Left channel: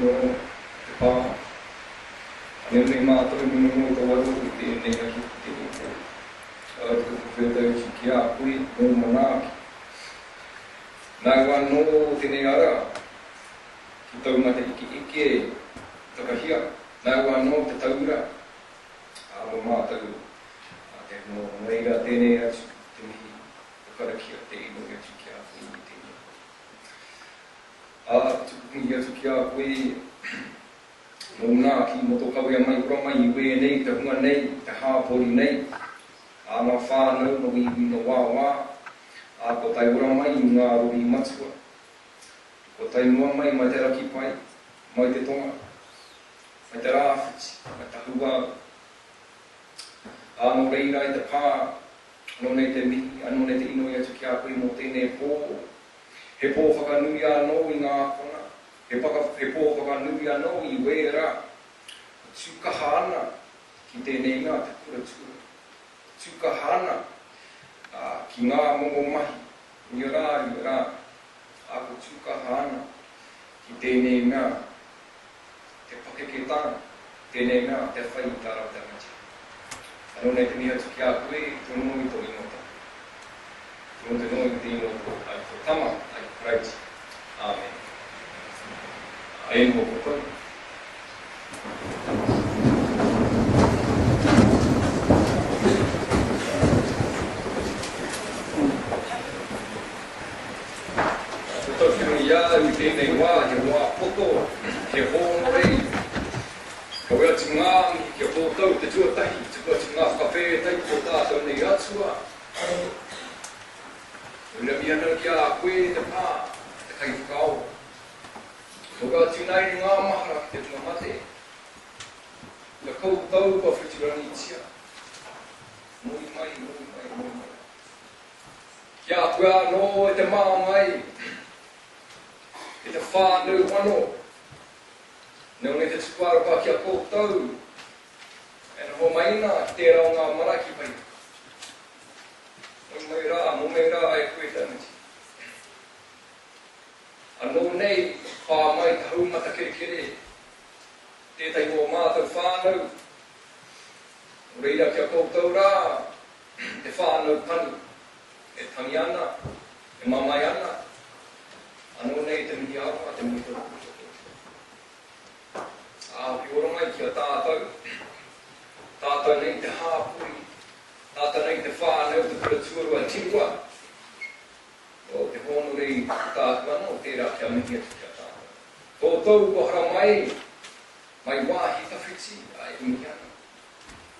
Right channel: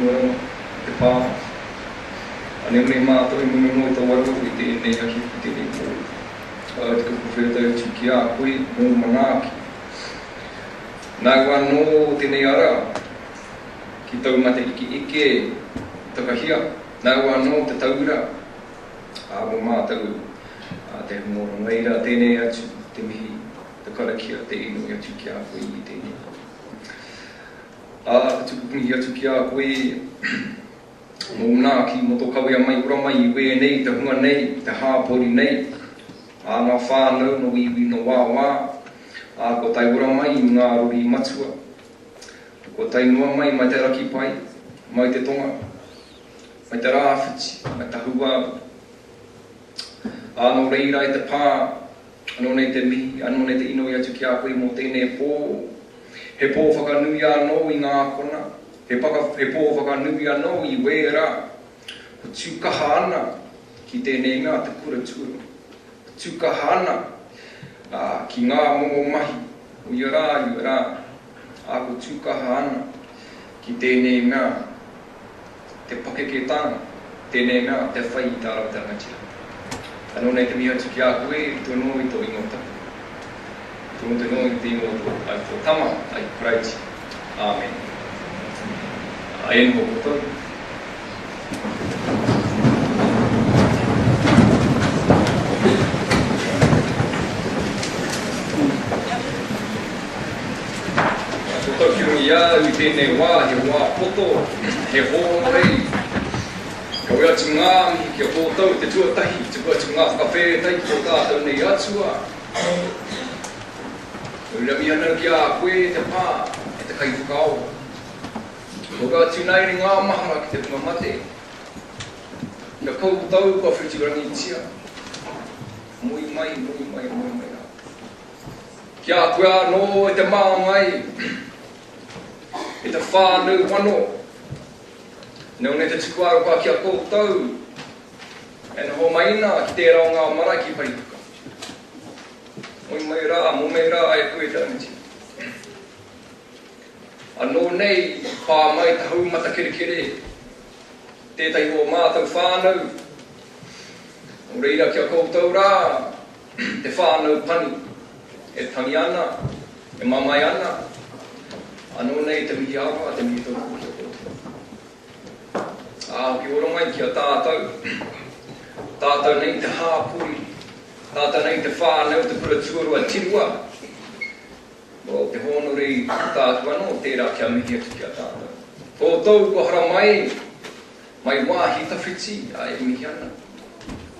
morang te pā. Ane me mātou I munu no tau waru I te nei aki ki te nei pō. Te kuwhawheta I tuki a koe mō manaki. Nā wano te nei ara, ki tau mate ike takahia. Nā wano te taura, mō mātou te humoro meira tēnei atu, te mihi, te karakia, te ino I atu ki a koe I tēnei. Ka tukupungi atu ki a koe, mō nāki, mō tō kawea mai, ura mai, I wea nei, te hunga nei, te hāpori nei, nā whānau, no iwi, no wāwā, ko tai ura mai, I ngā ruri matua, ko tai noa mai, mai te raki pai, mai te tonga, mai te rāwhiti, mai te hua, no reira I te pā, anō nei te mihi, anō nei te ino I atu ki a koe mō tēnei pō, he pō whakanui anō I ngā kona, he pō whakanui anō I wera, ko tūkaha ana ki tēnei mea te kura tura. Tūkaha ana ki ngā mongo mahi, o I rā, ko tūkaha ana ki tēnei mea te pakeketanga, tēnei mea te whai I tā rau te rangatira. Anō nei te mihi atu ki a koe, I tō no I tō ingota. Tō no I te ingoto, ai tō tama, ai praiti. Amen. Aen ho koto. Koto ki rungi ia, I tēnei wā, he wā poto, he hōno rei. Ka wea tu ngā mihi ki a kōtau te tuatahi, te wea tu ngā whakawhētai ki tō tātou nei atua. Ura mi ana ki a koe te pā, te kai whakao. Ko wea tu nei ri ngā mahara ki te punga mate. Ka kōtau kua whitirangi tia. Mui mai. Ki a koe anō e te mā mai, e te whānau wano. Nau ne te tuku aropa ki a kōtau, e na ho maina ki te rao ngā mara ki paripuka. Mō mai rā e koe te ramiti. Anō nei, pā mai te hau mata kere, tētai o mātou whānau. Nō reira ki a kōtau rā, te whānau pani, e tangi ana, e mamai ana. Anō nei te mihi awa, te mihi tōku ki a kōtau. Ki ora mai ki a tātou. Tātou nei te hāpuri. Tātou nei te whānau, te kuraturua tirua. Te hono rei tātou anō, tērā kia mihi atu ki a tātou. Kōtou ko hara mai wāhi tawhiti, e mihi ana.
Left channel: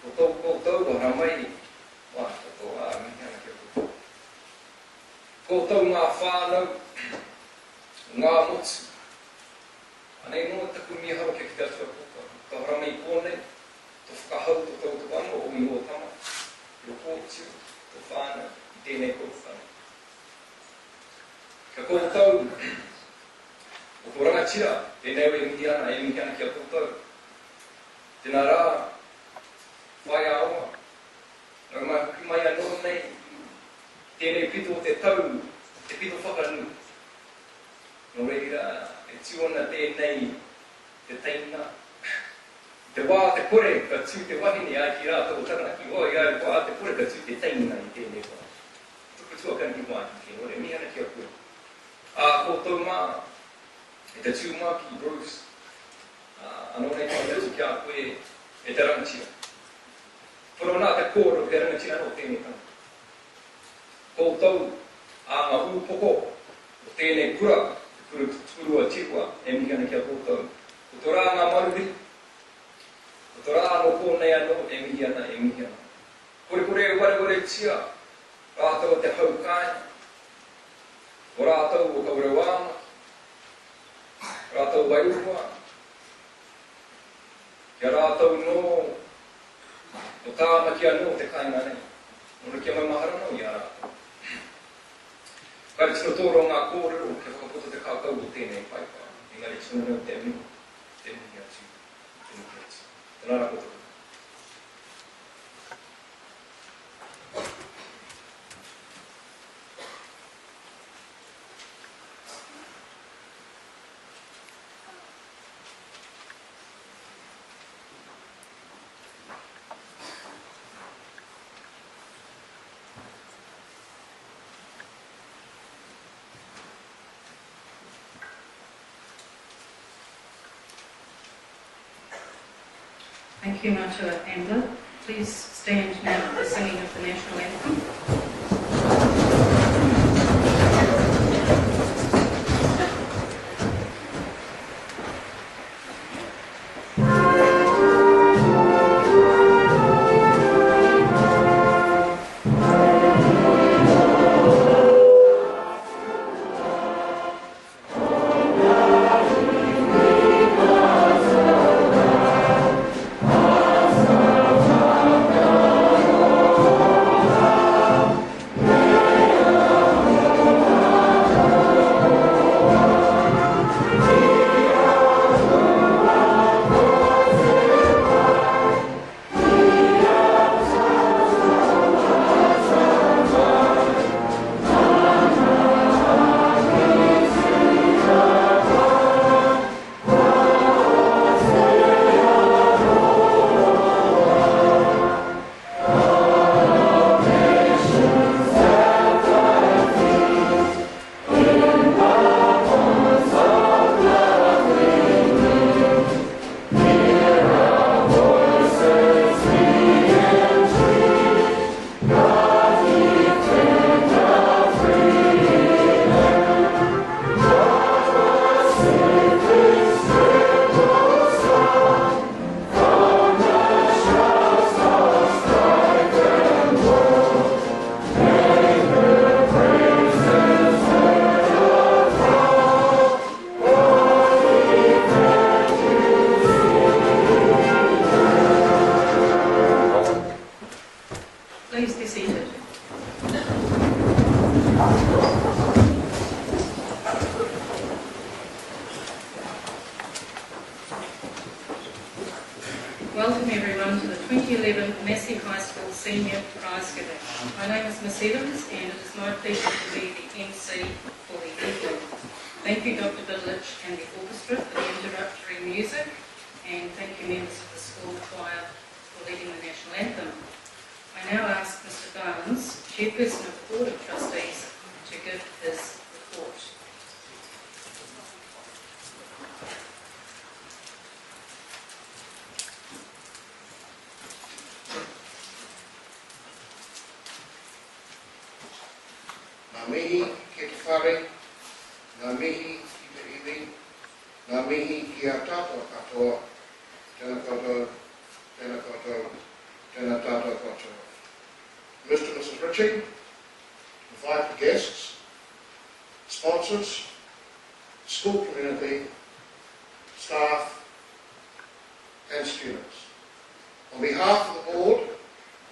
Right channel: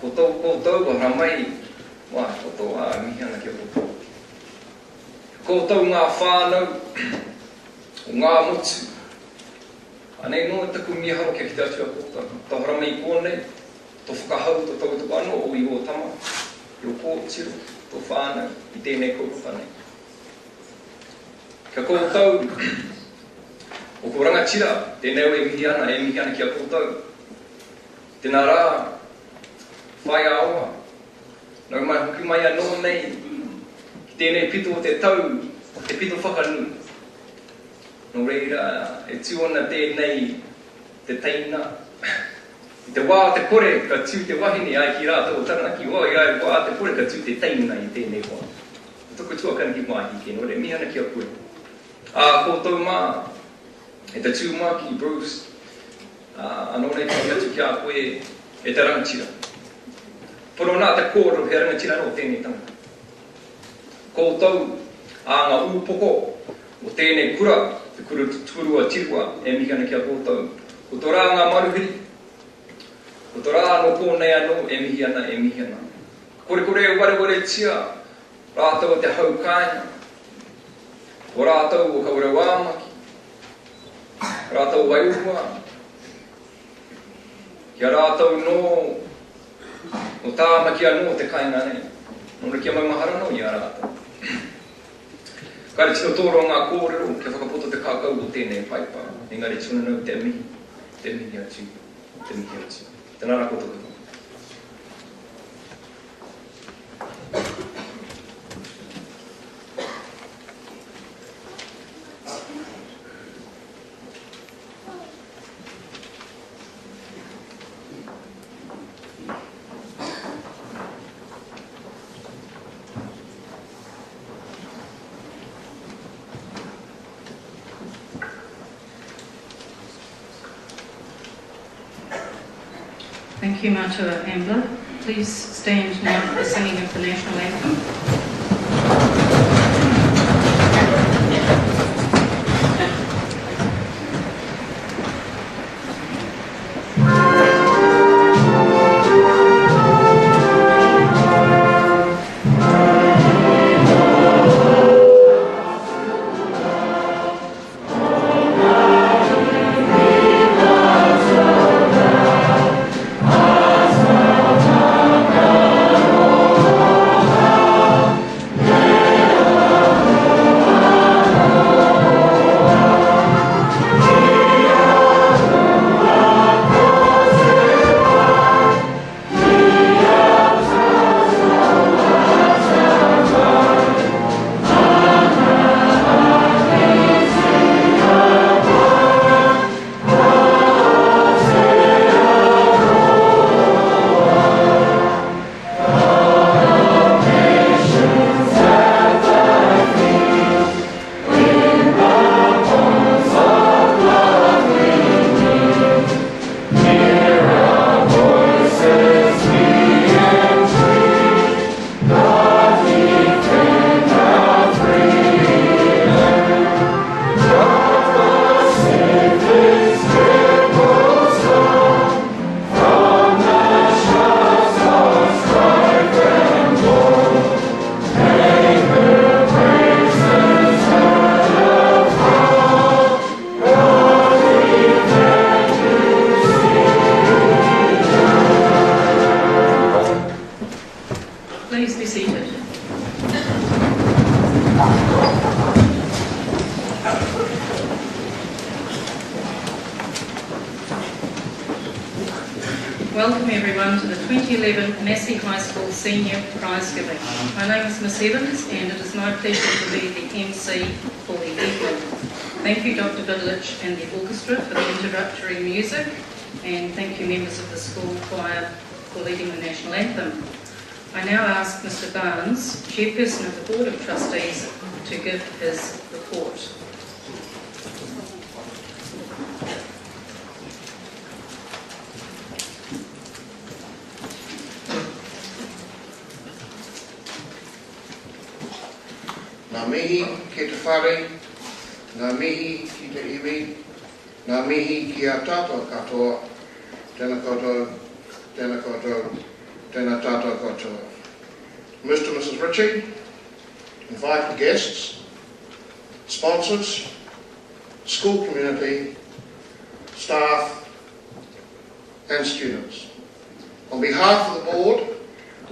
Kōtou ko hara mai, wāhi kōtou mihi ana ki a kōtou. Kōtou ngā whānau, ngā mutu. Anei no taku mi haro kia ki te atu a kōtau. Tō hara mai kōnei, tō whakahau, tō tautu anō, o I o tama, I o kōtiro, tō whānau, I tēnei kōpapa nei. Kia kōtau, o ko rangatira, tēnei o e mihi ana ki a kōtau. Tēnā rā, whai aoa, nau mai hoki mai anō nei, ki tēnei pito o te tau, te pito whakanui. Nō reira, e tiona tēnei te teina. I te wā te kore, ka tiu te wahine ai ki rātou o taranaki. Oi, ai, wā te kore, ka tiu te teina I tēnei wā. Toko tuakana ki mahi ke, nō re, mihana ki a koe. Kōtou mā, e te tūmaki, Bruce. Anō nei te atu ki a koe, e te rangatira. Pono nā te kōro, he rangatira no tēnei tanga. Kōtou, ngā ūpoko, o tēnei kura, te kurua tirua, e mihi ana ki a kōtau. Ko tō rā ngā maruhiri, ko tō rā no kōnei anō, e mihi ana. Kore e ware tia, rātou te hau kāinga, o rātou o kaure wāmaki, rātou waiurua, kia rātou no tāmaki anō te kāinga nei. Nō kia mai mahara no I a rātou. Kāre tino tōro ngā kōrero, kia whakapoto te kākau o tēnei whaipa. Engari tino nau te mihi atu. Tēnā rā koutou. Thank you, Matua Ambler. Please stand now for the singing of the National Anthem. Please be seated. Welcome everyone to the 2011 Massey High School Senior Prizegiving. My name is Miss Evans and it is my pleasure to be the MC for the evening. Thank you Dr. Vidlich and the orchestra for the introductory music, and thank you members of the school choir for leading the National Anthem. I now ask Mr Barnes, chairperson of the Board of Trustees, to give his report. Ngā mihi ki te whare, ngā mihi ki te iwi, ngā mihi ki a tātou katoa, tēnā koutou, tēnā koutou, tēnā tātou koutou. Mr. and Mrs. Ritchie, invited guests, sponsors, school community, staff and students. On behalf of the board,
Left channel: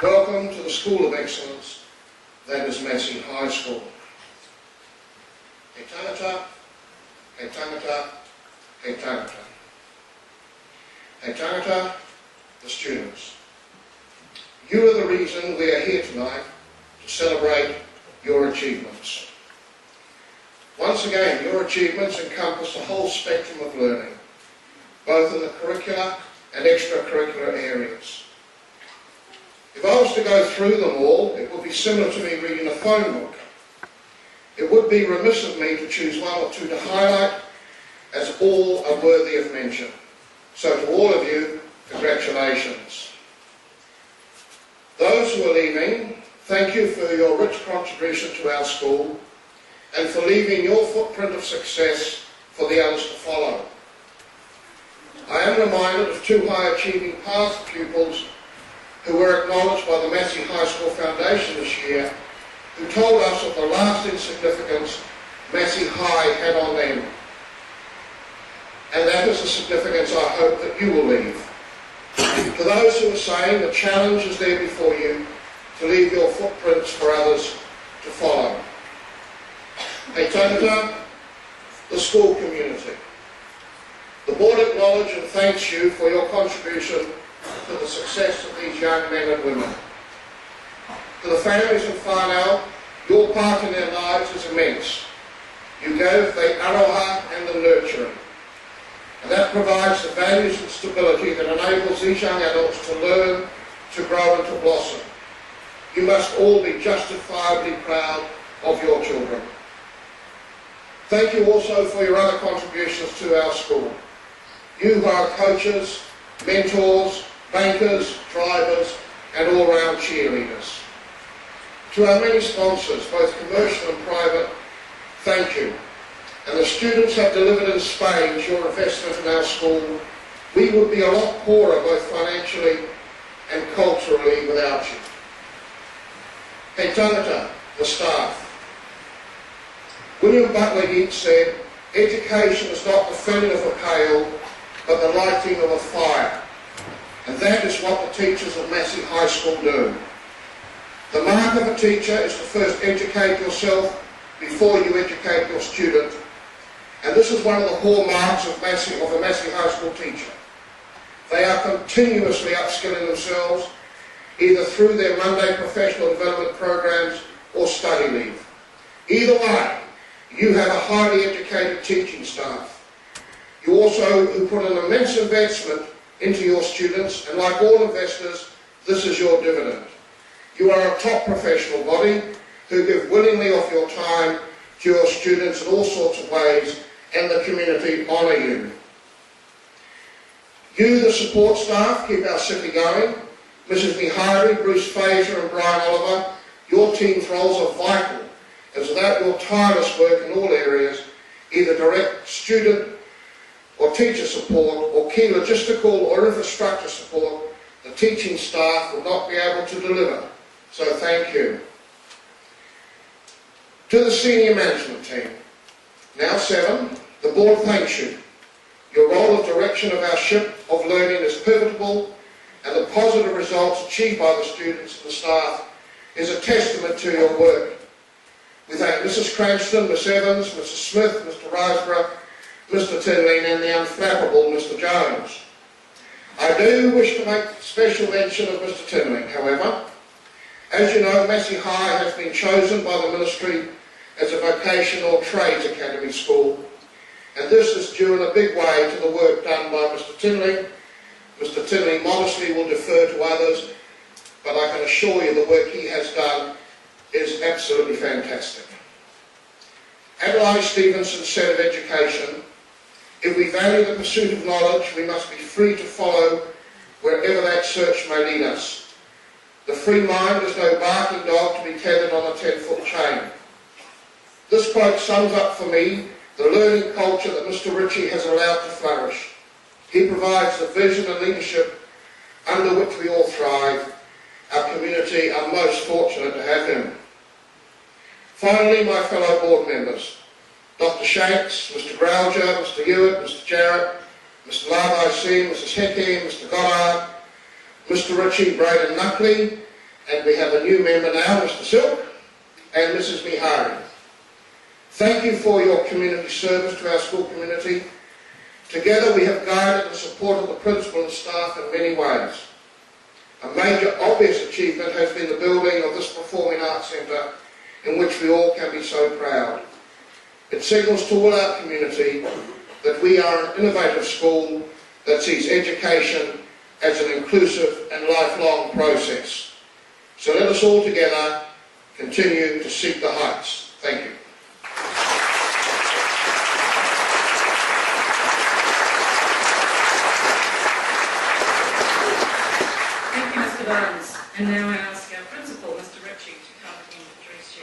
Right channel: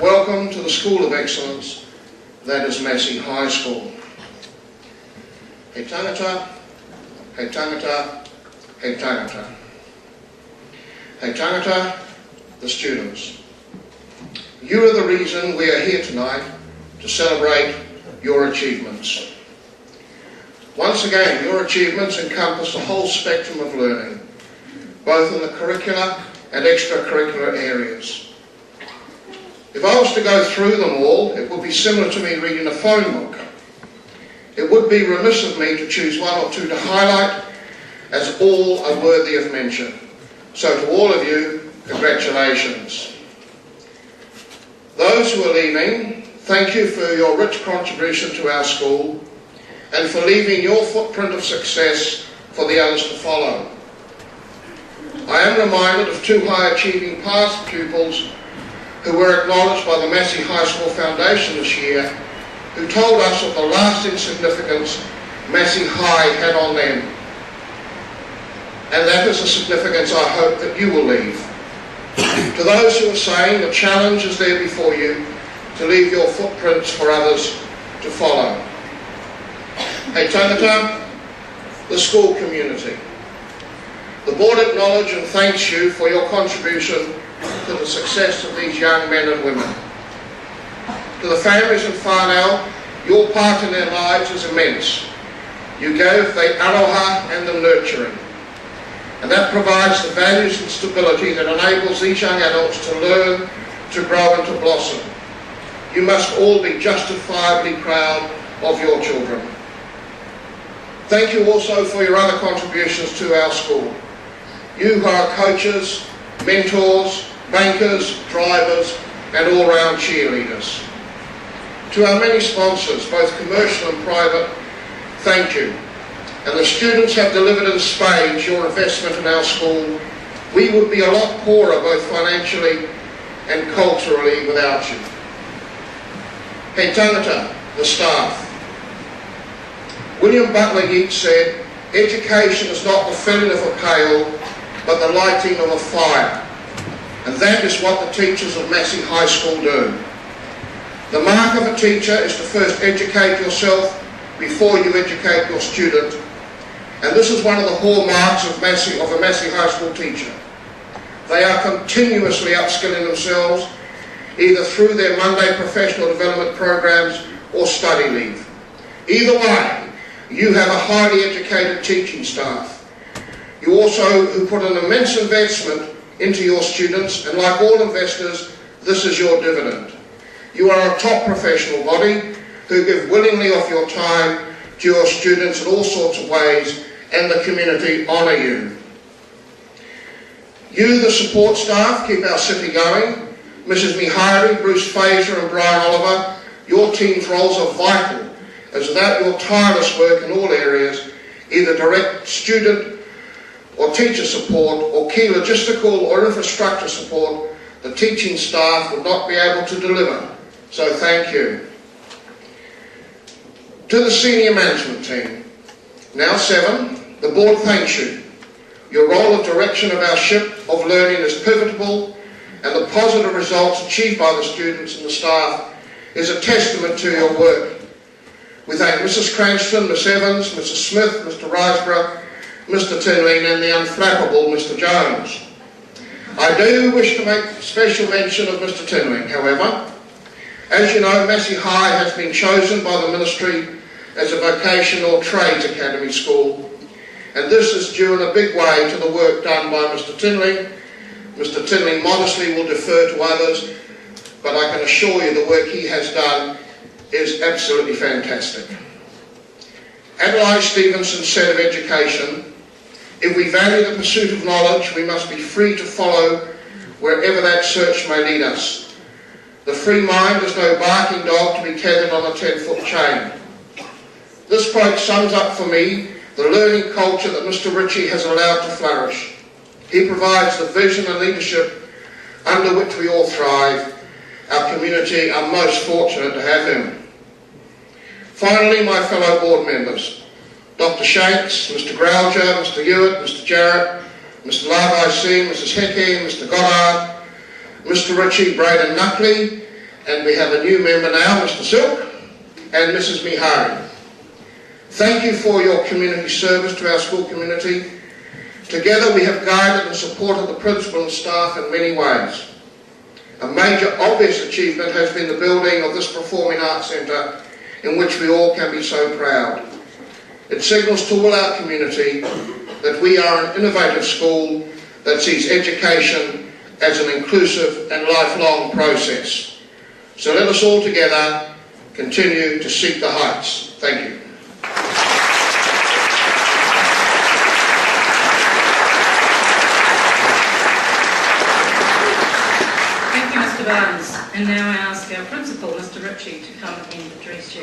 welcome to the School of Excellence that is Massey High School. He tangata, he tangata, he tangata. He tangata, the students. You are the reason we are here tonight to celebrate your achievements. Once again, your achievements encompass the whole spectrum of learning, both in the curricular and extracurricular areas. If I was to go through them all, it would be similar to me reading a phone book. It would be remiss of me to choose one or two to highlight, as all are worthy of mention. So to all of you, congratulations. Those who are leaving, thank you for your rich contribution to our school and for leaving your footprint of success for the others to follow. I am reminded of two high-achieving past pupils who were acknowledged by the Massey High School Foundation this year, who told us of the lasting significance Massey High had on them. And that is a significance I hope that you will leave. To those who are saying the challenge is there before you to leave your footprints for others to follow. Hei tangata, the school community. The board acknowledges and thanks you for your contribution to the success of these young men and women. To the families in whānau, your part in their lives is immense. You gave the aroha and the nurturing. And that provides the values and stability that enables these young adults to learn, to grow and to blossom. You must all be justifiably proud of your children. Thank you also for your other contributions to our school. You who are coaches, mentors, bankers, drivers and all-round cheerleaders. To our many sponsors, both commercial and private, thank you. And the students have delivered in spades your investment in our school. We would be a lot poorer both financially and culturally without you. He tangata, the staff. William Butler Yeats said, education is not the filling of a pail, but the lighting of a fire. And that is what the teachers of Massey High School do. The mark of a teacher is to first educate yourself before you educate your student. And this is one of the hallmarks of a Massey High School teacher. They are continuously upskilling themselves, either through their Monday professional development programs or study leave. Either way, you have a highly educated teaching staff. You also who put an immense investment into your students, and like all investors, this is your dividend. You are a top professional body who give willingly of your time to your students in all sorts of ways, and the community honour you. You, the support staff, keep our city going. Mrs Mihari, Bruce Fraser and Brian Oliver, your team's roles are vital, as without your tireless work in all areas, either direct student or teacher support or key logistical or infrastructure support, the teaching staff would not be able to deliver. So thank you. To the senior management team, now 7, the board thanks you. Your role of direction of our ship of learning is pivotal, and the positive results achieved by the students and the staff is a testament to your work. We thank Mrs Cranston, Miss Evans, Mrs Smith, Mr Riseborough, Mr Tinling and the unflappable Mr Jones. I do wish to make special mention of Mr Tinling, however. As you know, Massey High has been chosen by the Ministry as a vocational trades academy school, and this is due in a big way to the work done by Mr Tinling. Mr Tinling modestly will defer to others, but I can assure you the work he has done is absolutely fantastic. Adelaide Stevenson said of education, if we value the pursuit of knowledge, we must be free to follow wherever that search may lead us. The free mind is no barking dog to be tethered on a 10-foot chain. This quote sums up for me the learning culture that Mr Ritchie has allowed to flourish. He provides the vision and leadership under which we all thrive. Our community are most fortunate to have him. Finally, my fellow board members, Dr Shanks, Mr Growger, Mr Hewitt, Mr Jarrett, Mr Larvaisi, Mrs Hickey, Mr Goddard, Mr Ritchie, Braden Nuckley, and we have a new member now, Mr Silk, and Mrs Mihari. Thank you for your community service to our school community. Together we have guided and supported the principal and staff in many ways. A major obvious achievement has been the building of this Performing Arts Centre, in which we all can be so proud. It signals to all our community that we are an innovative school that sees education as an inclusive and lifelong process. So let us all together continue to seek the heights. Thank you. Thank you, Mr Barnes. And now I ask our principal, Mr Ritchie, to come and address you.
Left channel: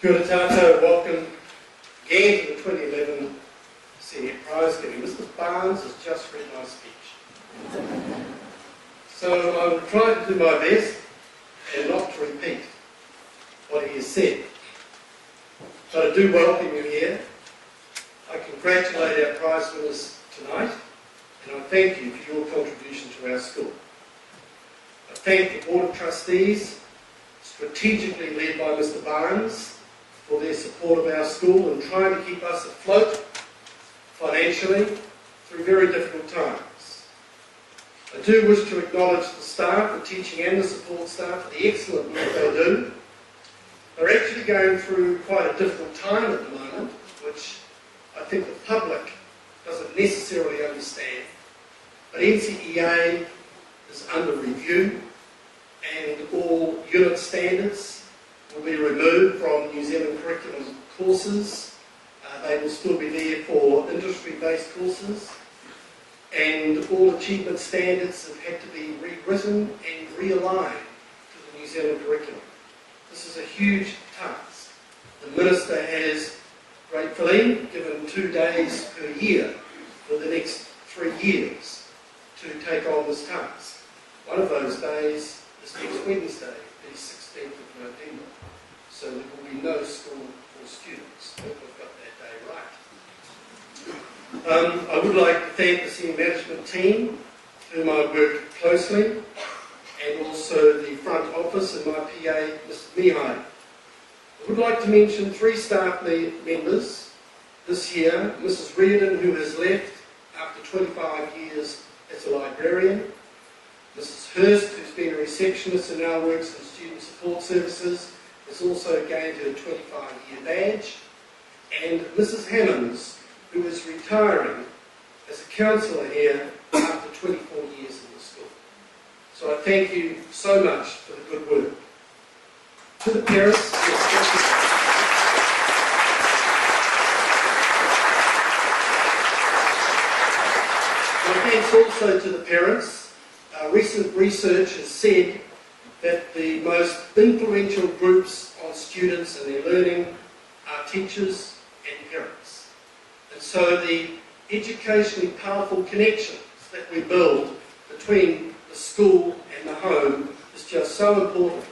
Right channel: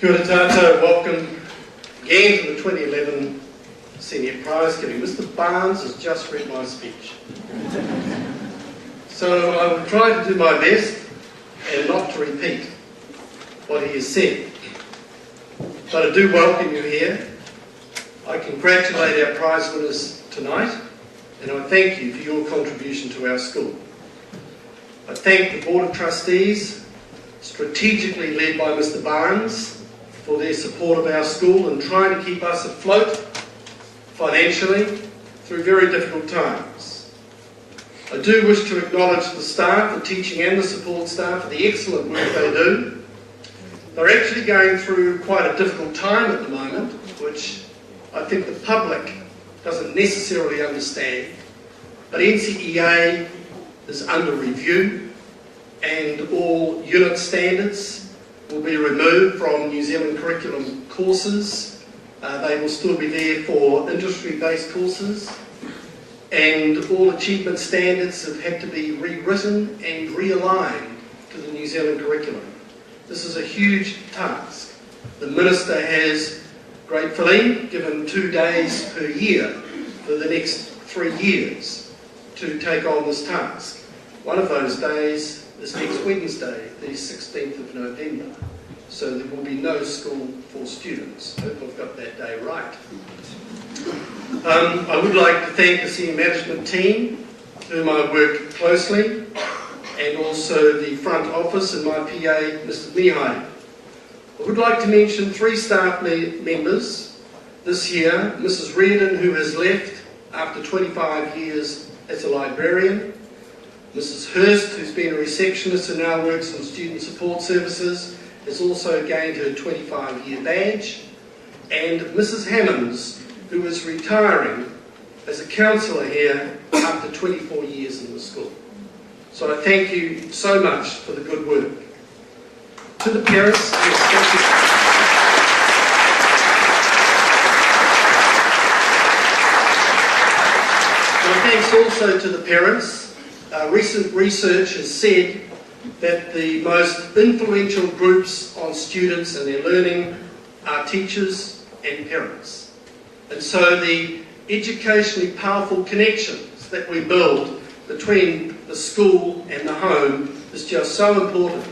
Kia ora tātou, welcome again to the 2011 Senior Prize Giving. Mr Barnes has just read my speech. So I will try to do my best and not to repeat what he has said. But I do welcome you here. I congratulate our prize winners tonight, and I thank you for your contribution to our school. I thank the Board of Trustees, strategically led by Mr Barnes, for their support of our school and trying to keep us afloat financially through very difficult times. I do wish to acknowledge the staff, the teaching and the support staff, for the excellent work they do. They're actually going through quite a difficult time at the moment, which I think the public doesn't necessarily understand. But NCEA is under review, and all unit standards will be removed from New Zealand curriculum courses. They will still be there for industry-based courses. And all achievement standards have had to be rewritten and realigned to the New Zealand curriculum. This is a huge task. The Minister has gratefully given 2 days per year for the next 3 years to take on this task. One of those days is next Wednesday, the 16th of November. So there will be no school for students. I hope I've got that day right. I would like to thank the senior management team, whom I work closely, and also the front office and my PA, Mr. Mihai. I would like to mention 3 staff members this year. Mrs. Reardon, who has left after 25 years as a librarian. Mrs. Hurst, who's been a receptionist and now works in student support services, has also gained her 25-year badge. And Mrs. Hammonds, who is retiring as a counsellor here after 24 years in the school. So I thank you so much for the good work. To the parents, my thanks also to the parents. Recent research has said that the most influential groups on students and their learning are teachers and parents. And so the educationally powerful connections that we build between the school and the home is just so important.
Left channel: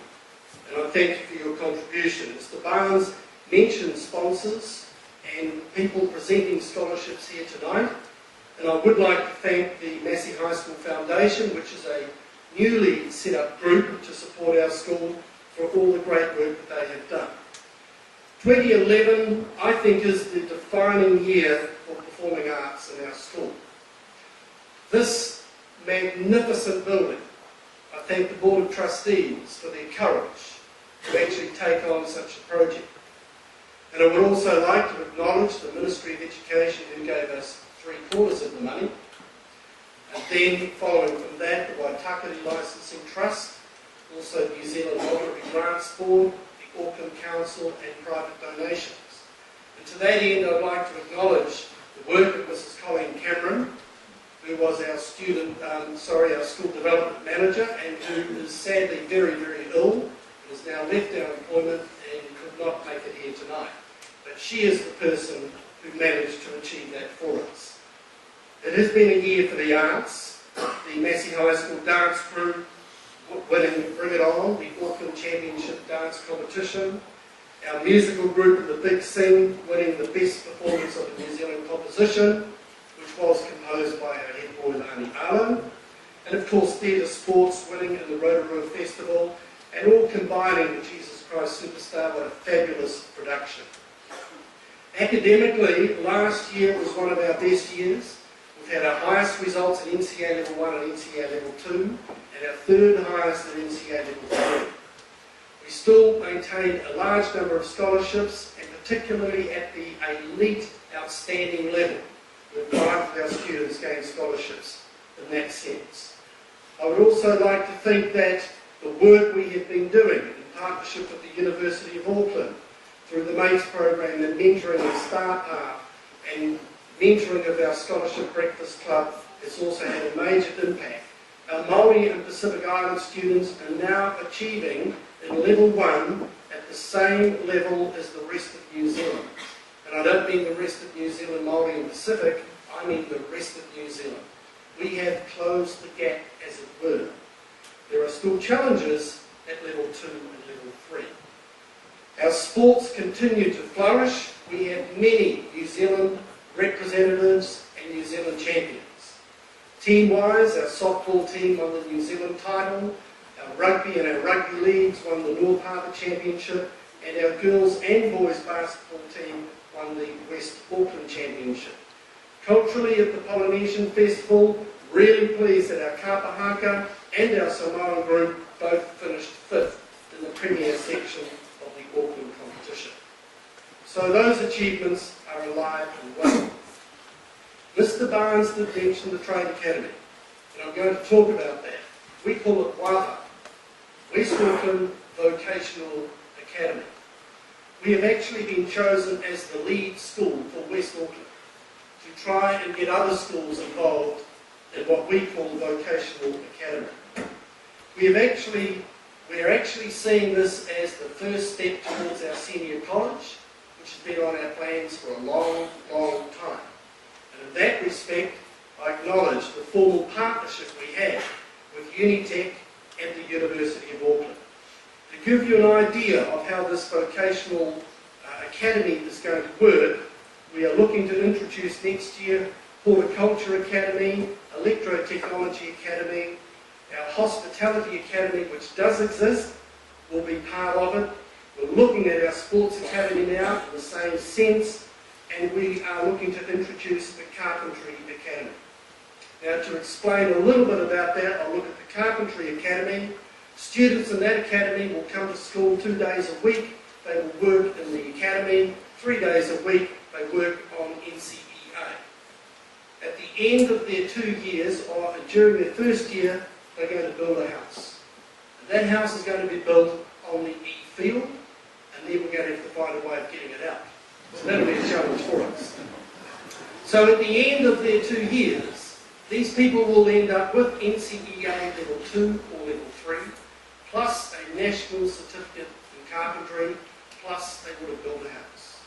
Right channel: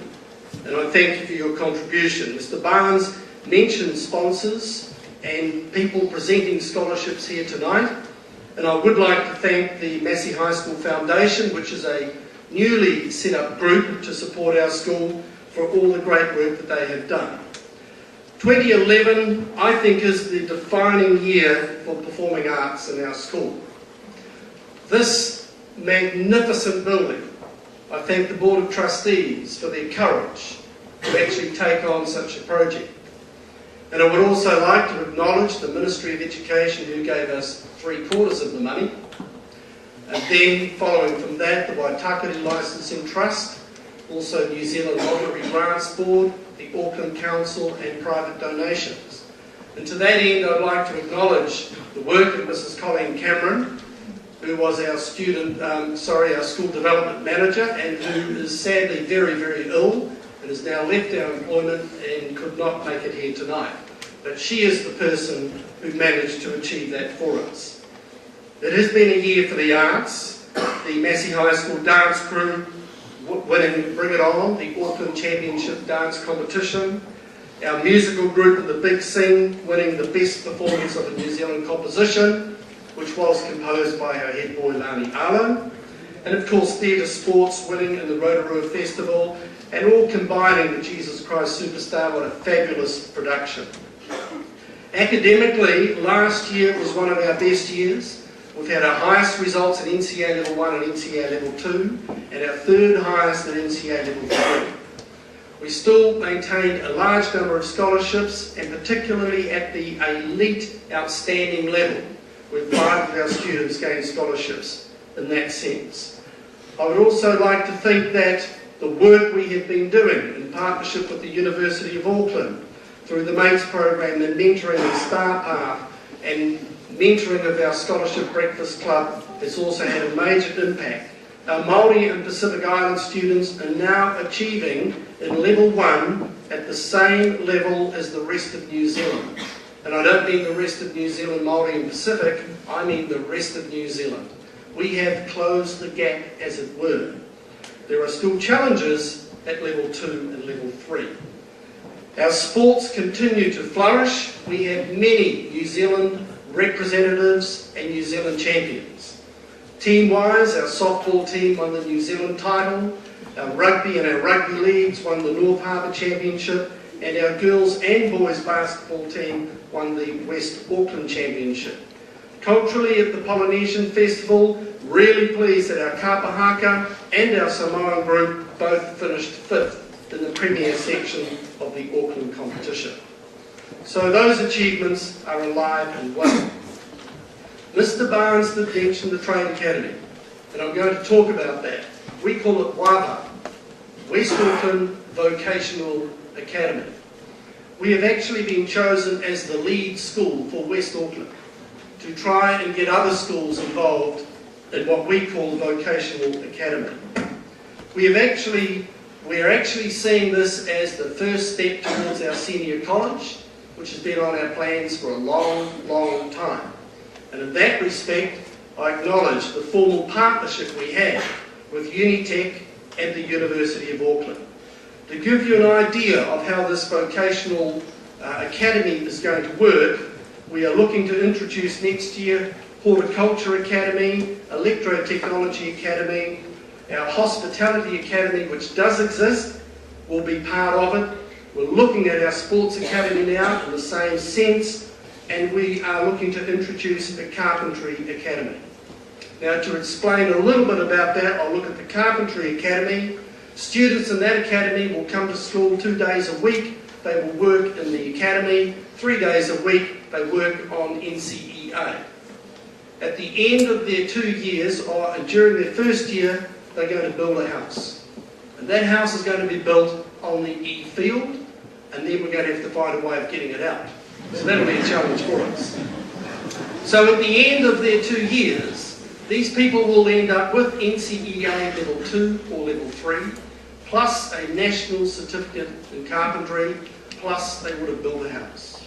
And I thank you for your contribution. Mr. Barnes mentioned sponsors and people presenting scholarships here tonight. And I would like to thank the Massey High School Foundation, which is a newly set up group to support our school, for all the great work that they have done. 2011, I think, is the defining year for performing arts in our school. This magnificent building, I thank the Board of Trustees for their courage to actually take on such a project. And I would also like to acknowledge the Ministry of Education, who gave us 3/4 of the money. And then, following from that, the Waitakere Licensing Trust, also New Zealand Lottery Grants Board, the Auckland Council, and private donations. And to that end, I'd like to acknowledge the work of Mrs. Colleen Cameron, who was our our school development manager, and who is sadly very, very ill and has now left our employment and could not make it here tonight. But she is the person who managed to achieve that for us. It has been a year for the arts. The Massey High School dance crew winning Bring It On, the Auckland Championship dance competition. Our musical group in the Big Sing winning the best performance of a New Zealand composition, which was composed by our head boy Lani Arlo. And of course theatre sports winning in the Rotorua Festival, and all combining with Jesus Christ Superstar. What a fabulous production. Academically, last year was one of our best years. We've had our highest results at NCA Level 1 and NCA Level 2, and our 3rd highest at NCA Level 3. We still maintained a large number of scholarships, and particularly at the elite outstanding level, where 5 of our students gained scholarships in that sense. I would also like to think that the work we have been doing in partnership with the University of Auckland, through the MATES program, the mentoring and Star Path, and mentoring of our Scholarship Breakfast Club, has also had a major impact. Our Māori and Pacific Island students are now achieving in Level 1 at the same level as the rest of New Zealand. And I don't mean the rest of New Zealand, Māori and Pacific, I mean the rest of New Zealand. We have closed the gap, as it were. There are still challenges at Level 2 and Level 3. Our sports continue to flourish. We have many New Zealand representatives and New Zealand champions. Team-wise, our softball team won the New Zealand title, our rugby and our rugby leagues won the North Harbour Championship, and our girls and boys basketball team won the West Auckland Championship. Culturally, at the Polynesian Festival, really pleased that our Kapahaka and our Samoan group both finished 5th in the premier section of the Auckland competition. So those achievements are alive and well. Mr. Barnes did mention the Trade Academy, and I'm going to talk about that. We call it WAVA, West Auckland Vocational Academy. we have actually been chosen as the lead school for West Auckland to try and get other schools involved in what we call Vocational Academy. We're actually seeing this as the first step towards our senior college, which has been on our plans for a long, long time. And in that respect, I acknowledge the formal partnership we have with Unitec and the University of Auckland. To give you an idea of how this vocational academy is going to work, we are looking to introduce next year Horticulture Academy, Electrotechnology Academy, our Hospitality Academy, which does exist, will be part of it. We're looking at our Sports Academy now in the same sense, and we are looking to introduce a Carpentry Academy. Now, to explain a little bit about that, I'll look at the Carpentry Academy. Students in that academy will come to school 2 days a week. They will work in the academy. 3 days a week, they work on NCEA. At the end of their 2 years, or during their first year, they're going to build a house. And that house is going to be built on the E-field, and then we're going to have to find a way of getting it out. So that'll be a challenge for us. So at the end of their 2 years, these people will end up with NCEA level 2 or level 3, plus a national certificate in carpentry, plus they would have built a house.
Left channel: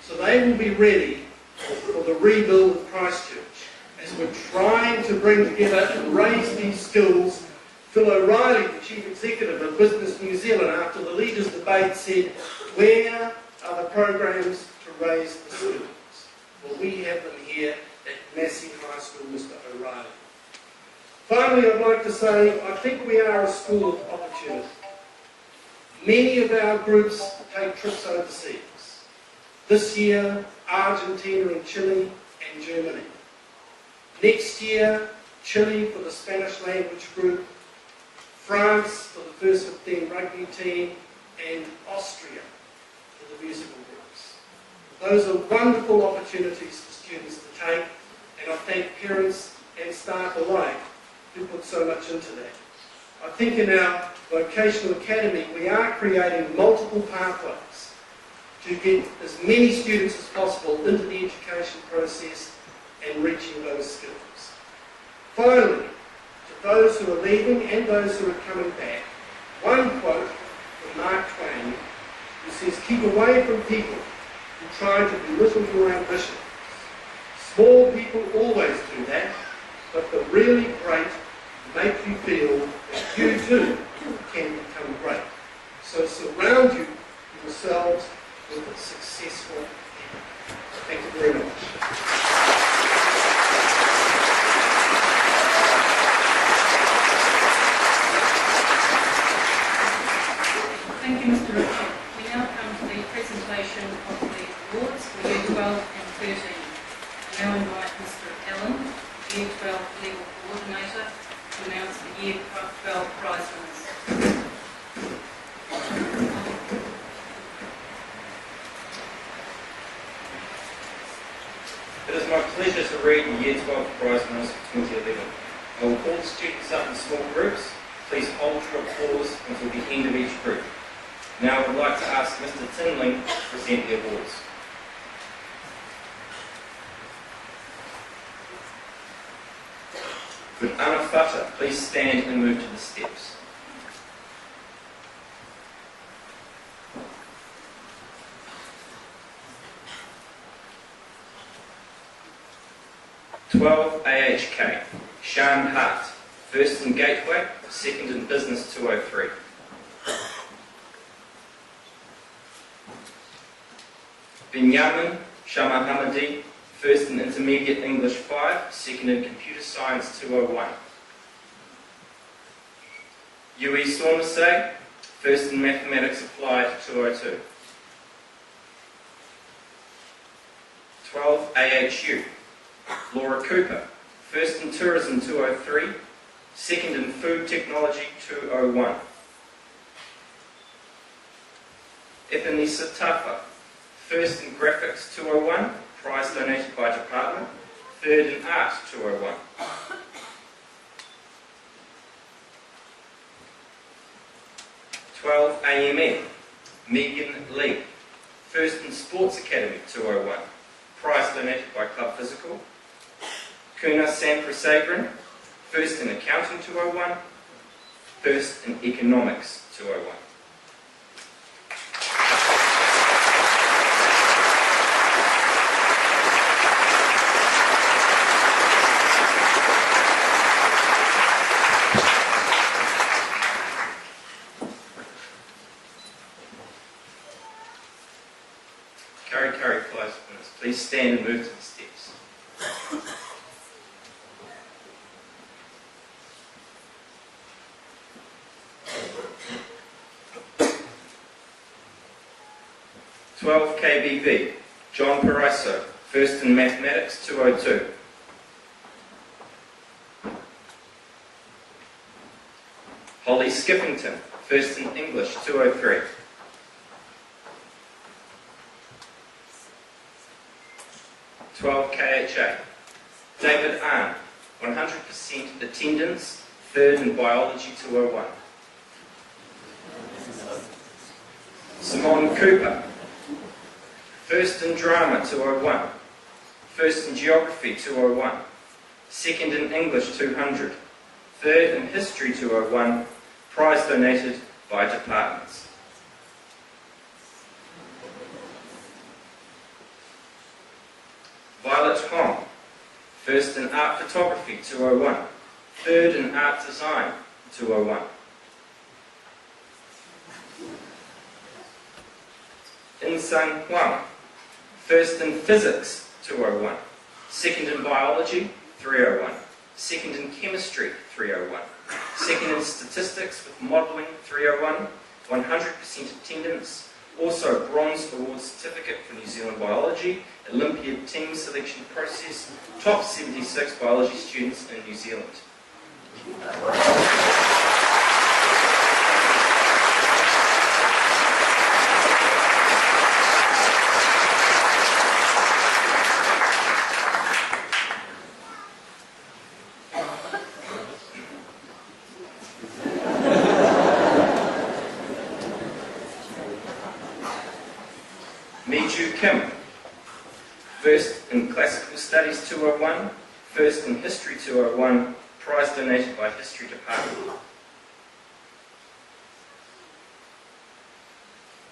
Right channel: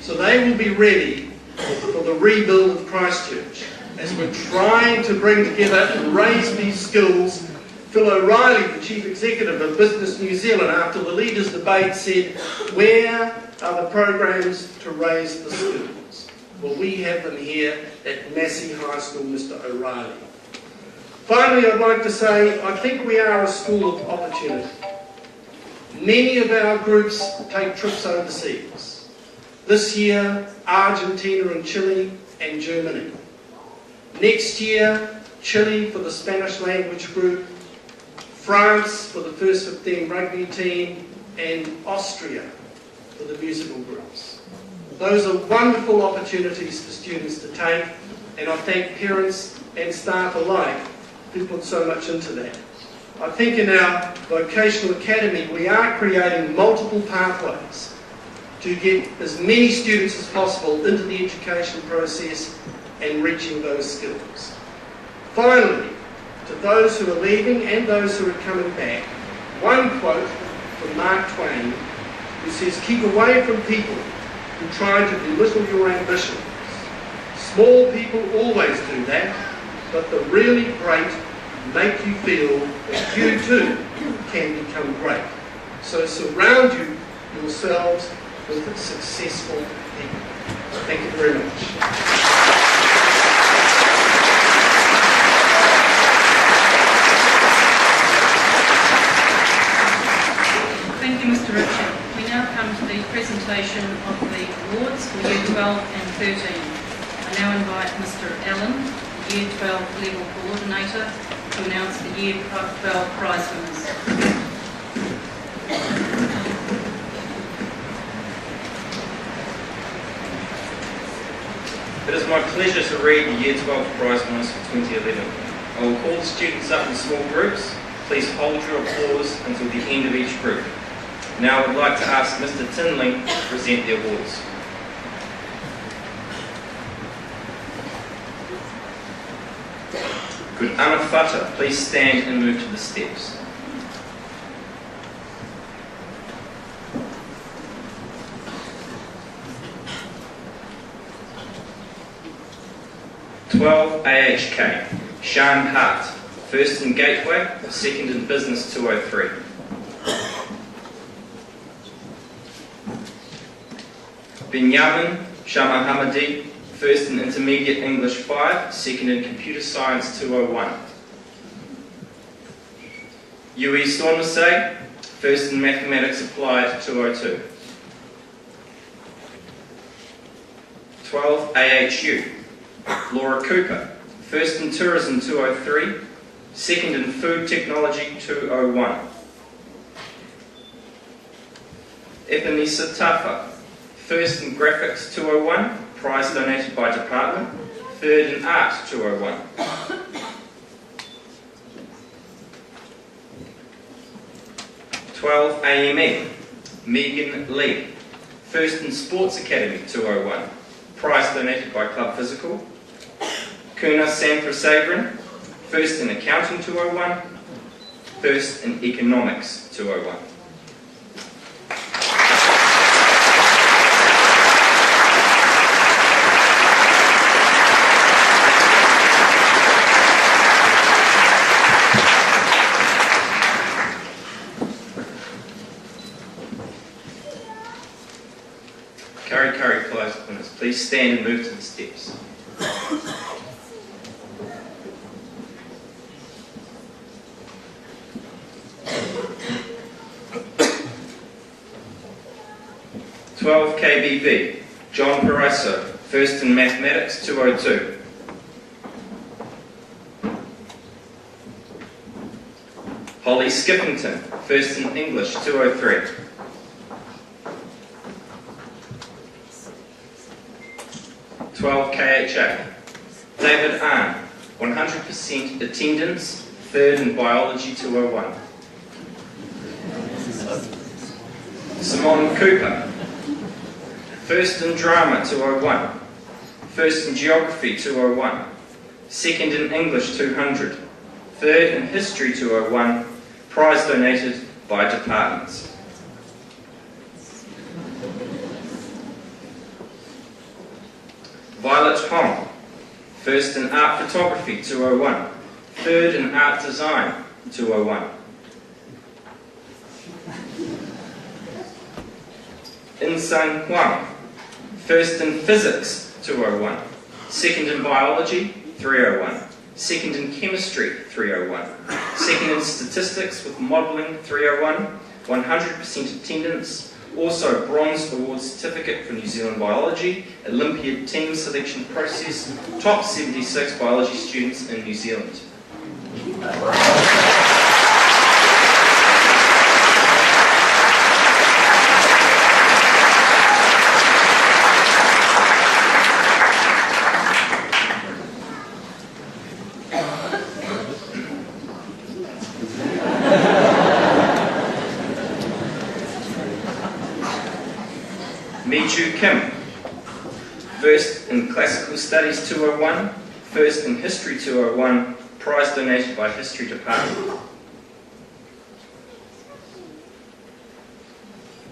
So they will be ready for the rebuild of Christchurch as we're trying to bring together and raise these skills. Phil O'Reilly, the Chief Executive of Business New Zealand, after the leaders' debate said, where are the programs to raise the skills? Well, we have them here at Massey High School, Mr. O'Reilly. Finally, I'd like to say, I think we are a school of opportunity. Many of our groups take trips overseas. This year, Argentina and Chile and Germany. Next year, Chile for the Spanish language group, France for the first 15 rugby team, and Austria for the musical groups. Those are wonderful opportunities for students to take, and I thank parents and staff alike who put so much into that. I think in our vocational academy we are creating multiple pathways to get as many students as possible into the education process and reaching those skills. Finally, to those who are leaving and those who are coming back, one quote from Mark Twain who says, "Keep away from people who try to belittle your ambitions. Small people always do that, but the really great make you feel that you too can become great." So surround yourselves with successful people. Thank you very much. Thank you, Mr. Richard. We now come to the presentation of the awards for Year 12 and 13. I now invite Mr. Allen, Year 12 Level Coordinator, to announce the Year 12 prize winners. It is my pleasure to read the Year 12 prize winners for 2011. I will call the students up in small groups. Please hold your applause until the end of each group. Now I would like to ask Mr. Tinling to present the awards. Could Anna Fata please stand and move to the steps? (12) AHK, Sean Hart, first in Gateway, second in Business 203. Binyamin Shamahamadi, first in Intermediate English 5, second in Computer Science 201. Yui Stormasay, first in Mathematics Applied 202. 12 AHU, Laura Cooper, first in Tourism 203, second in Food Technology 201. Ebenisa Tafa, first in Graphics 201, prize donated by department, third in Art 201. (12) AME, Megan Lee, First in Sports Academy 201, prize donated by Club Physical. Kuna Sanfrasaverin, first in Accounting 201, first in Economics 201. Curry prize winners, please stand and move to the steps. KBB, John Paraiso, first in Mathematics 202. Holly Skippington, first in English 203. KHA, David Ahn, 100% attendance, third in Biology 201. Simone Cooper, first in Drama 201, first in Geography 201, second in English 200, third in History 201, prize donated by departments. Violet Hong, first in Art Photography 201, third in Art Design 201. In-Sun Huang, first in Physics 201, second in Biology 301, second in Chemistry 301, second in Statistics with Modelling 301, 100% attendance, also Bronze Award Certificate for New Zealand Biology, Olympiad Team Selection Process, top 76 biology students in New Zealand. Kim, first in Classical Studies 201, first in History 201, prize donated by History Department.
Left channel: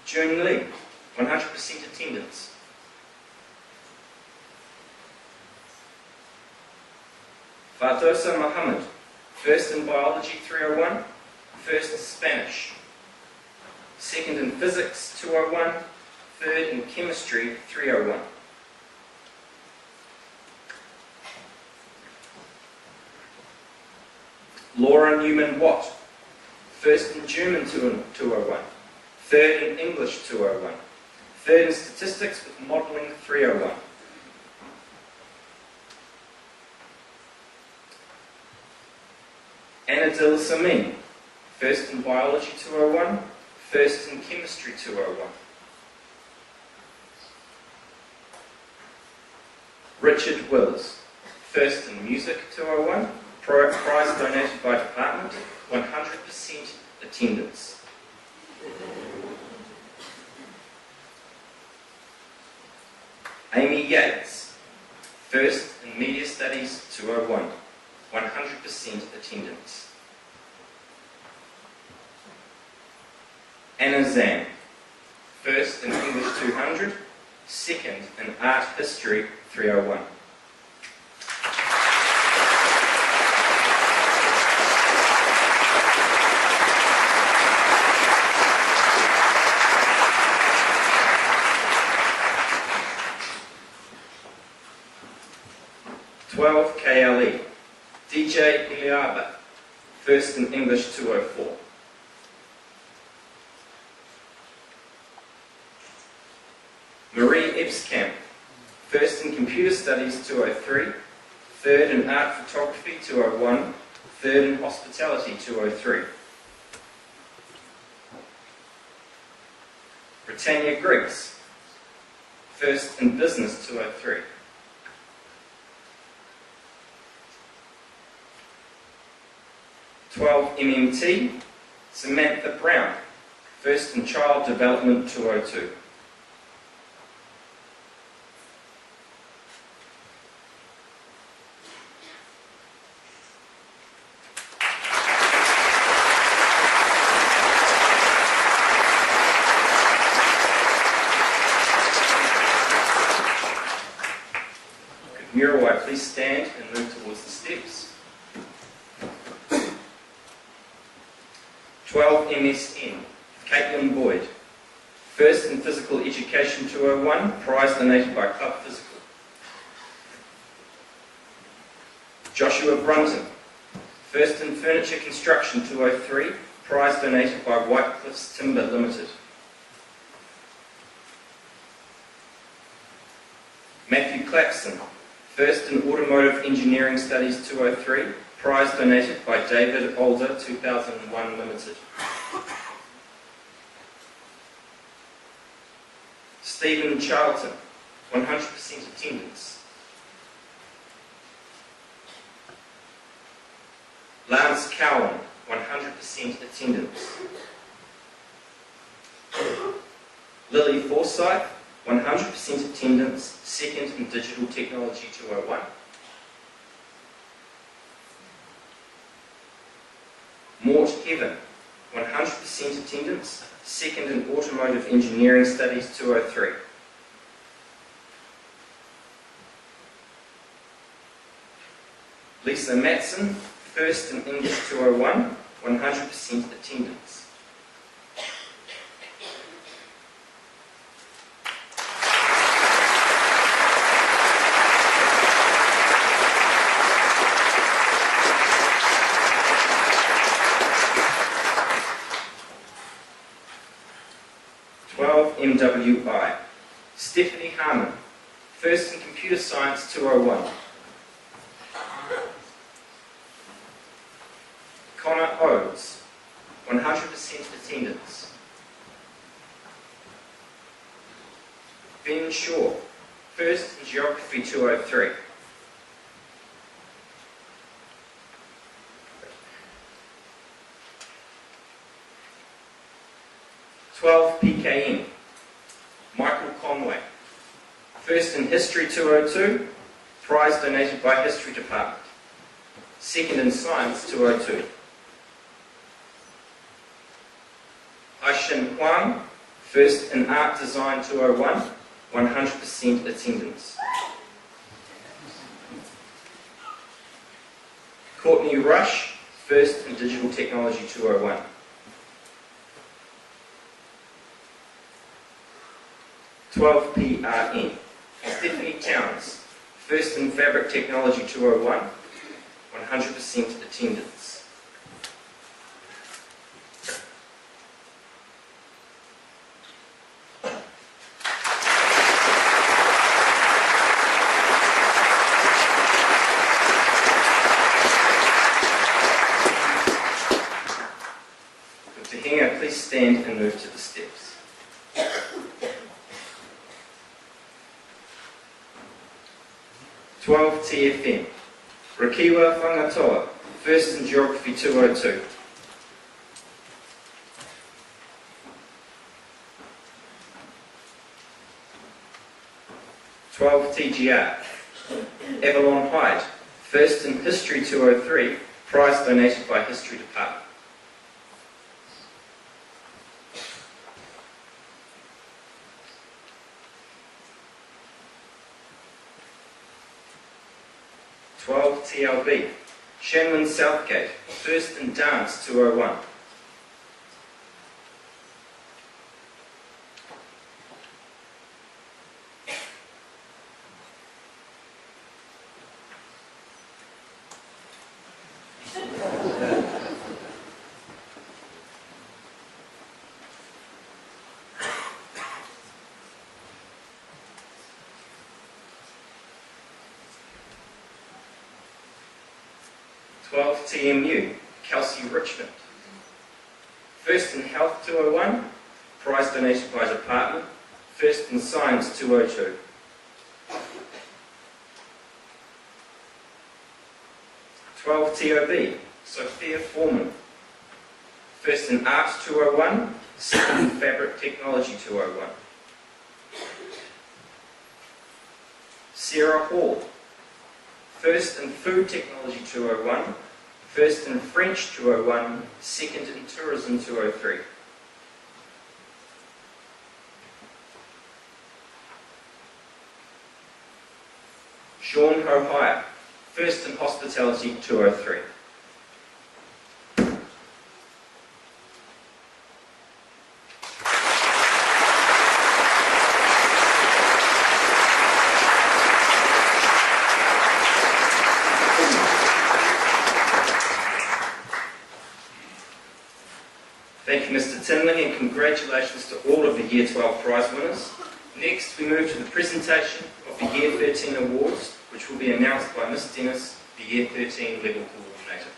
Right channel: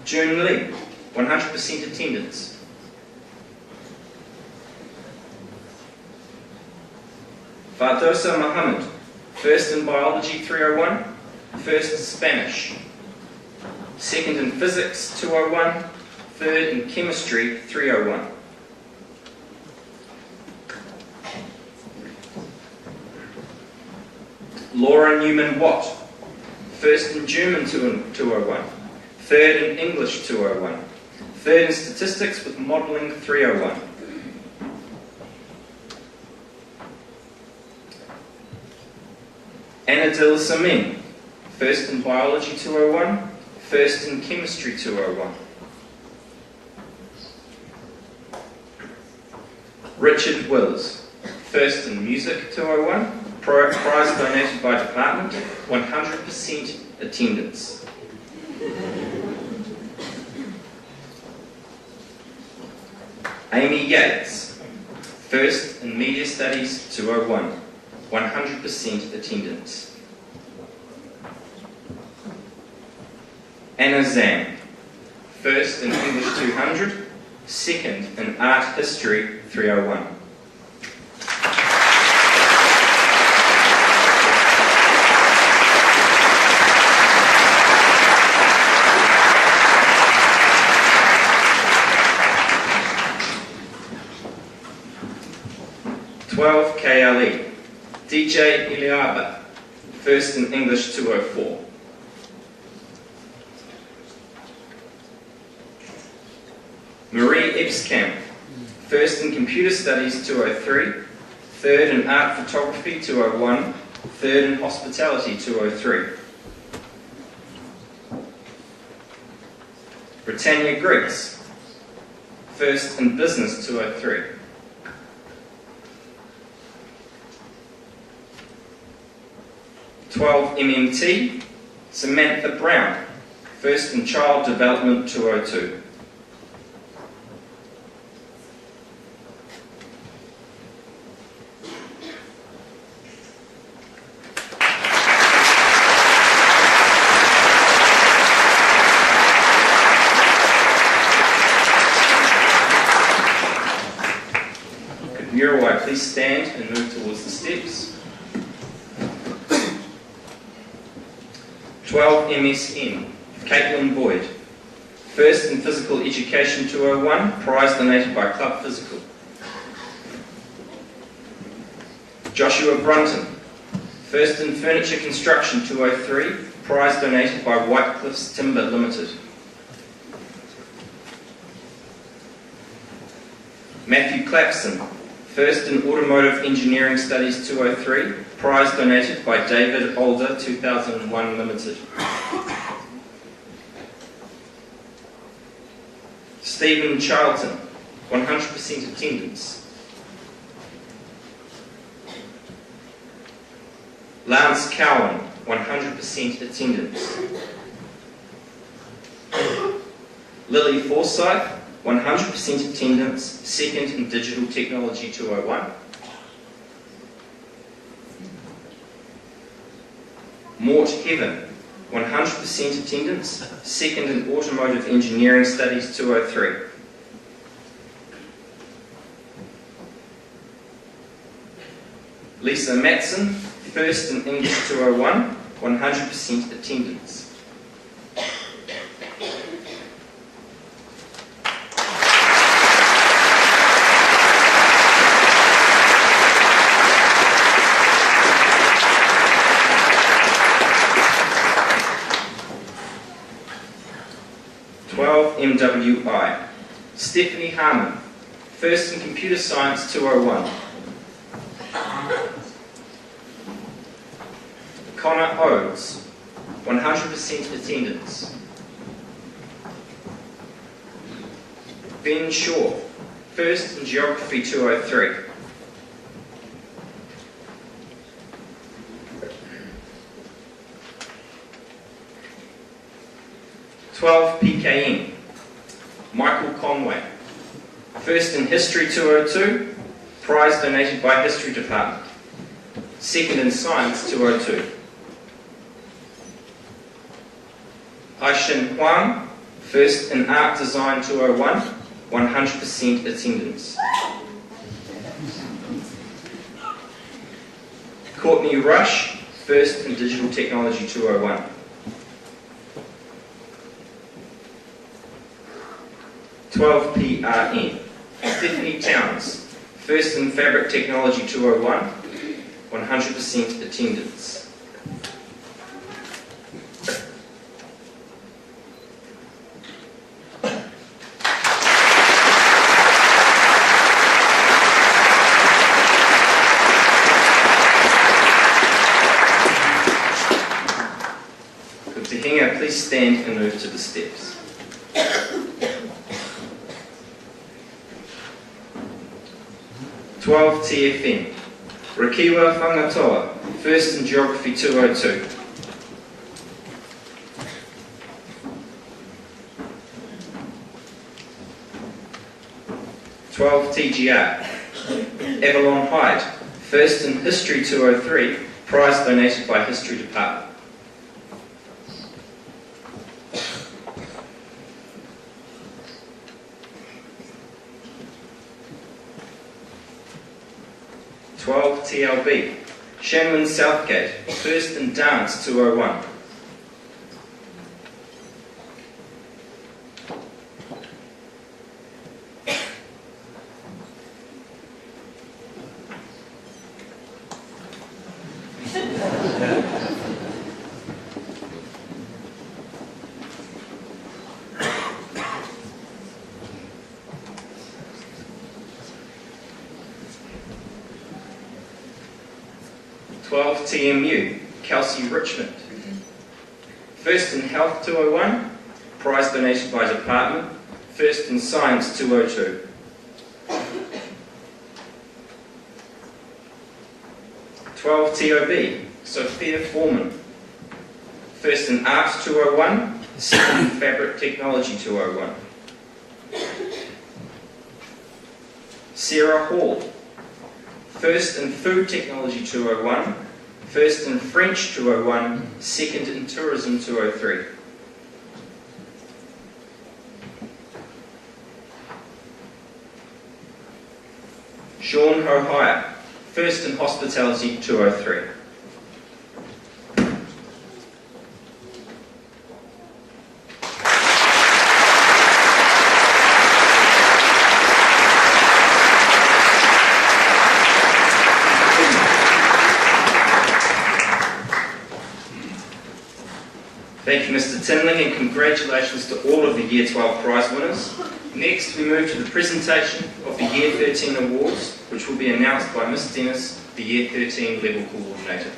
June Lee, 100% attendance. Fardosa Muhammad, first in Biology 301, first in Spanish, second in Physics 201, third in Chemistry 301. Laura Newman-Watt, first in German 201, third in English 201, third in Statistics with Modelling 301. Anna Dil Samin, first in Biology 201, first in Chemistry 201. Richard Wills, first in Music 201, prize donated by department, 100% attendance. Amy Yates, first in Media Studies 201, 100% attendance. Anna Zam, first in English 200, second in Art History 301. KLE, DJ Iliaba, first in English 204. Marie Ebskamp, first in Computer Studies 203, third in Art Photography 201, third in Hospitality 203. Britannia Griggs, first in Business 203. MMT, Samantha Brown, first in Child Development 202. 12 MSN, Caitlin Boyd. First in Physical Education 201, prize donated by Club Physical. Joshua Brunton. First in Furniture Construction 203, prize donated by White Cliffs Timber Limited. Matthew Clapson. First in Automotive Engineering Studies 203, prize donated by David Older 2001 Limited. Stephen Charlton, 100% attendance. Lance Cowan, 100% attendance. Lily Forsyth, 100% attendance, second in Digital Technology 201. Mort Heaven, 100% attendance, second in Automotive Engineering Studies 203. Lisa Matson, first in English 201, 100% attendance. MWI. Stephanie Harmon, first in Computer Science 201. Connor Oates, 100% attendance. Ben Shaw, first in Geography 203. PKN. Michael Conway, first in History 202, prize donated by History Department. Second in Science 202. Aishin Huang, first in Art Design 201, 100% attendance. Courtney Rush, first in Digital Technology 201. PRN. Stephanie Towns, first in Fabric Technology 201, 100% attendance. Good to hang out, please stand and move to the steps. TFM. Rakiwa Whangatoa, first in Geography 202. TGR. Avalon Hyde, first in History 203, prize donated by History Department. TLB. Shannon Southgate, first in Dance 201. TMU, Kelsey Richmond. First in Health 201, prize donated by Department. First in Science 202. TOB, Sophia Foreman. First in Arts 201, second in Fabric Technology 201. Sarah Hall, first in Food Technology 201, first in French 201, second in Tourism 203. Sean Hohire, first in Hospitality 203. Thank you, Mr. Tinling, and congratulations to all of the Year 12 prize winners. Next, we move to the presentation of the Year 13 awards, which will be announced by Ms. Dennis, the Year 13 level coordinator.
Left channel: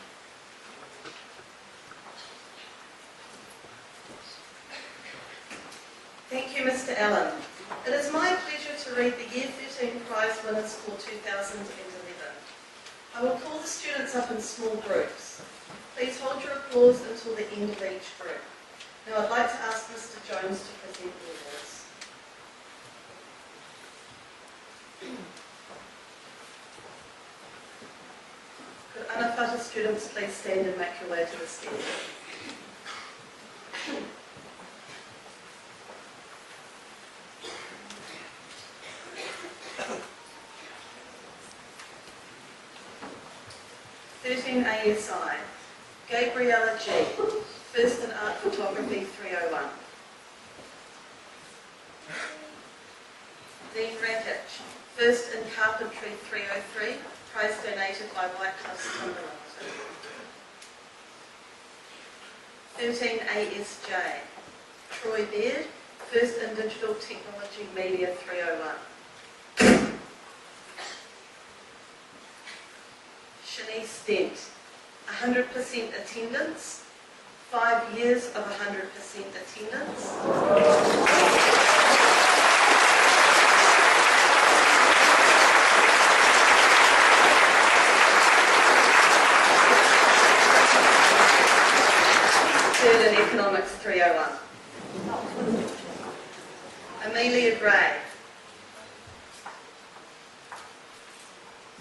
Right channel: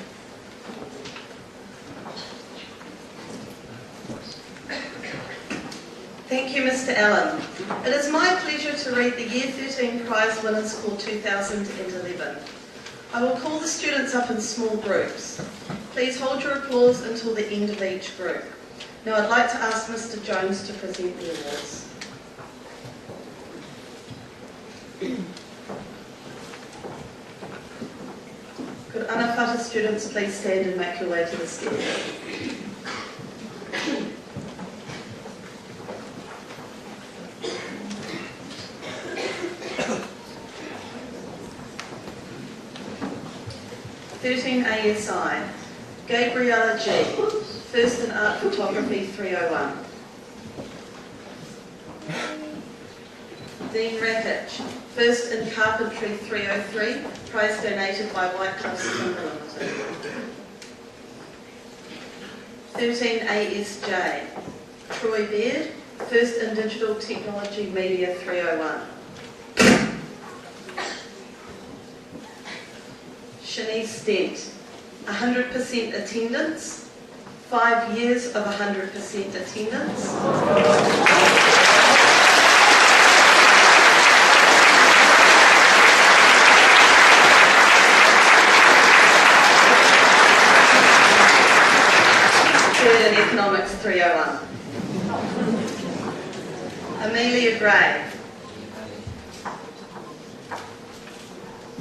Thank you, Mr. Allen. It is my pleasure to read the Year 13 prize winners for 2011. I will call the students up in small groups. Please hold your applause until the end of each group. Now I'd like to ask Mr. Jones to present the awards. Could Anawhata students please stand and make your way to the stairs? ASI, Gabriella G, First in Art Photography 301. Dean Rakic, First in Carpentry 303, prize donated by White Cliffs Timber Limited. 13 ASJ, Troy Baird, First in Digital Technology Media 301. Shanice Stent, 100% attendance, 5 years of 100% attendance. Third in Economics 301. Amelia Gray,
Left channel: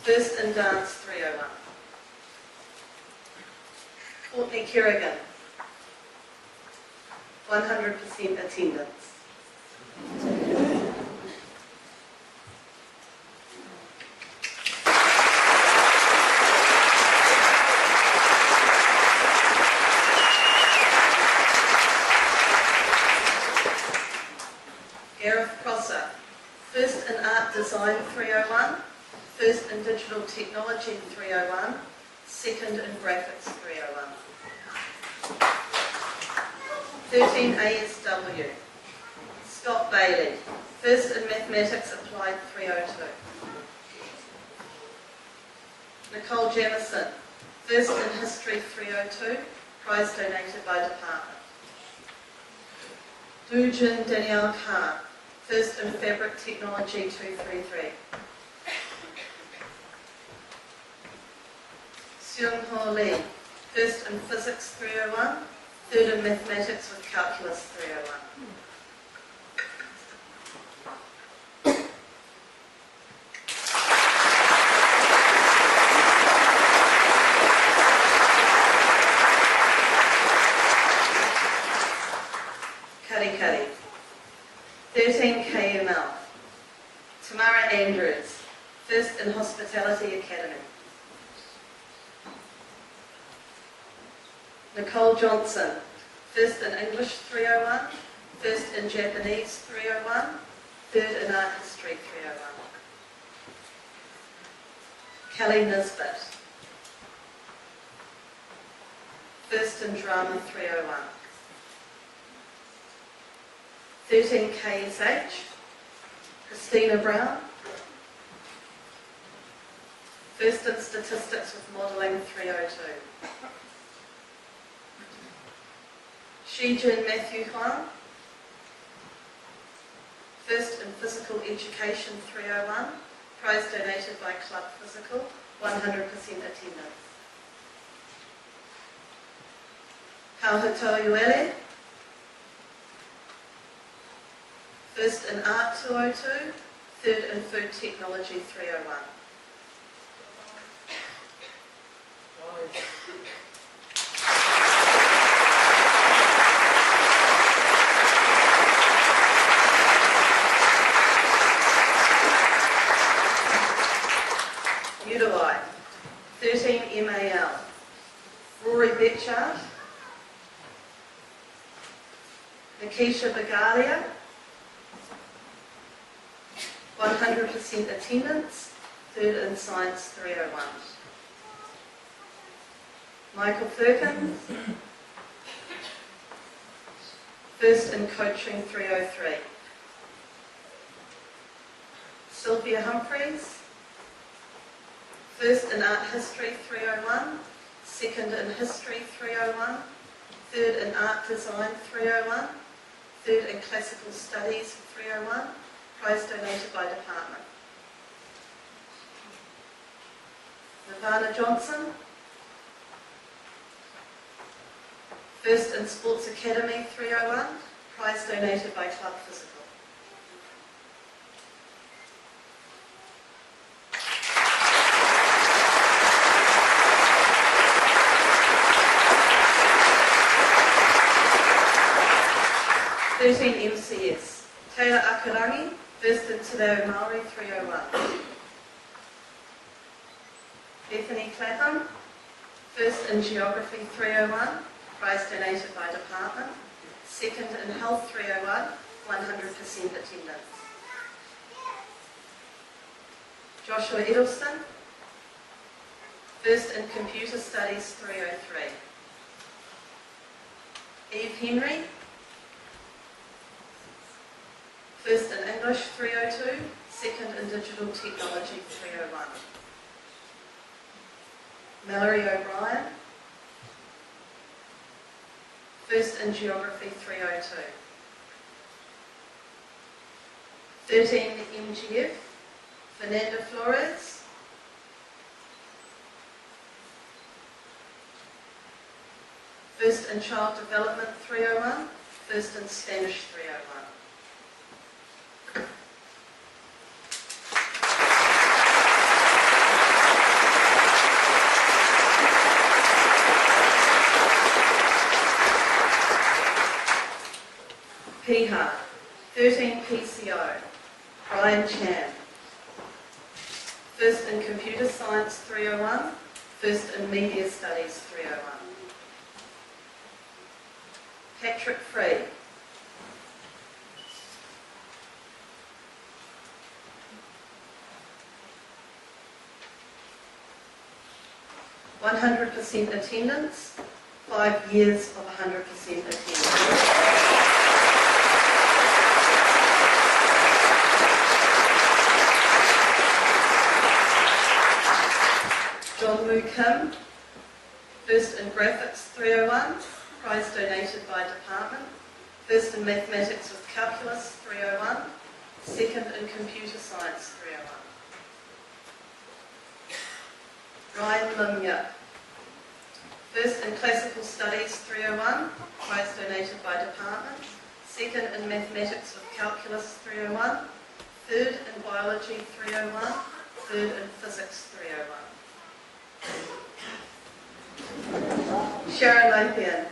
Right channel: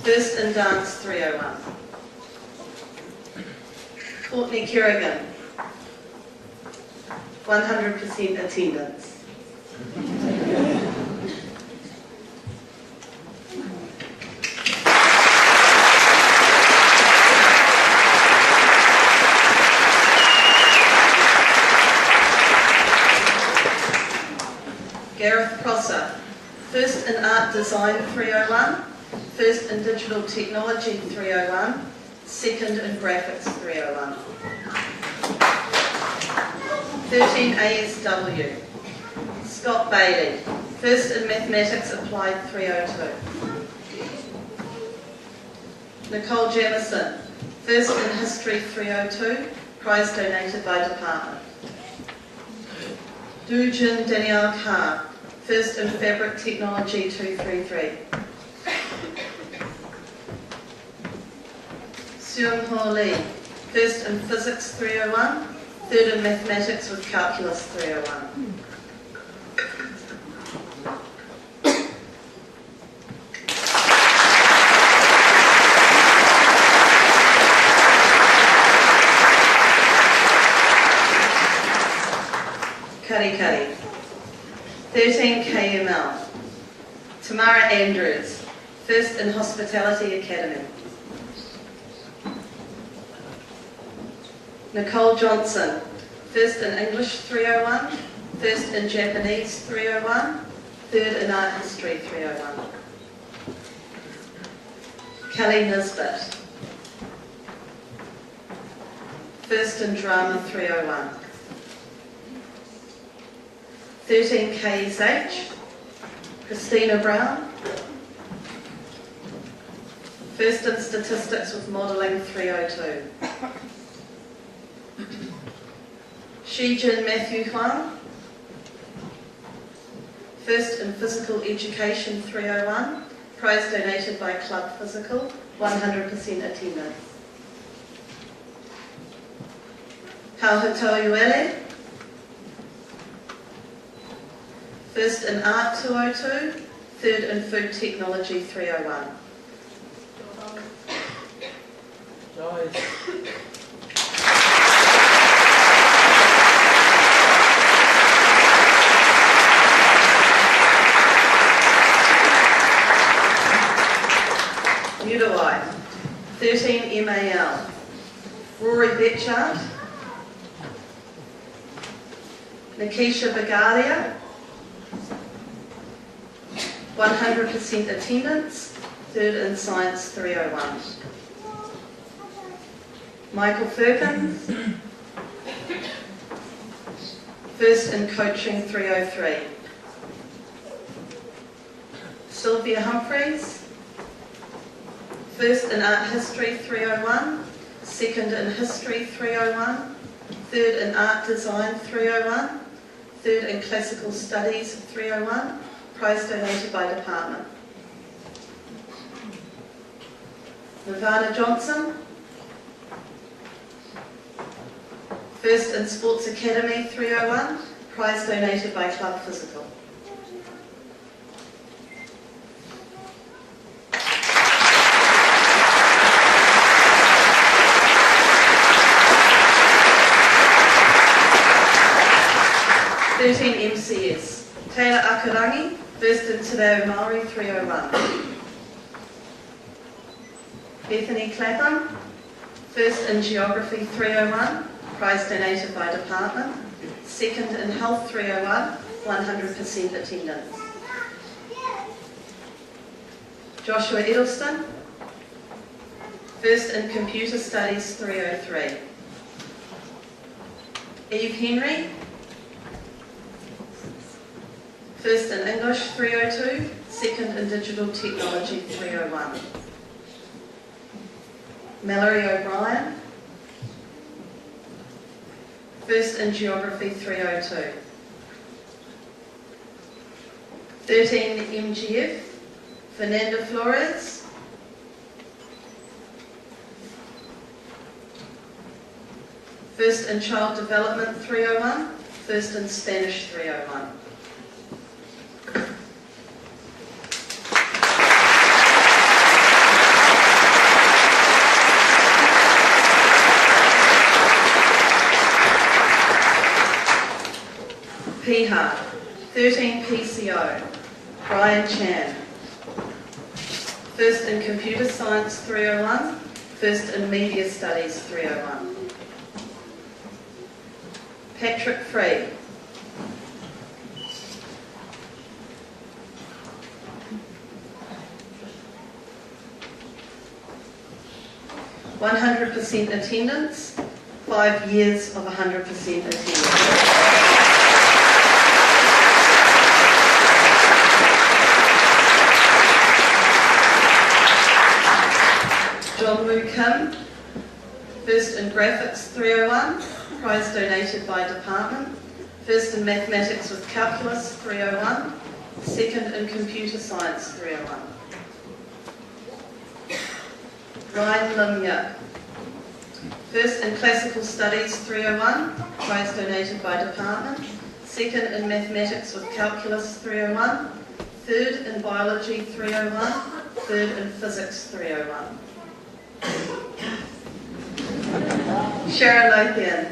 First in Dance 301. Courtney Kerrigan, 100% attendance. Gareth Prosser, First in Art Design 301, First in Digital Technology 301, Second in Graphics 301. 13 ASW, Scott Bailey, First in Mathematics Applied 302. Nicole Jamison, First in History 302, prize donated by department. Dujin Danielle Carr, First in Fabric Technology 233. Seung Ho Lee, First in Physics 301, Third in Mathematics with Calculus 301. Kari, 13 KML. Tamara Andrews, First in Hospitality Academy. Nicole Johnson, First in English 301, First in Japanese 301, Third in Art History 301. Kelly Nisbet, First in Drama 301. 13 KSH, Christina Brown, First in Statistics with Modelling 302. Shijin Matthew Huang, First in Physical Education 301, prize donated by Club Physical, 100% attendance. Kauhitoyuele, First in Art 202, Third in Food Technology 301. Udawai, 13 MAL. Rory Betchard, Nikisha Bagalia, 100% attendance, Third in Science 301. Michael Firkins, First in Coaching 303. Sylvia Humphreys. First in Art History 301. Second in History 301. Third in Art Design 301. Third in Classical Studies 301. Prize donated by department. Nirvana Johnson. First in Sports Academy 301. Prize donated by Club Physical. MCS. Taylor Akarangi, first in Te Reo Māori 301. Bethany Clapham, first in Geography 301, prize donated by department. Second in Health 301, 100% attendance. Joshua Edelston, first in Computer Studies 303. Eve Henry, first in English 302, second in Digital Technology 301. Mallory O'Brien, first in Geography 302. 13 MGF, Fernanda Flores. First in Child Development 301, first in Spanish 301. PHAR, 13 PCO, Brian Chan. First in Computer Science 301, first in Media Studies 301. Patrick Free. "100% attendance, 5 years of 100% attendance. John Woo Kim, first in Graphics 301, prize donated by department. First in Mathematics with Calculus 301, second in Computer Science 301. Ryan Lim Yuk, first in Classical Studies 301, prize donated by department. Second in Mathematics with Calculus 301, third in Biology 301, third in Physics 301. Sharon Lothian,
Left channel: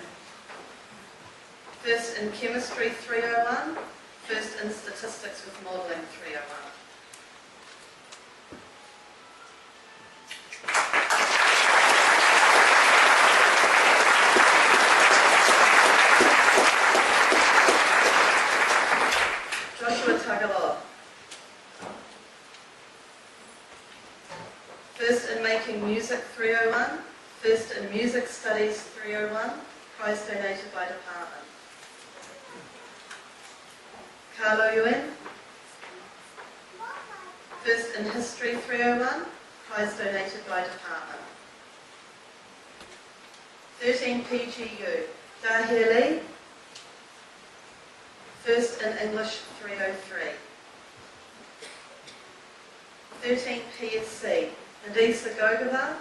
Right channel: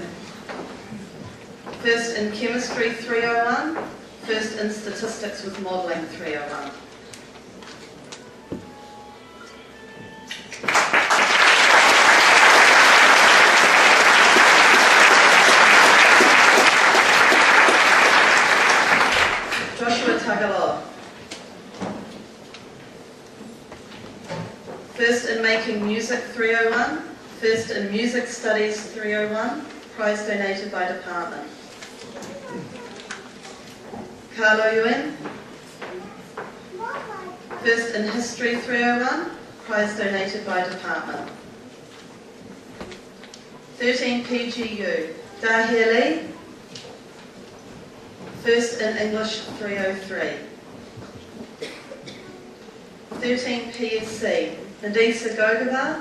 first in Chemistry 301, first in Statistics with Modelling 301. Joshua Tagaloa, first in Making Music 301, first in Music Studies 301, prize donated by department. Carlo Yuen, first in History 301, prize donated by department. 13 PGU, Dahir Lee, first in English 303. 13 PSC, Nadisa Gogavar,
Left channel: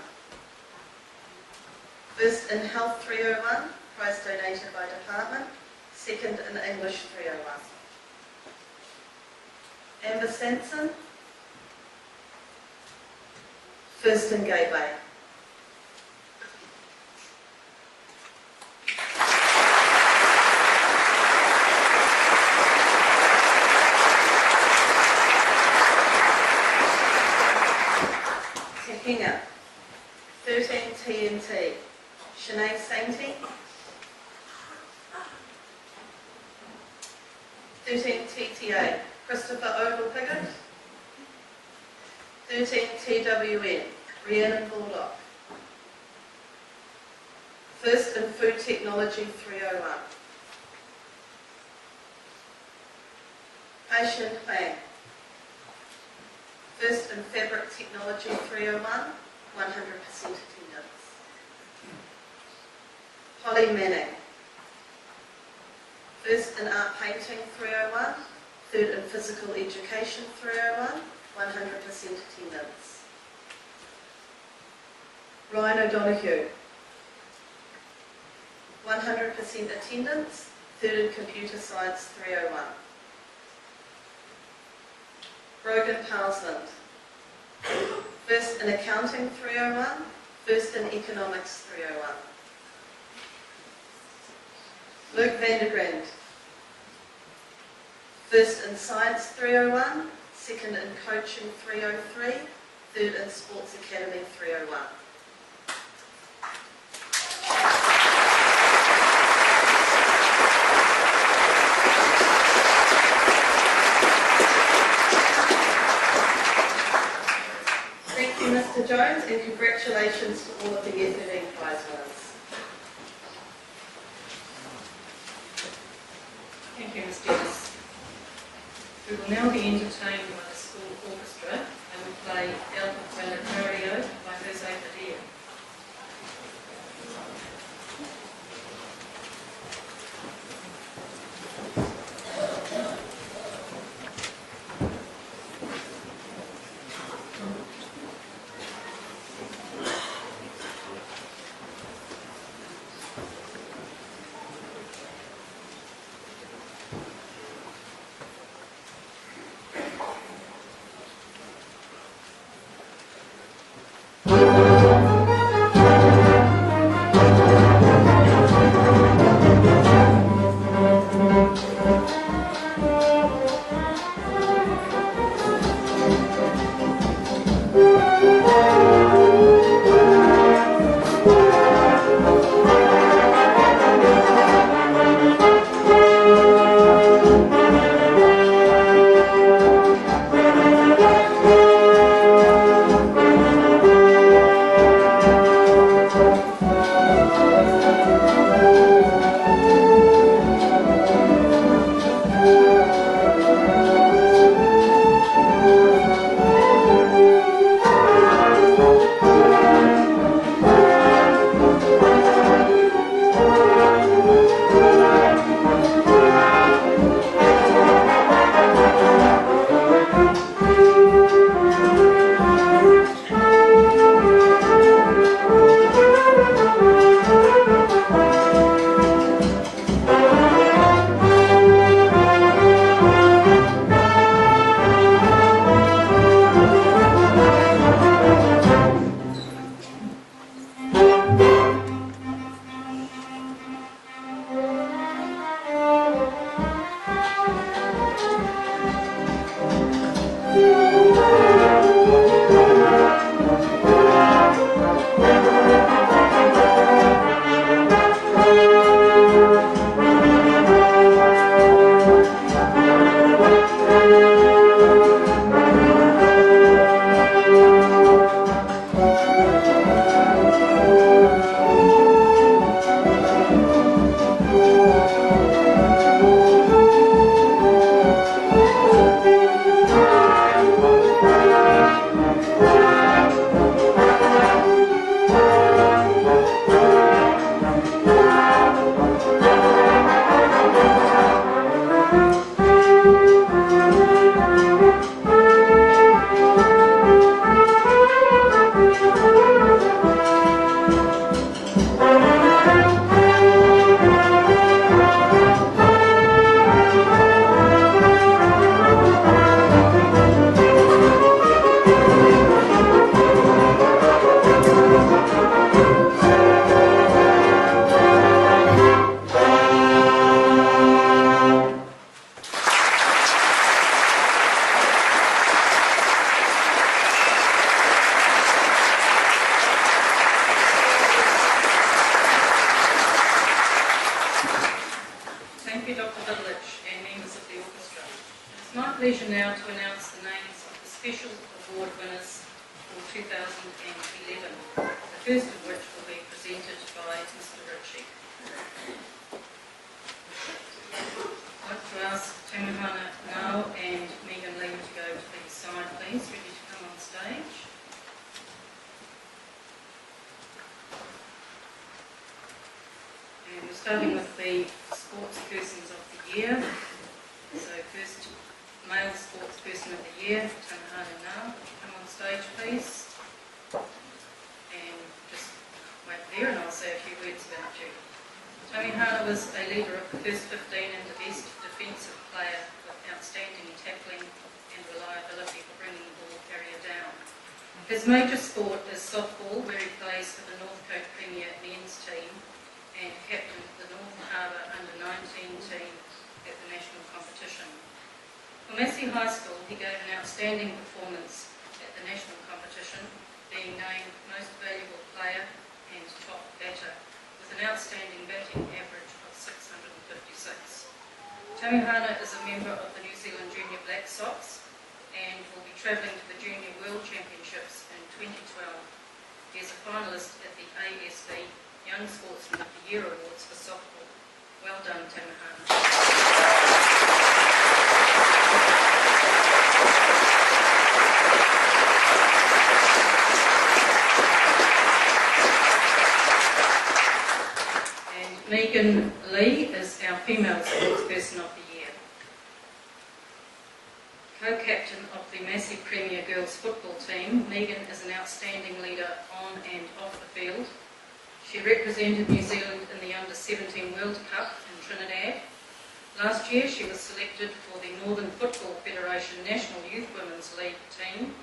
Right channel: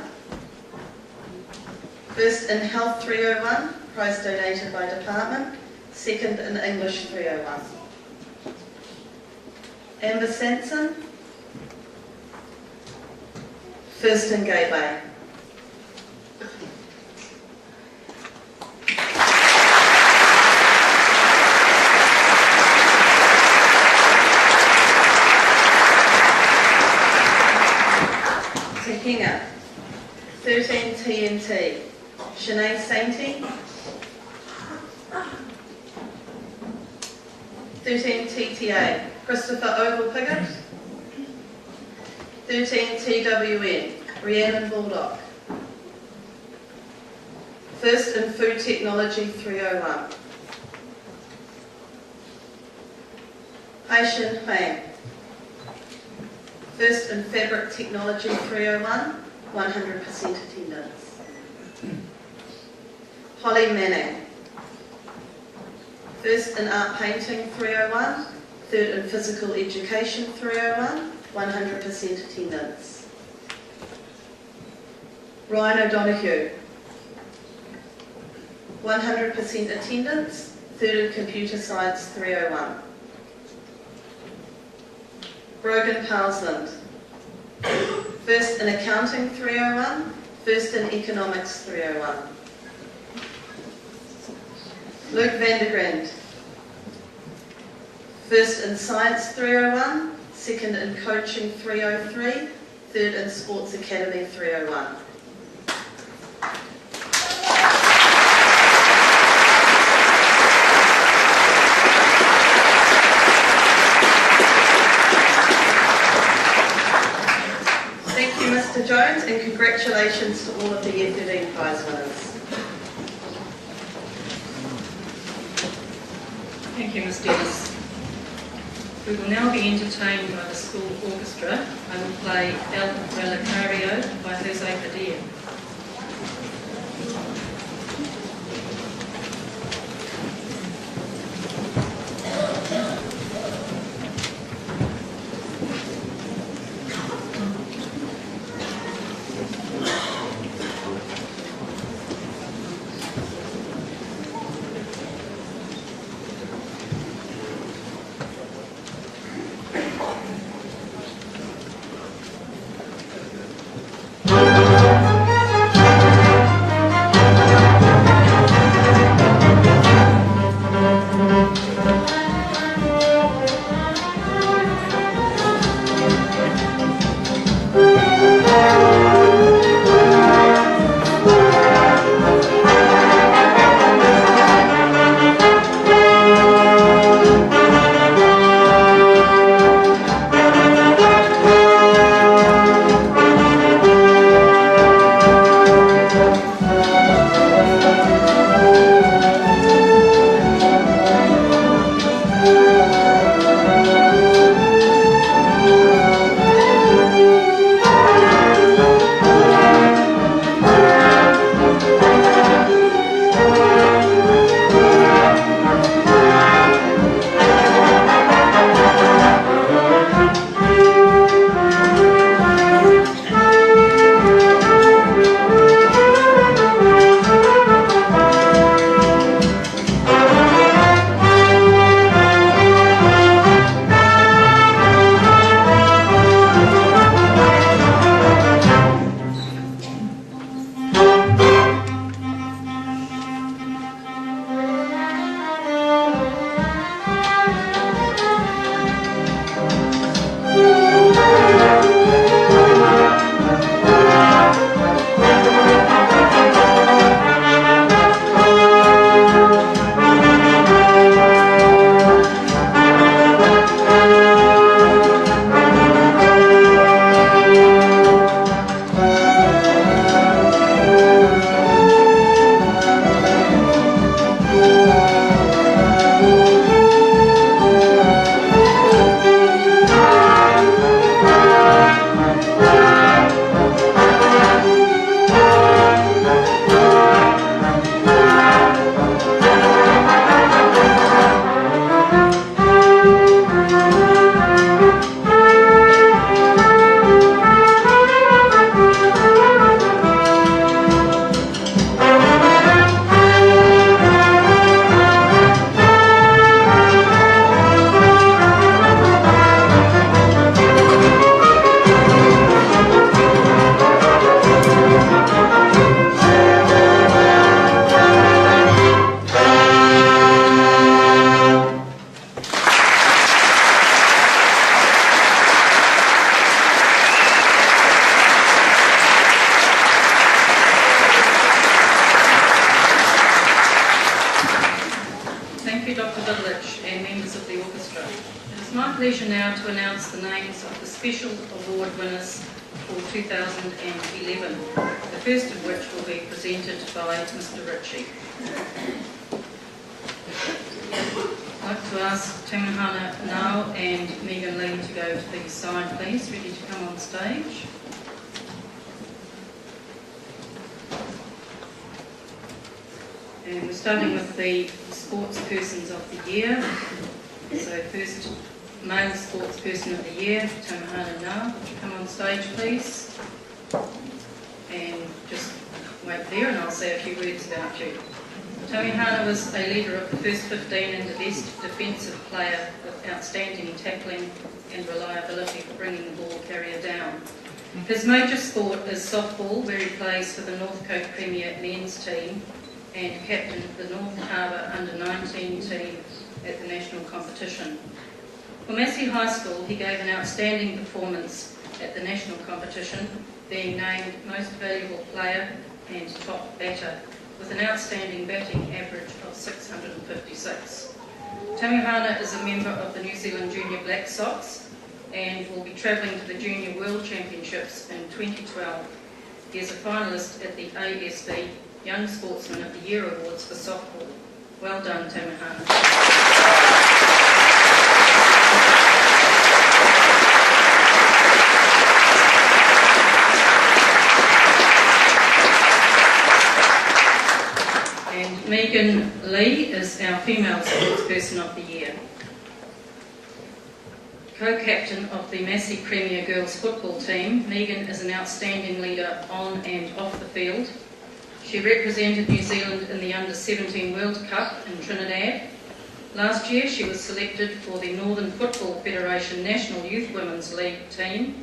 first in Health 301, prize donated by department, second in English 301. Amber Sanson, first in Gateway. Tehinga, 13 TNT, Sinead Sainty, 13 TTA, Christopher Ogle-Piggott, 13 TWN, Rhiannon Baldock, first in Food Technology 301. Haishin Huang. First in Fabric Technology 301, 100% attendance. Holly Manning. First in Art Painting 301, third in Physical Education 301, 100% attendance. Ryan O'Donoghue. 100% attendance, third in Computer Science 301. Brogan Parsland. First in Accounting 301, first in Economics 301. Luke Vandergrand. First in Science 301, second in Coaching 303, third in Sports Academy 301. Thank you, Mr. Jones, and congratulations to all of the Year 13 prize winners. Thank you, Ms. Dennis. We will now be entertained by the school orchestra. I will play El Relicario by Jose Padilla. pleasure now to announce the names of the special award winners for 2011, the first of which will be presented by Mr. Ritchie. I'd like to ask Tamihana Nau and Megan Lee to go to the side, please, ready to come on stage. And we're starting with the sports persons of the year. So first, male sports person of the year, Tamihana Nau. Would you come on stage, please? And just wait there and I'll say a few words about you. Tamihana was a leader of the first 15 and the best defensive player with outstanding tackling and reliability for bringing the ball carrier down. His major sport is softball, where he plays for the North Coast Premier men's team and captained the North Harbour under-19 team at the national competition. For Massey High School, he gave an outstanding performance at the national competition, being named Most Valuable Player and Top Batter, with an outstanding batting average of 656. Tamihana is a member of the New Zealand Junior Black Sox and will be travelling to the Junior World Championships in 2012. He is a finalist at the ASB Young Sportsman of the Year Awards for softball. Well done, Tamihana. And Megan Lee is our female sportsperson of the year. Co-captain of the Massey Premier Girls Football team, Megan is an outstanding leader on and off the field. She represented New Zealand in the Under-17 World Cup in Trinidad. Last year she was selected for the Northern Football Federation National Youth Women's League team.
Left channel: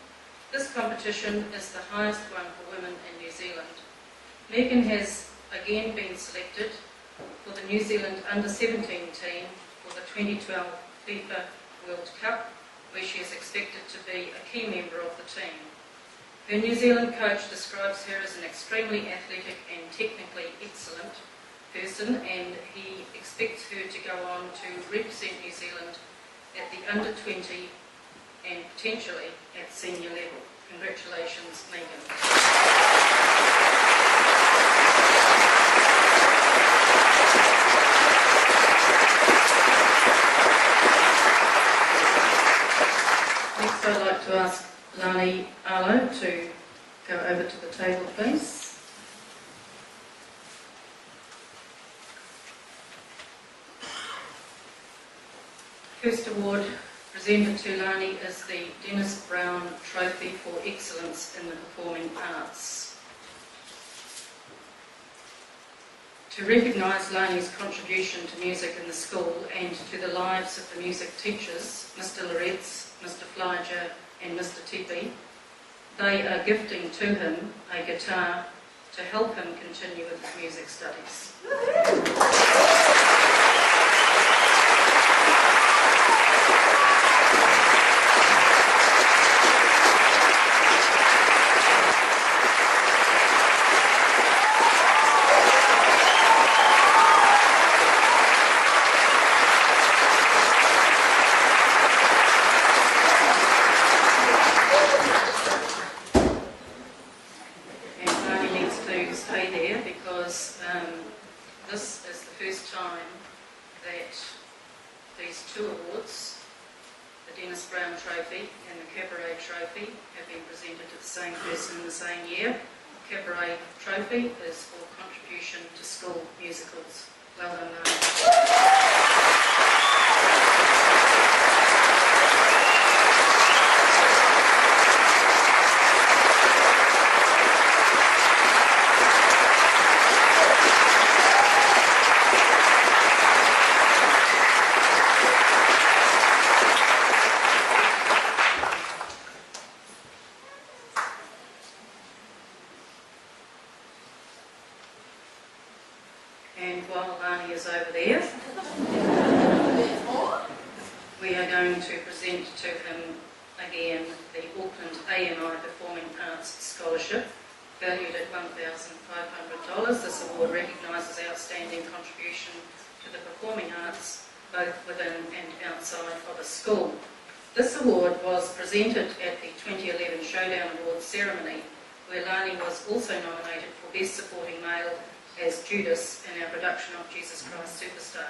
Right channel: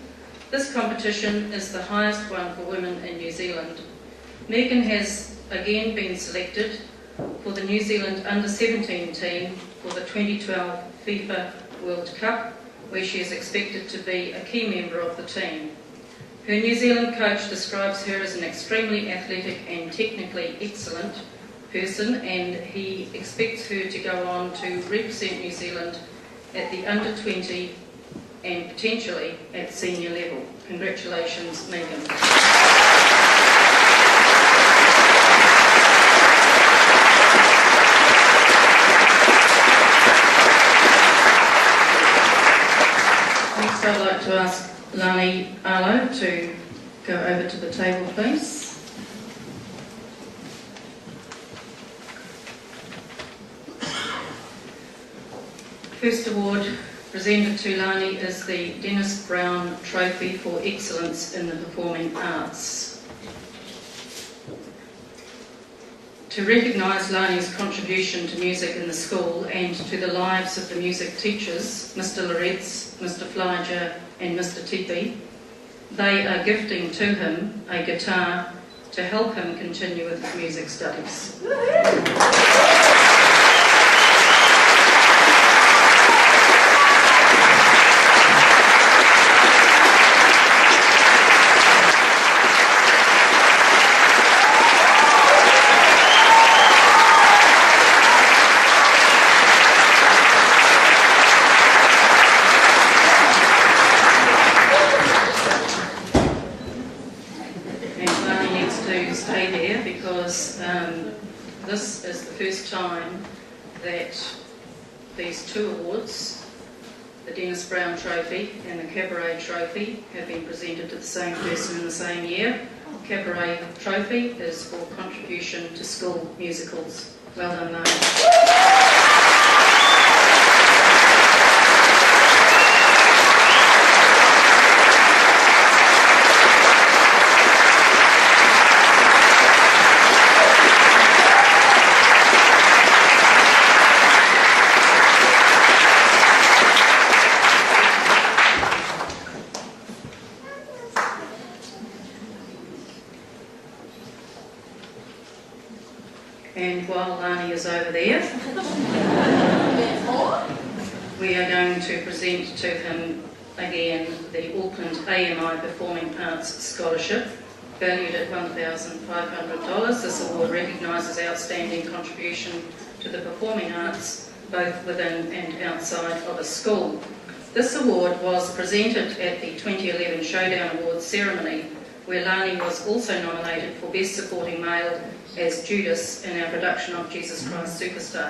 This competition is the highest one for women in New Zealand. Megan has again been selected for the New Zealand Under-17 team for the 2012 FIFA World Cup, where she is expected to be a key member of the team. Her New Zealand coach describes her as an extremely athletic and technically excellent person, and he expects her to go on to represent New Zealand at the Under-20 and potentially at senior level. Congratulations, Megan. Next, I'd like to ask Lani Arlo to go over to the table, please. First award presented to Lani is the Dennis Brown Trophy for Excellence in the Performing Arts. To recognise Lani's contribution to music in the school and to the lives of the music teachers, Mr Loretz, Mr Flyger and Mr Tipi, they are gifting to him a guitar to help him continue with his music studies. This is the first time that these two awards, the Dennis Brown Trophy and the Cabaret Trophy, have been presented to the same person in the same year. The Cabaret Trophy is for contribution to school musicals. Well done, Lani. And while Lani is over there, we are going to present to him again the Auckland AMI Performing Arts Scholarship, valued at $1,500. This award recognises outstanding contribution to the performing arts, both within and outside of a school. This award was presented at the 2011 Showdown Awards ceremony, where Lani was also nominated for Best Supporting Male as Judas in our production of Jesus Christ Superstar.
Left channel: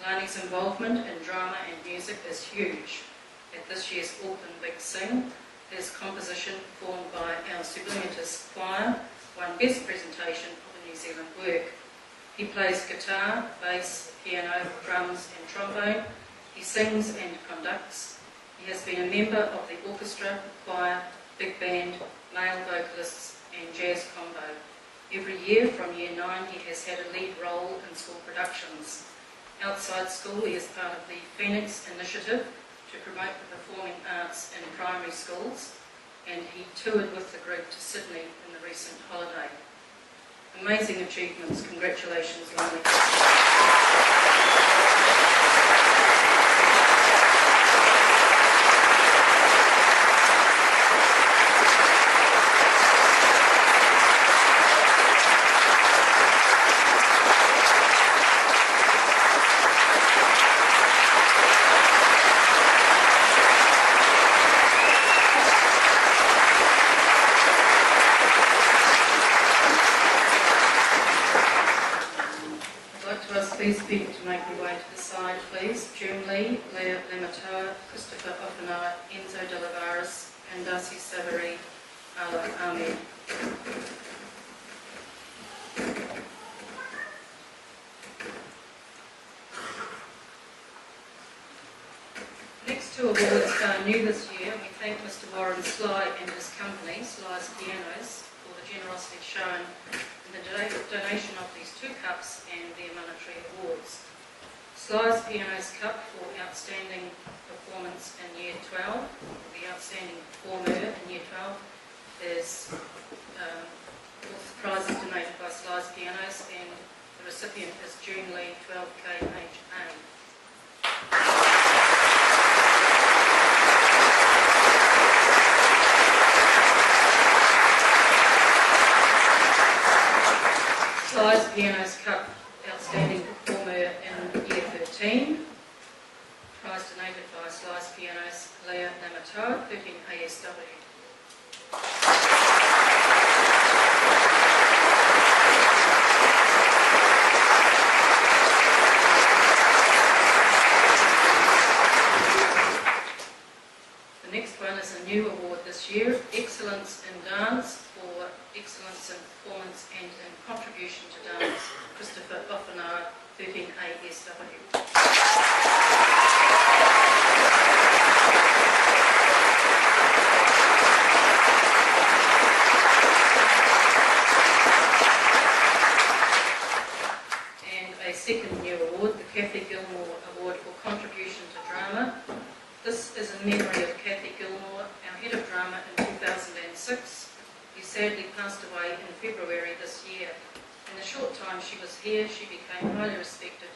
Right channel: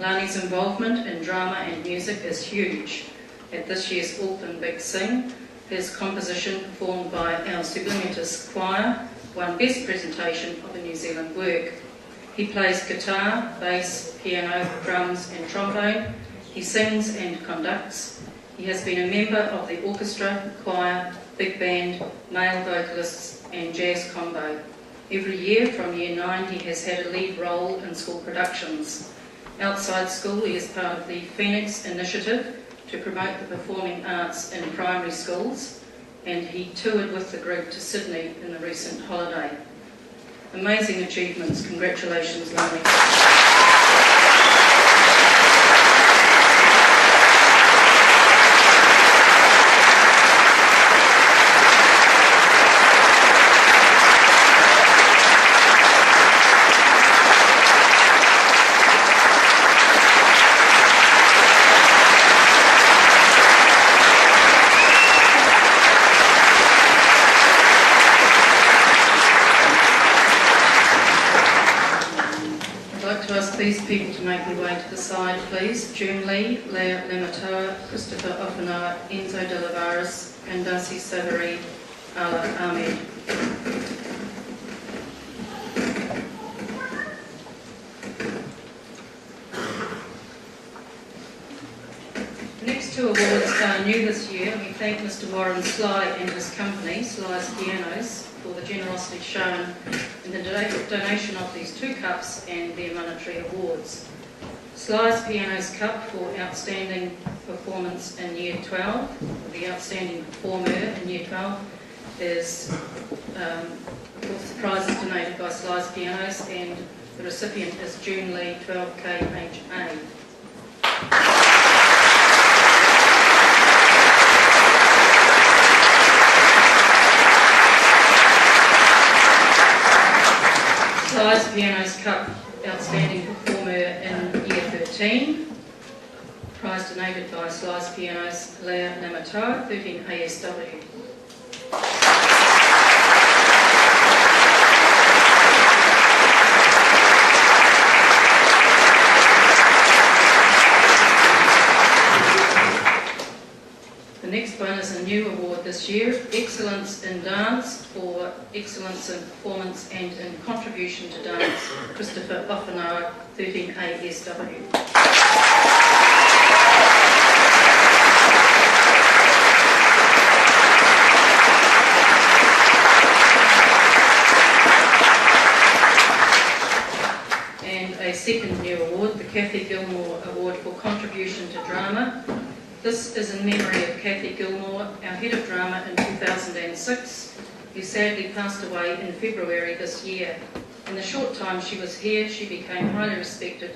Lani's involvement in drama and music is huge. At this year's Auckland Big Sing, his composition performed by our Sublimatus Choir won Best Presentation of a New Zealand Work. He plays guitar, bass, piano, drums and trombone. He sings and conducts. He has been a member of the orchestra, choir, big band, male vocalists and jazz combo. Every year from Year 9 he has had a lead role in school productions. Outside school he is part of the Phoenix Initiative to promote the performing arts in primary schools, and he toured with the group to Sydney in the recent holiday. Amazing achievements. Congratulations, Lani. These people to make their way to the side, please. June Lee, Leah Lamatoa, Christopher Offenoa, Enzo de Lavares, and Darcy Savary, Ala Ahmed. The next two awards are new this year. We thank Mr. Warren Sly and his company, Sly's Pianos, for the generosity shown in the donation of these two cups and their monetary awards. Sly's Pianos Cup for Outstanding Performance in Year 12, the Outstanding Performer in Year 12, is, of course, the prize is donated by Sly's Pianos and the recipient is June Lee, 12KHA. Sly's Pianos Cup Outstanding Performer in Year 13. Prize donated by Sly's Pianos, Leah Lamatoa, 13 ASW. The next one is a new award this year, Excellence in Dance for Excellence in Performance and in Contribution to Dance, Christopher Offenoa, 13 ASW. And a second new award, the Kathy Gilmore Award for Contribution to Drama. This is in memory of Kathy Gilmore, our head of drama in 2006, who sadly passed away in February this year. In the short time she was here, she became highly respected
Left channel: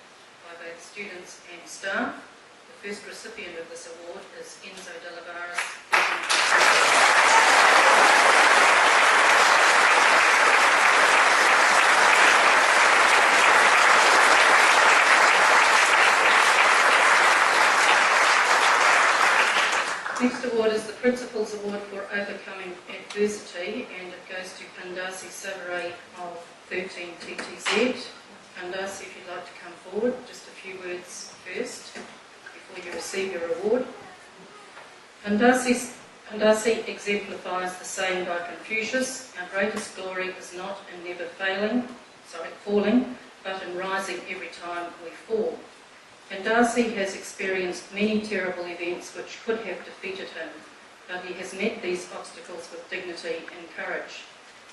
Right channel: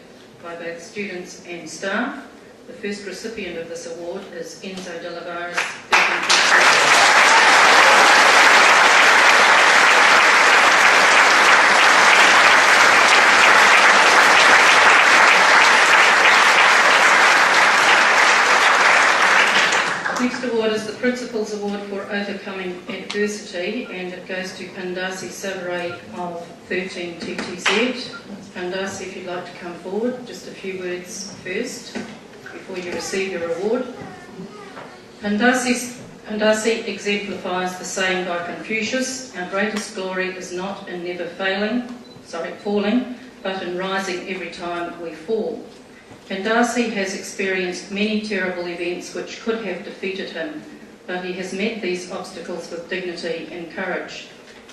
by both students and staff. The first recipient of this award is Enzo de Lavares, 13 Next award is the Principal's Award for Overcoming Adversity, and it goes to Pandasi Savary of 13 TTZ. Pandasi, if you'd like to come forward, just a few words first before you receive your award. Pandasi exemplifies the saying by Confucius, our greatest glory is not in never falling, but in rising every time we fall. Pandasi has experienced many terrible events which could have defeated him, but he has met these obstacles with dignity and courage.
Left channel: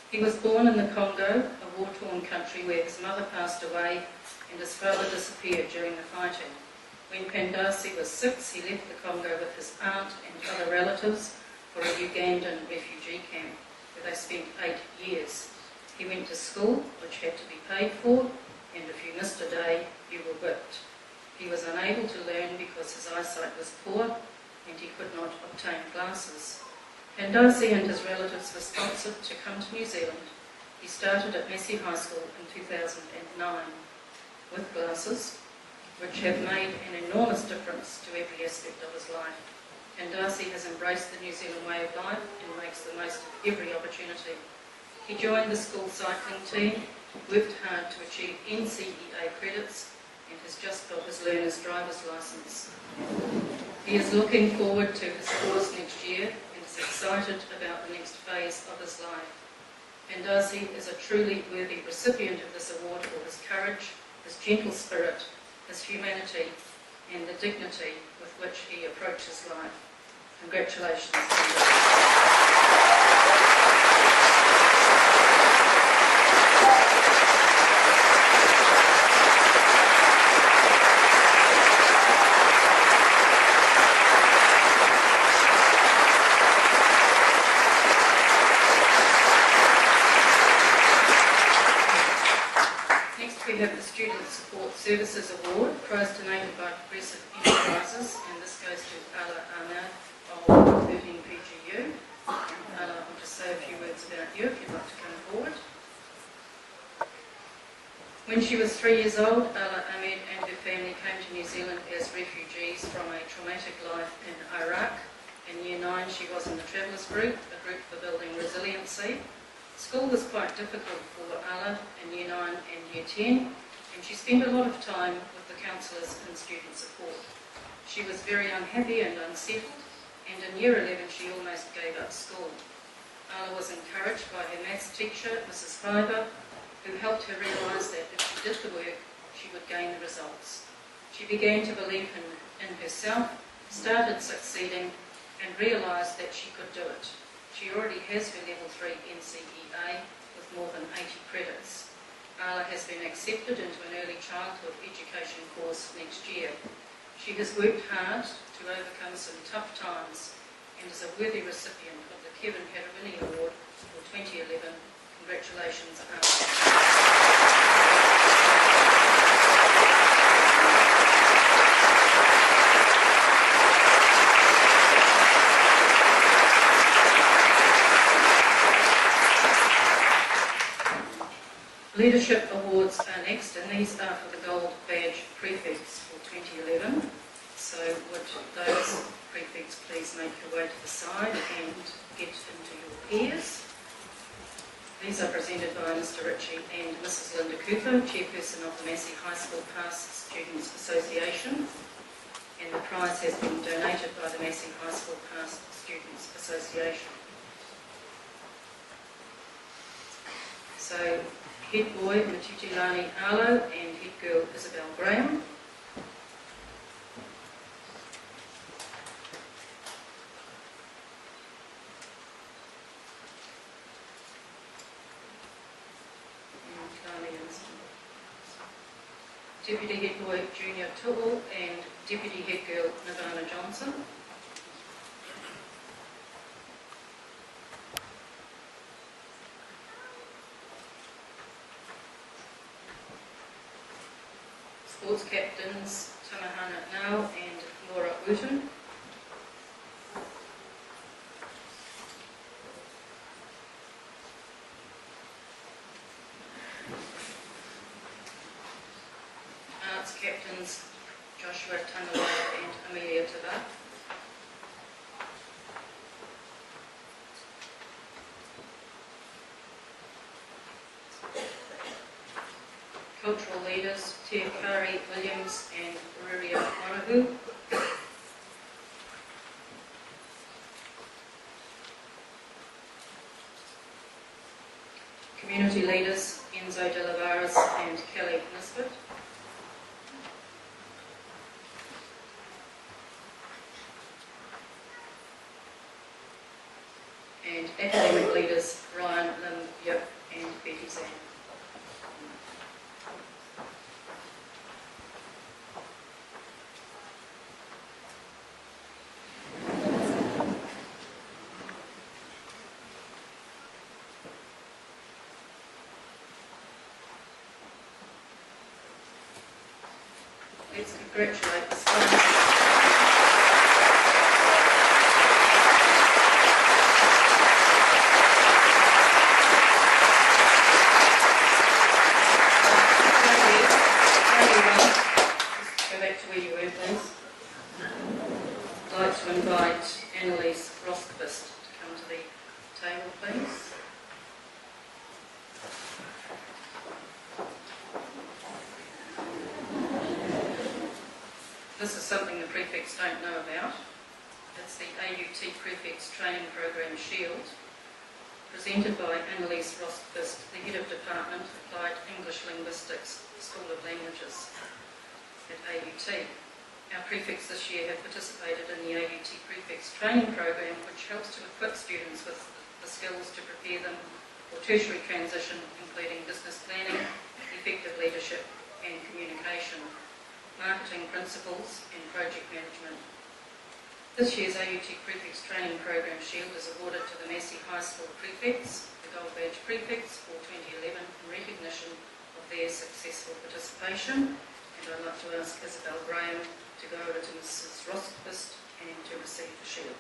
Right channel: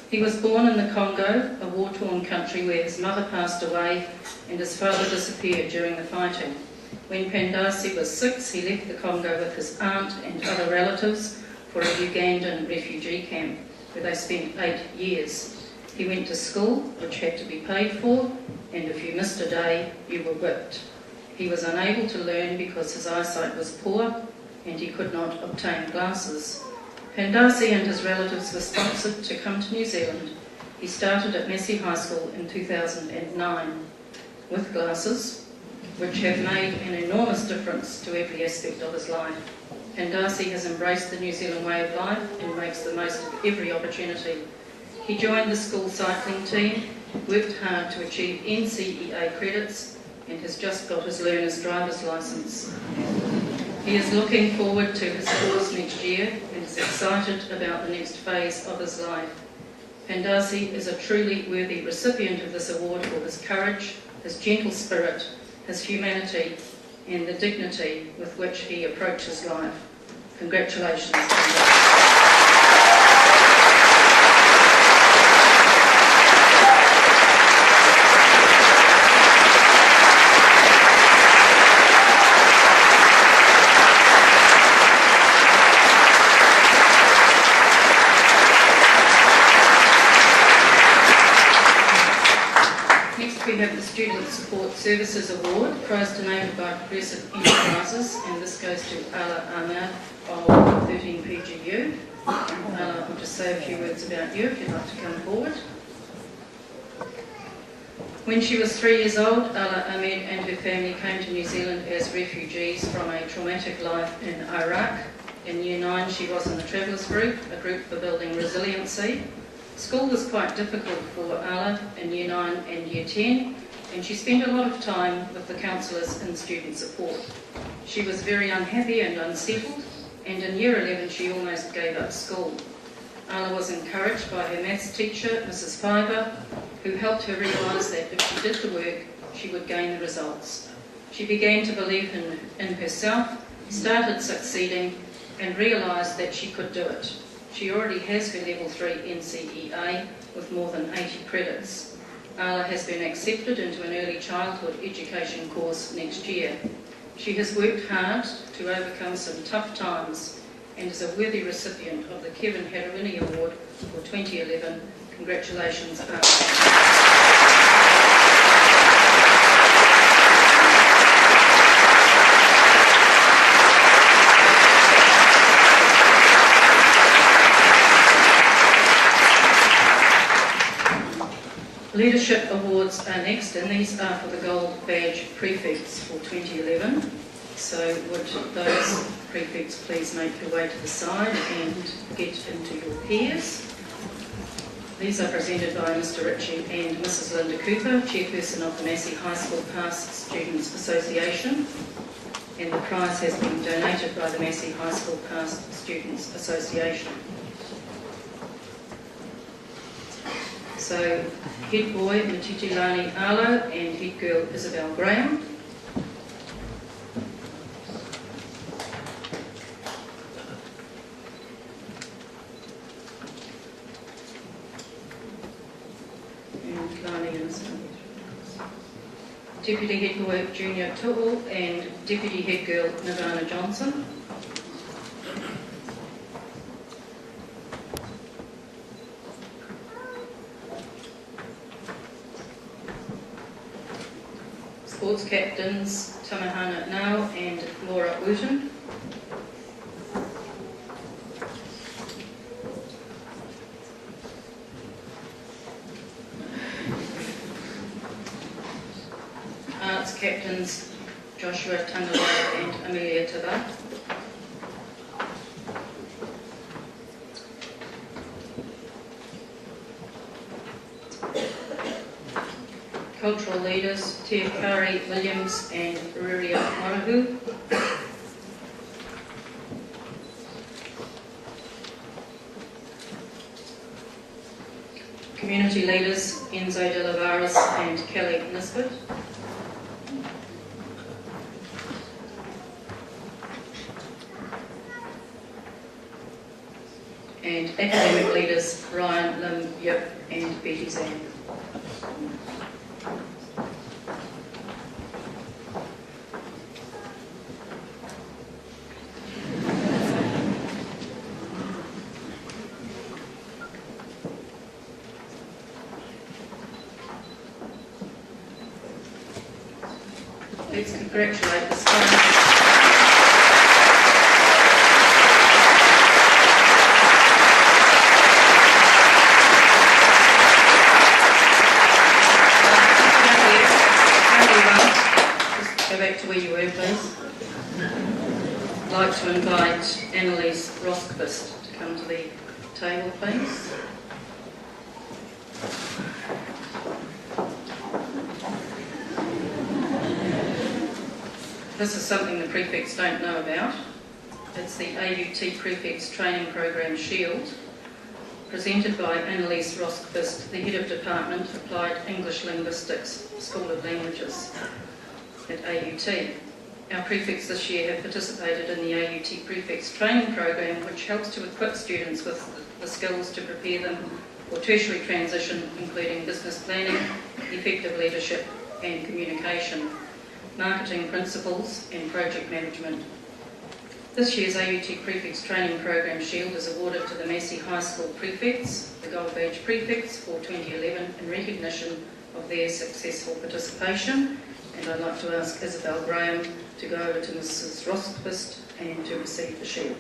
He was born in the Congo, a war-torn country where his mother passed away and his father disappeared during the fighting. When Pandasi was 6, he left the Congo with his aunt and other relatives for a Ugandan refugee camp, where they spent 8 years. He went to school, which had to be paid for, and if you missed a day, you were whipped. He was unable to learn because his eyesight was poor and he could not obtain glasses. Pandasi and his relatives were sponsored to come to New Zealand. He started at Massey High School in 2009 with glasses, which have made an enormous difference to every aspect of his life. Pandasi has embraced the New Zealand way of life and makes the most of every opportunity. He joined the school cycling team, worked hard to achieve NCEA credits, and has just got his learner's driver's licence. He is looking forward to his course next year and is excited about the next phase of his life. Pandasi is a truly worthy recipient of this award for his courage, his gentle spirit, his humanity, and the dignity with which he approaches life. Congratulations, Pandasi. We have the Student Support Services Award, prize donated by Progressive Enterprises, and this goes to Ala Ahmed of 13 PGU. Ala, I'll just say a few words about you if you'd like to come forward. When she was 3 years old, Ala Ahmed and her family came to New Zealand as refugees from a traumatic life in Iraq. In Year 9, she was in the Travellers Group, a group for building resiliency. School was quite difficult for Ala in Year 9 and Year 10, and she spent a lot of time with the counsellors in student support. She was very unhappy and unsettled, and in Year 11 she almost gave up school. Ala was encouraged by her maths teacher, Mrs. Fiver, who helped her realise that if she did the work, she would gain the results. She began to believe in herself, started succeeding, and realised that she could do it. She already has her Level 3 NCEA with more than 80 credits. Ala has been accepted into an early childhood education course next year. She has worked hard to overcome some tough times and is a worthy recipient of the Kevin Harawini Award for 2011. Congratulations, Ala. Leadership Awards are next, and these are for the Gold Badge Prefects for 2011. So would those prefects please make your way to the side and get into your pairs. These are presented by Mr. Ritchie and Mrs. Linda Cooper, chairperson of the Massey High School Past Students Association, and the prize has been donated by the Massey High School Past Students Association. So, head boy Matitilani Arlo and head girl Isabel Graham. And Lani and Isabel. Deputy head boy Junior Tuul and deputy head girl Nirvana Johnson. Sports captains Tamahana Nau and Laura Wooten. Arts captains Joshua Tangawara and Amelia Tabat. Cultural leaders, Te Kari Williams and Ruria Marahu. Community leaders, Enzo de Lavares and Kelly Nisbet. And academic leaders, Ryan Lim Yip and Betty Zan. Let's congratulate the sponsors. Just go back to where you were, please. I'd like to invite Annalise Roskvist to come to the table, please. This is something the prefects don't know about. It's the AUT Prefects Training Program Shield, presented by Annalise Roskvist, the Head of Department Applied English Linguistics, School of Languages at AUT. Our prefects this year have participated in the AUT Prefects Training Program, which helps to equip students with the skills to prepare them for tertiary transition, including business planning, effective leadership and communication, marketing principles and project management. This year's AUT Prefects Training Program Shield is awarded to the Massey High School Prefects, the Gold Badge Prefects for 2011 in recognition of their successful participation. And I'd like to ask Isabel Graham to go over to Mrs. Roskvist and to receive the shield.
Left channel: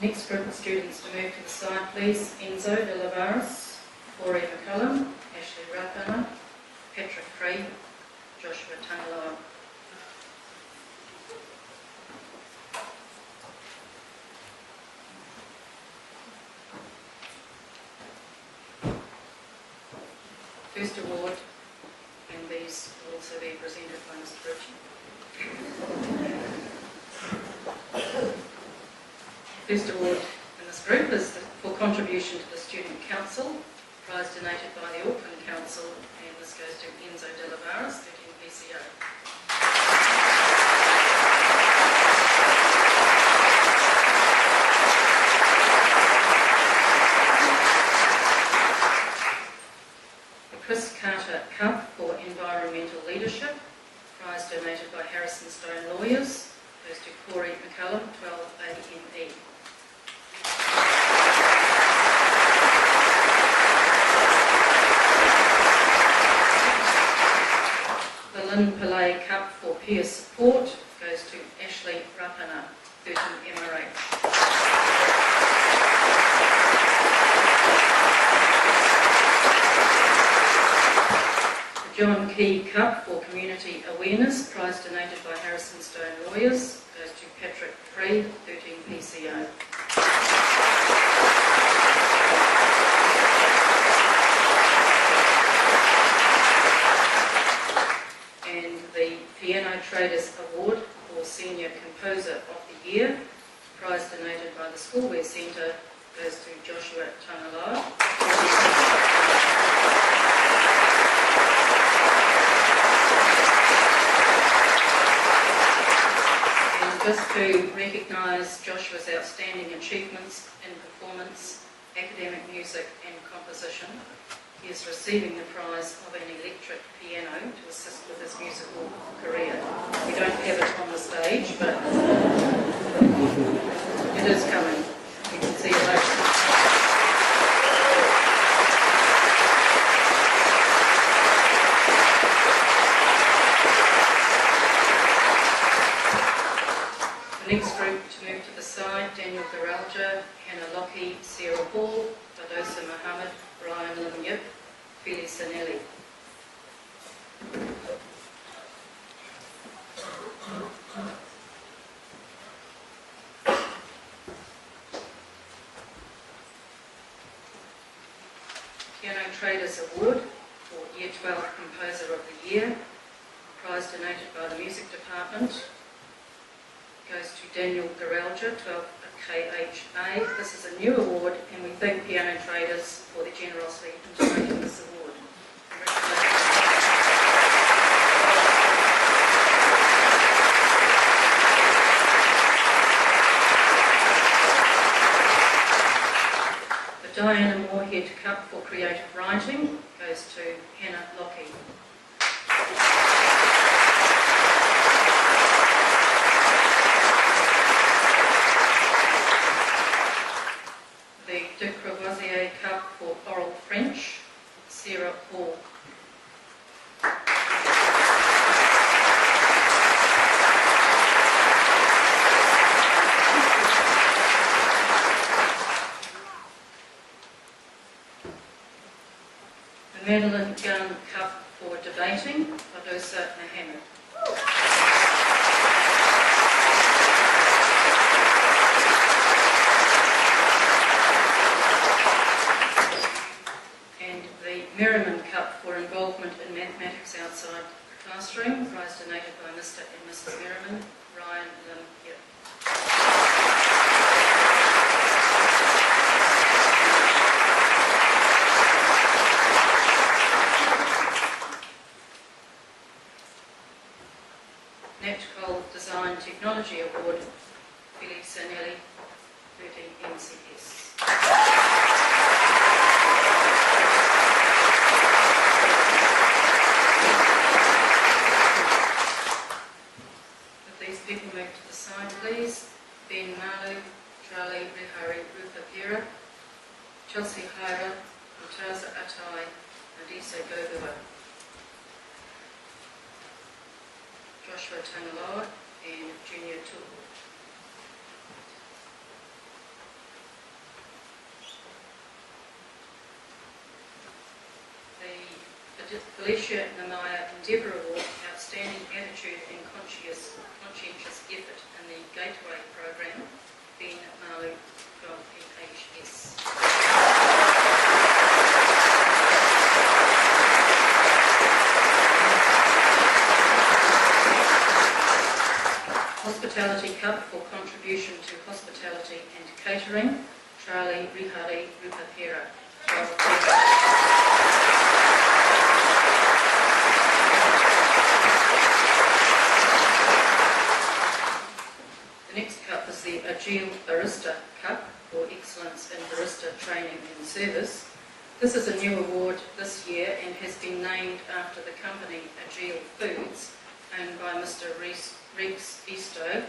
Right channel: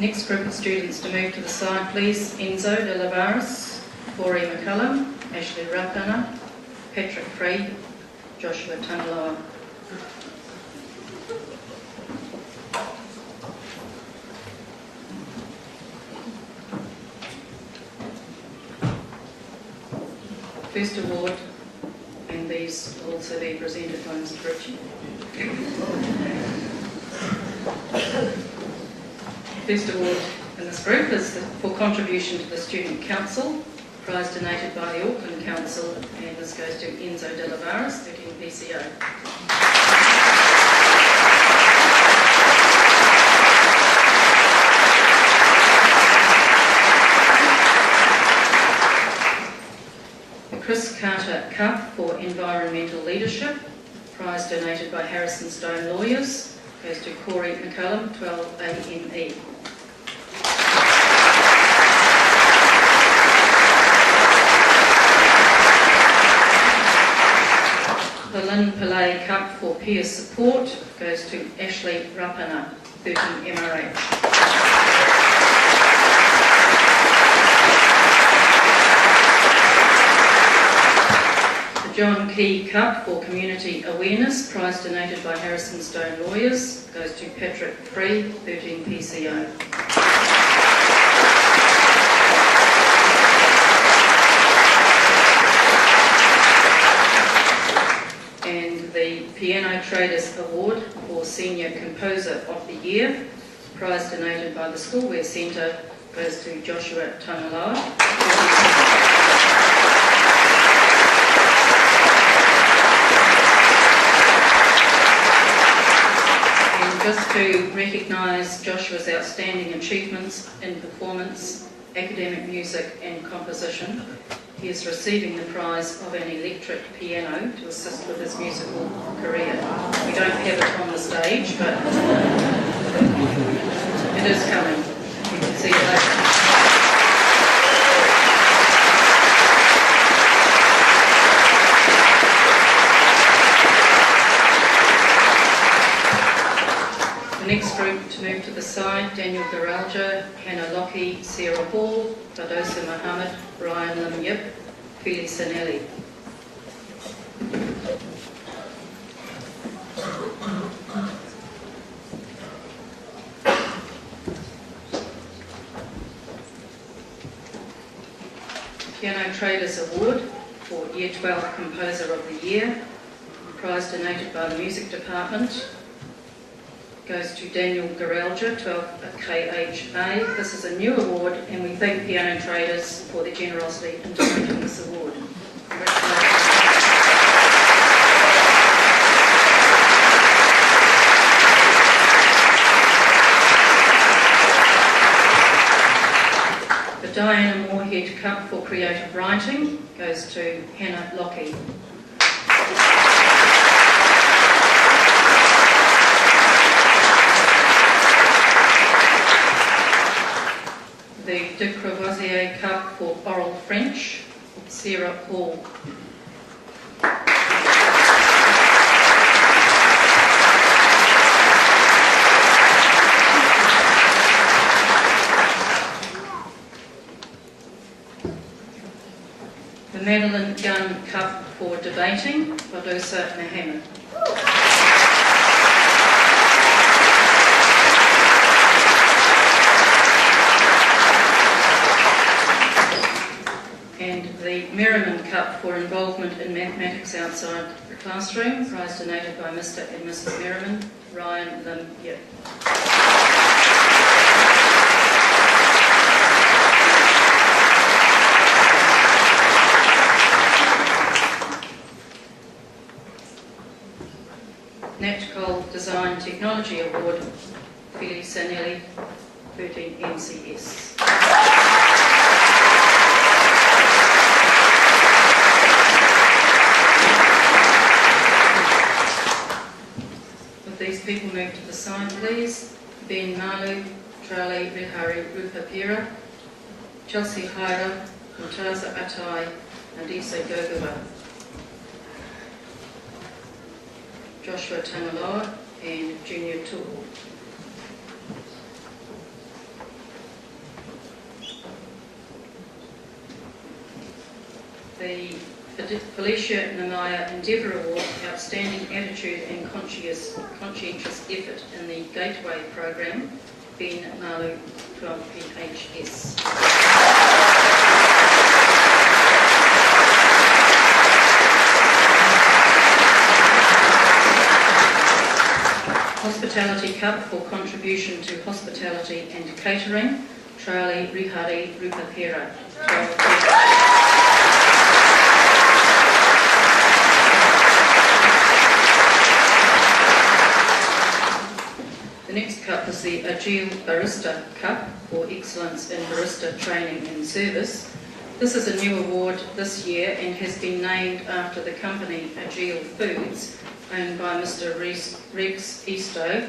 Next group of students to move to the side, please. Enzo de Lavares, Corey McCullum, Ashley Rapana, Patrick Free, Joshua Tangaloa. First award, and these will also be presented by Mr. Ritchie. First award in this group is for contribution to the Student Council, prize donated by the Auckland Council, and this goes to Enzo de Lavares, 13 PCO. The Chris Carter Cup for Environmental Leadership, prize donated by Harrison Stone Lawyers, goes to Corey McCullum, 12 AME. The Lynn Pillay Cup for Peer Support goes to Ashley Rapana, 13 MRH. The John Key Cup for Community Awareness, prize donated by Harrison Stone Lawyers, goes to Patrick Free, 13 PCO. And the Piano Traders Award for Senior Composer of the Year, prize donated by the Schoolwear Centre, goes to Joshua Tangaloa. And just to recognise Joshua's outstanding achievements in performance, academic music and composition, he is receiving the prize of an electric piano to assist with his musical career. We don't have it on the stage, but it is coming. You can see it later. The next group to move to the side, Daniel Garalja, Hannah Lockie, Sarah Hall, Badosa Mohammed, Brian Lim Yip, Phyllis Sanelli. Piano Traders Award for Year 12 Composer of the Year, prize donated by the Music Department, goes to Daniel Garalja, 12 KHA. This is a new award, and we thank Piano Traders for their generosity in donating this award. Congratulations. The Diana Moorhead Cup for Creative Writing goes to Hannah Lockie. The De Courvoisier Cup for Oral French, Sarah Hall. Madeline Gunn Cup for debating, Wadosa Nahama. And the Merriman Cup for involvement in mathematics outside the classroom, prize donated by Mr. and Mrs. Merriman, Ryan Lim Yip. Natcol Design Technology Award, Felix Sanelli, 13 MCS. Would these people move to the side, please? Ben Malu, Charlie Rihari Rupapira, Chelsea Haira, Mutaza Atai, Andisa Gogova, Joshua Tangaloa and Junior Tool. The Felicia Nanaya Endeavour Award, Outstanding Attitude and Conscientious Effort in the Gateway Program, Ben Malu, 12PHS. Hospitality Cup for contribution to hospitality and catering, Charlie Rihari Rupapera, 12PHS. The next cup is the Agile Barista Cup for excellence in barista training and service. This is a new award this year and has been named after the company Agile Foods, owned by Mr. Rex Eastoe.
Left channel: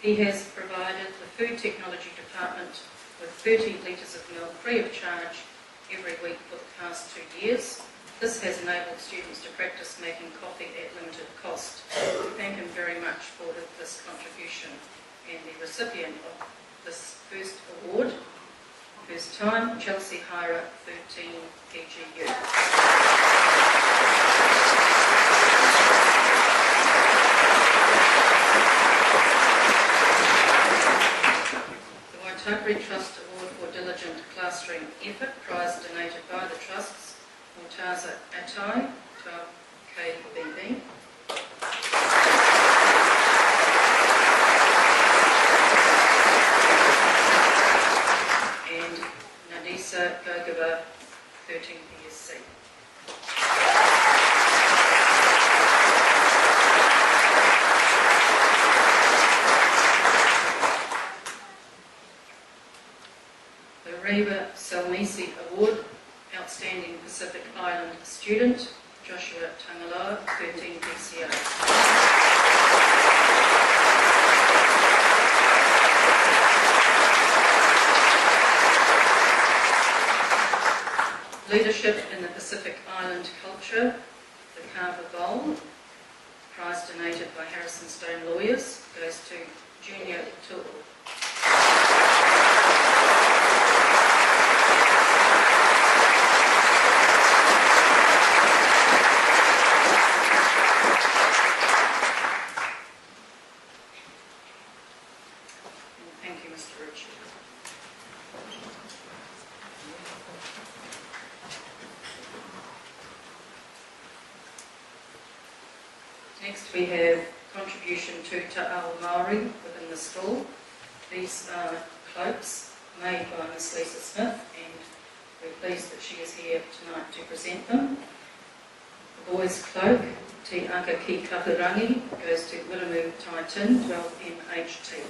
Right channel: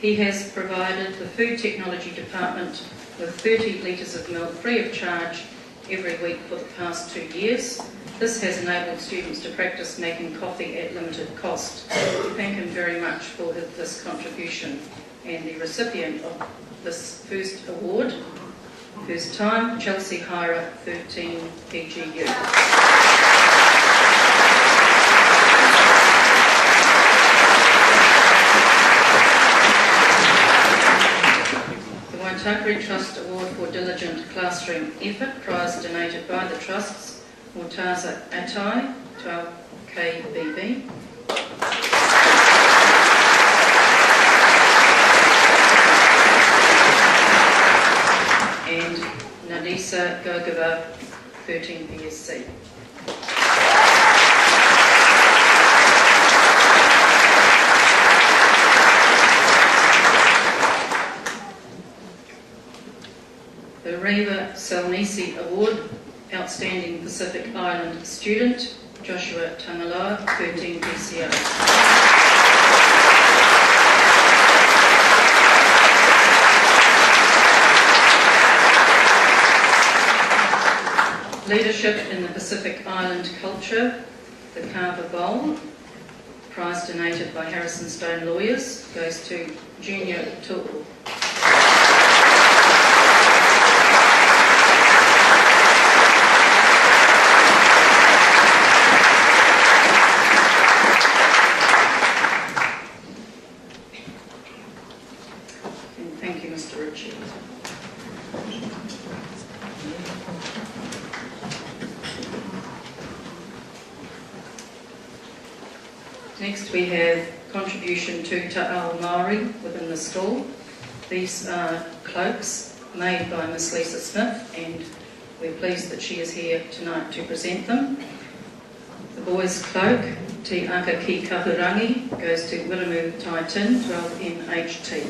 He has provided the Food Technology Department with 30 litres of milk free of charge every week for the past 2 years. This has enabled students to practice making coffee at limited cost. We thank him very much for this contribution. And the recipient of this first award, first time, Chelsea Hira, 13 PGU. The Waitakere Trust Award for Diligent Classroom Effort, prize donated by the Trusts, Mortaza Atai, 12KBB. And Nadisa Gogova, 13 PSC. The Reva Salnisi Award, Outstanding Pacific Island Student, Joshua Tangaloa, 13 PCO. Leadership in the Pacific Island Culture, the Carver Bowl, prize donated by Harrison Stone Lawyers, goes to Junior Tool. And thank you, Mr. Ritchie. Next we have contribution to Ta'ao Maori within the school. These are cloaks made by Miss Lisa Smith, and we're pleased that she is here tonight to present them. The boys' cloak, Te Aka Ki Kahurangi, goes to Wiramu Tai Tin, 12 MHT.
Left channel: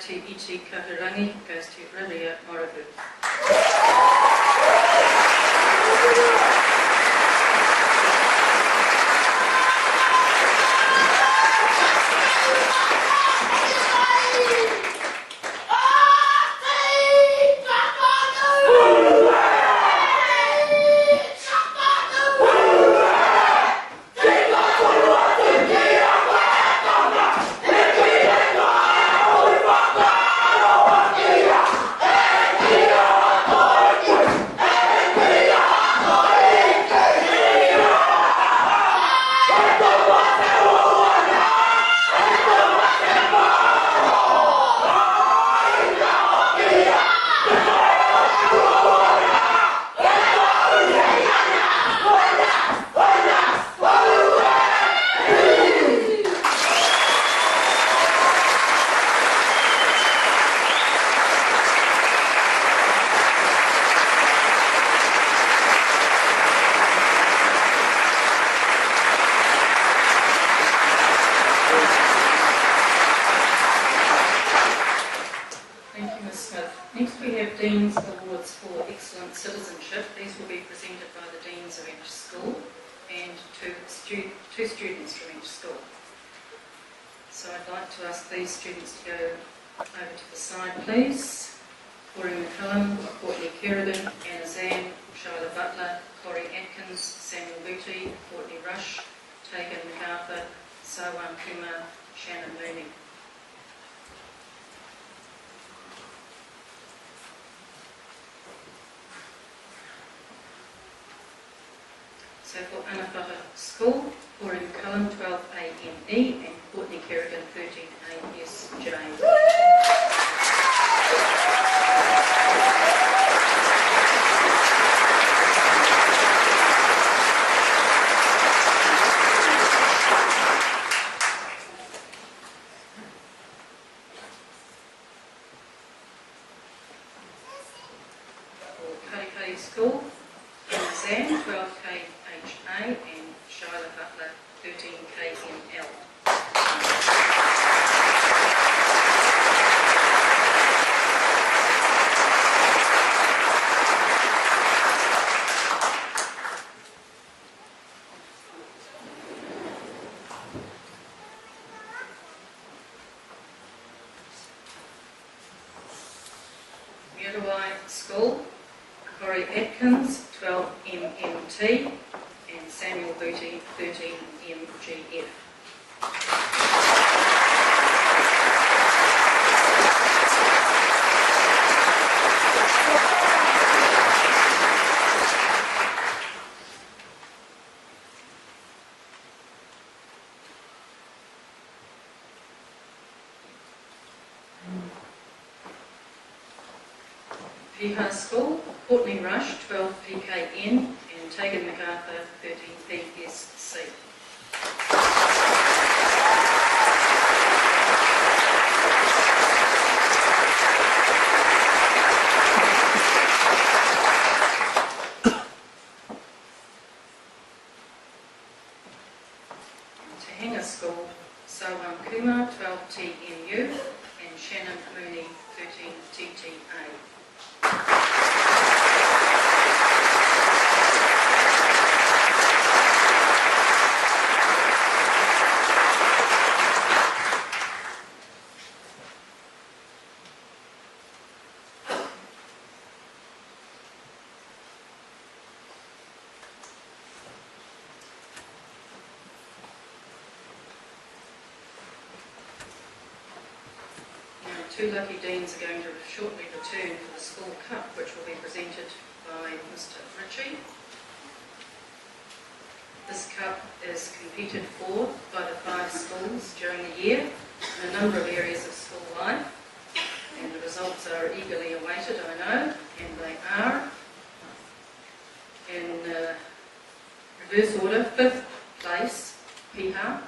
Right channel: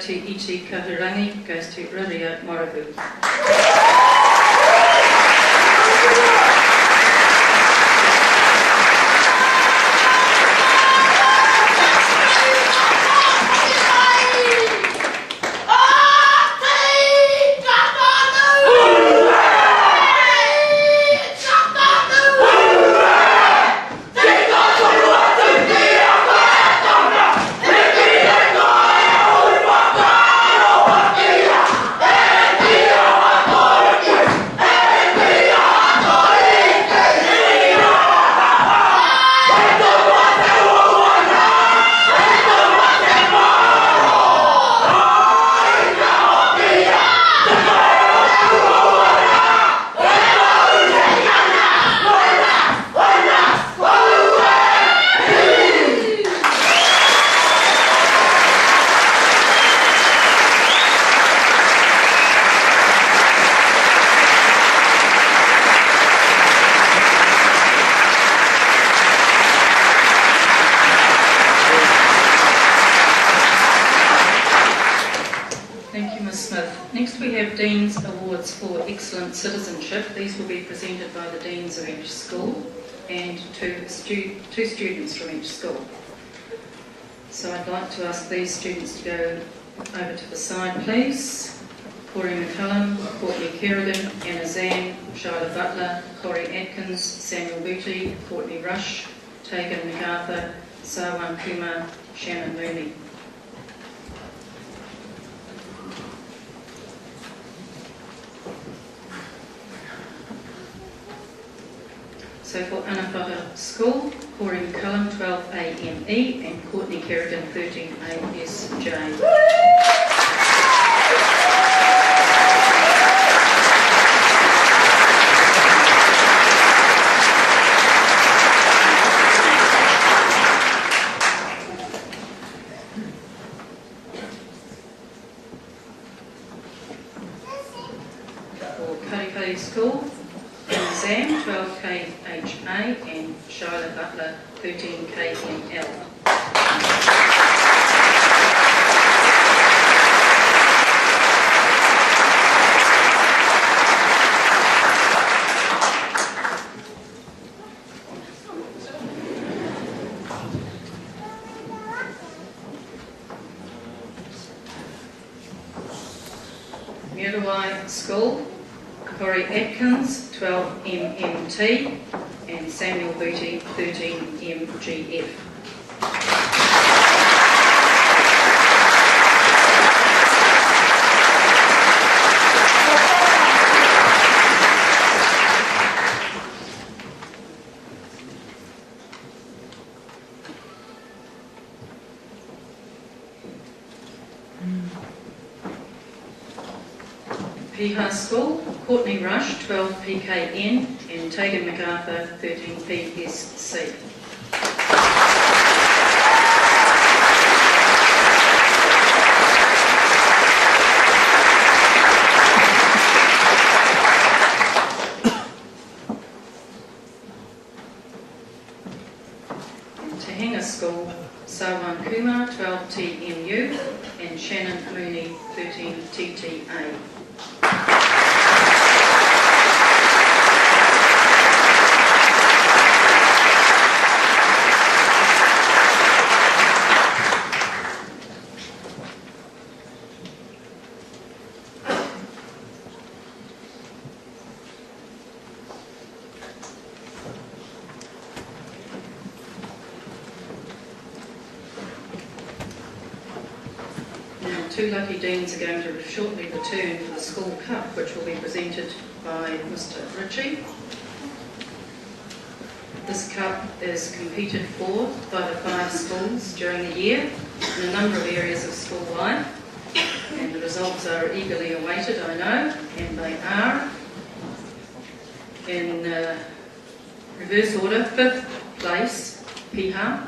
Te Iti Kahurangi goes to Riria Morohu. Next we have Dean's Awards for Excellent Citizenship. These will be presented by the Deans of each school and two students from each school. So I'd like to ask these students to go over to the side, please. Corey McCullum, Courtney Kerrigan, Anna Zan, Shyla Butler, Corey Atkins, Samuel Booty, Courtney Rush, Tegan MacArthur, Sawan Kumar, Shannon Mooney. So for Anawhaka School, Corey McCullum, 12AME, and Courtney Kerrigan, 13ASJ. For Karikari School, Zam, 12KHA, and Shyla Butler, 13KML. Muriwai School, Corey Atkins, 12MMT, and Samuel Booty, 13MGF. Piha School, Courtney Rush, 12PKN, and Tegan MacArthur, 13PSC. Tahinga School, Sawan Kumar, 12TMU, and Shannon Mooney, 13TTA. Two lucky deans are going to shortly return for the school cup, which will be presented by Mr. Ritchie. This cup is competed for by the 5 schools during the year in a number of areas of school life, and the results are eagerly awaited, I know, and they are in reverse order. 5th place, Piha.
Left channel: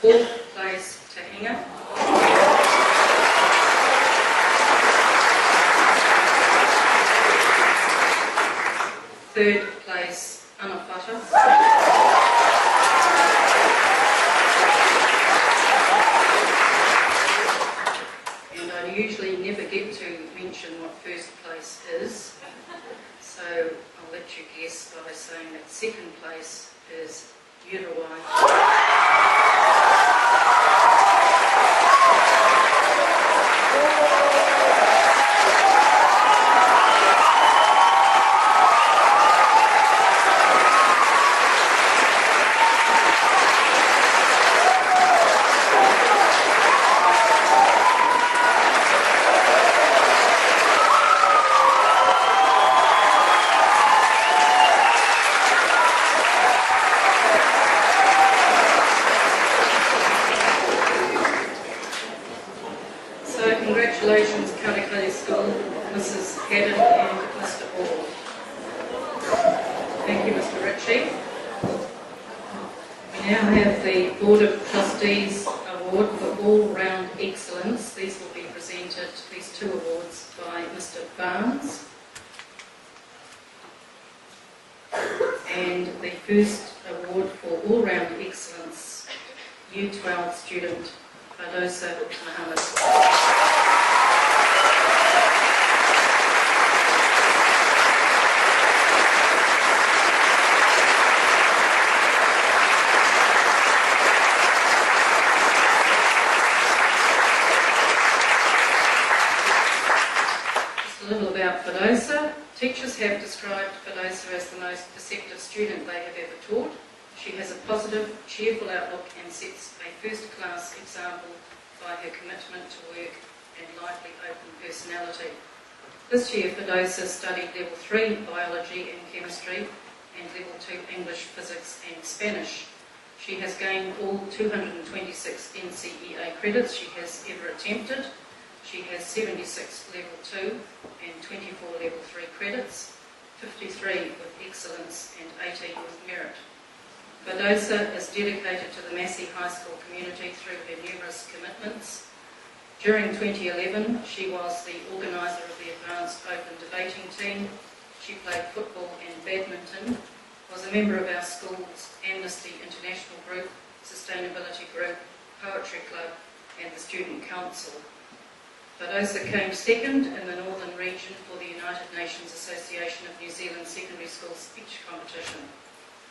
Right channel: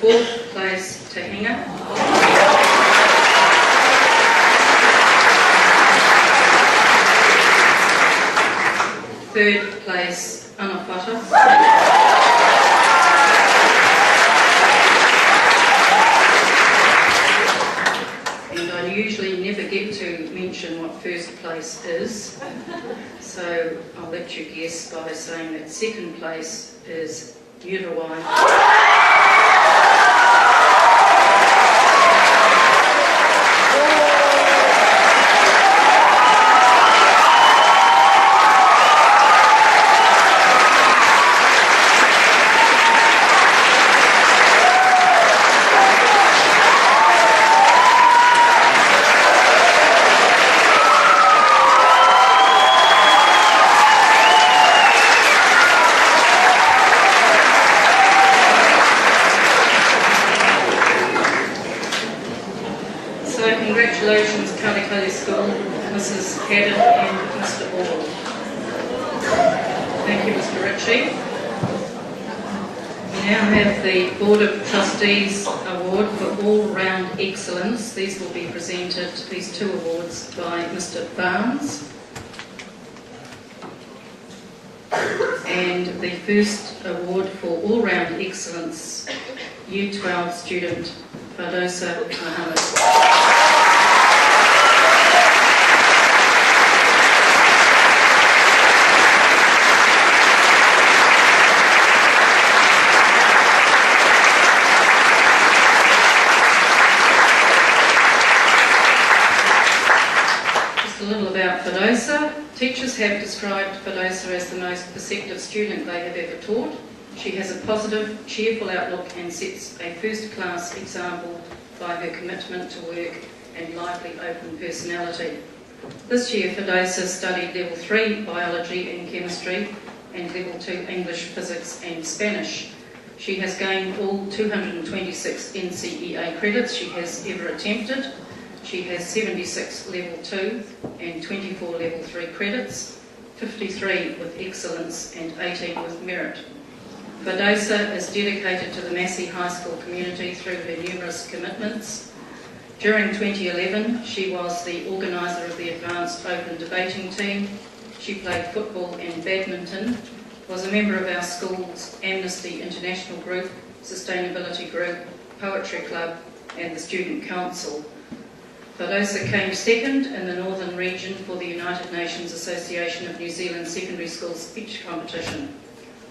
4th place, Tahinga. 3rd third place, Anawhata. And I usually never get to mention what first place is, so I'll let you guess by saying that second place is Uruguay. Congratulations, Kalikali School, Mrs. Haddon and Mr. Ball. Thank you, Mr. Ritchie. We now have the Board of Trustees Award for All-Round Excellence. These will be presented, these two awards, by Mr. Barnes. And the first award for All-Round Excellence, Year 12 student, Fadosa Mohammed. Fadosa. Teachers have described Fadosa as the most perceptive student they have ever taught. She has a positive, cheerful outlook and sets a first-class example by her commitment to work and lively, open personality. This year, Fadosa studied Level 3 Biology and Chemistry and Level 2 English, Physics and Spanish. She has gained all 226 NCEA credits she has ever attempted. She has 76 Level 2 and 24 Level 3 credits, 53 with excellence and 18 with merit. Fadosa is dedicated to the Massey High School community through her numerous commitments. During 2011, she was the organiser of the Advanced Open Debating Team. She played football and badminton, was a member of our school's Amnesty International Group, Sustainability Group, Poetry Club and the Student Council. Fadosa came second in the Northern region for the United Nations Association of New Zealand Secondary School Speech Competition.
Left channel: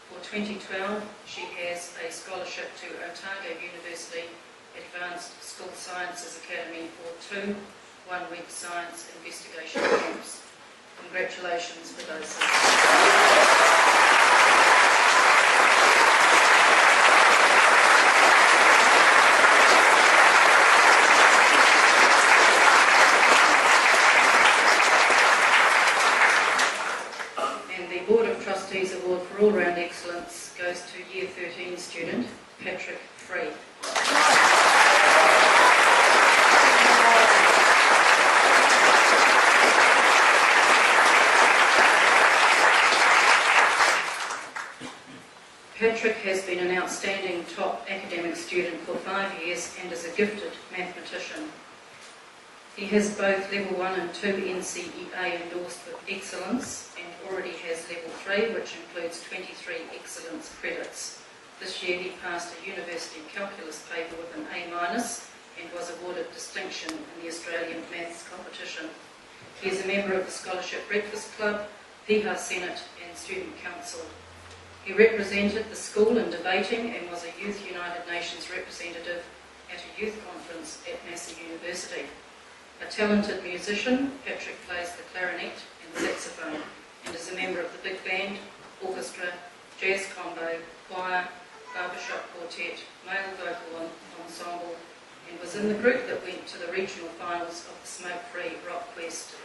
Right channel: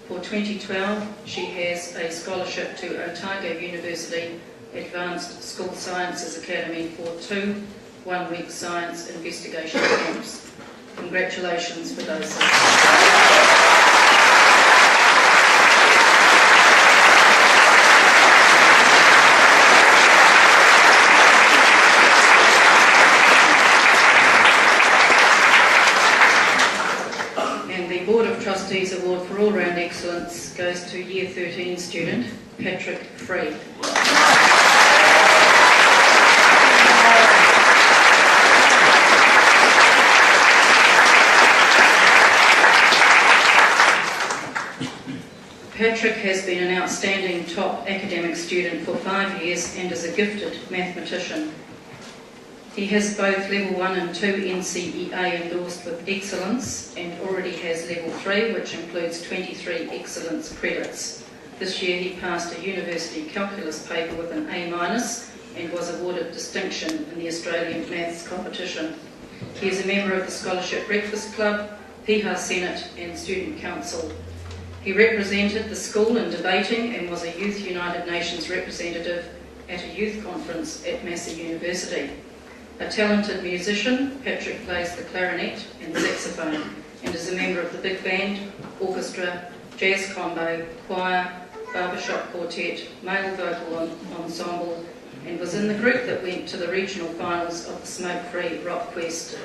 For 2012, she has a scholarship to Otago University Advanced School Sciences Academy for 2 one-week science investigation camps. Congratulations, Fadosa. Trustees Award for All-Round Excellence goes to Year 13 student, Patrick Free. Patrick has been an outstanding top academic student for 5 years and is a gifted mathematician. He has both Level 1 and 2 NCEA endorsed with excellence and already has Level 3, which includes 23 excellence credits. This year he passed a university calculus paper with an A- and was awarded distinction in the Australian Maths competition. He is a member of the Scholarship Breakfast Club, Piha Senate and Student Council. He represented the school in debating and was a Youth United Nations representative at a youth conference at Massey University. A talented musician, Patrick plays the clarinet and saxophone and is a member of the big band, orchestra, jazz combo, choir, barbershop quartet, male vocal ensemble and was in the group that went to the regional finals of the Smoke-Free Rock Quest.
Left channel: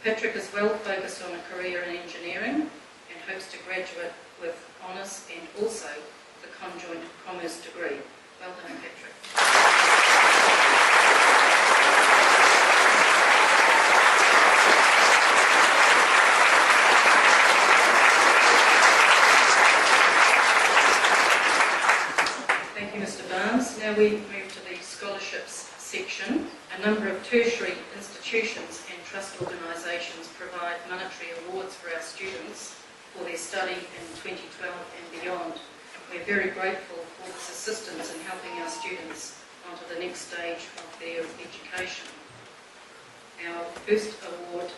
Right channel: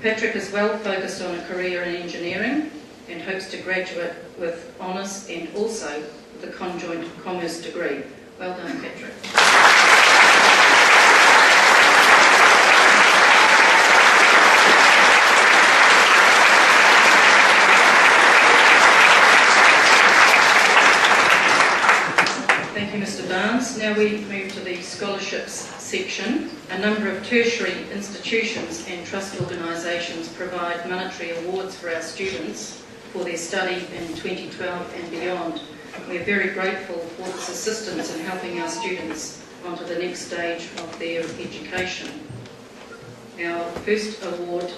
Patrick is well focused on a career in engineering and hopes to graduate with honours and also with a conjoint commerce degree. Well done, Patrick. Thank you, Mr. Barnes. Now we move to the scholarships section. A number of tertiary institutions and trust organisations provide monetary awards for our students for their study in 2012 and beyond. We're very grateful for this assistance in helping our students onto the next stage of their education. Our first award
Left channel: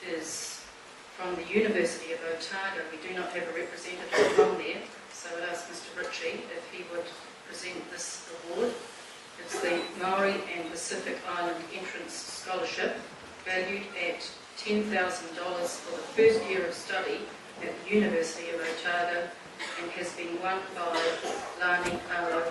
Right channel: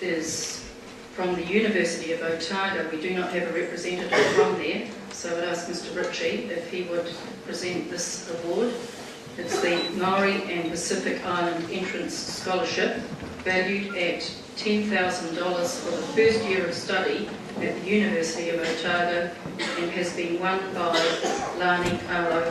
is from the University of Otago. We do not have a representative from there, so I'd ask Mr. Ritchie if he would present this award. It's the Maori and Pacific Island Entrance Scholarship, valued at $10,000 for the first year of study at the University of Otago, and has been won by Lani Alo.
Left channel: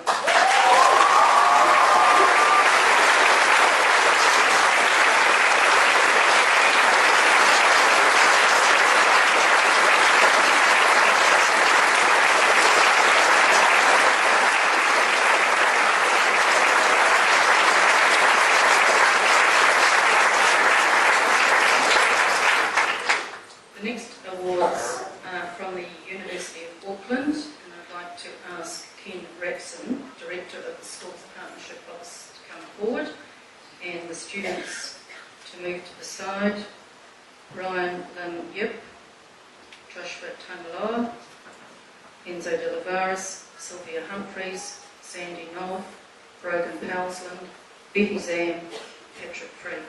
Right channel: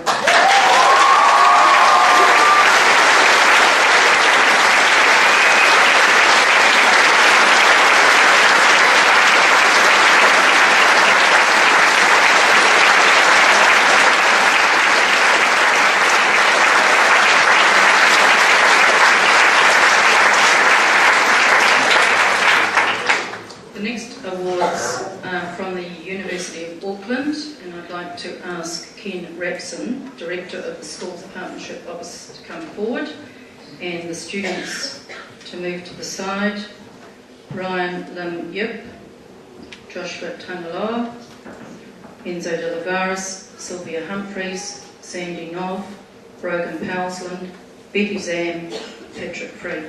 To ask Ken Rapson, Director of the Schools Partnership Office, to come forward, and the students to move to the side. Ryan Lim Yip, Joshua Tangaloa, Enzo de Lavares, Sylvia Humphreys, Sandy Nov, Brogan Powsland, Betty Zam, Patrick Free.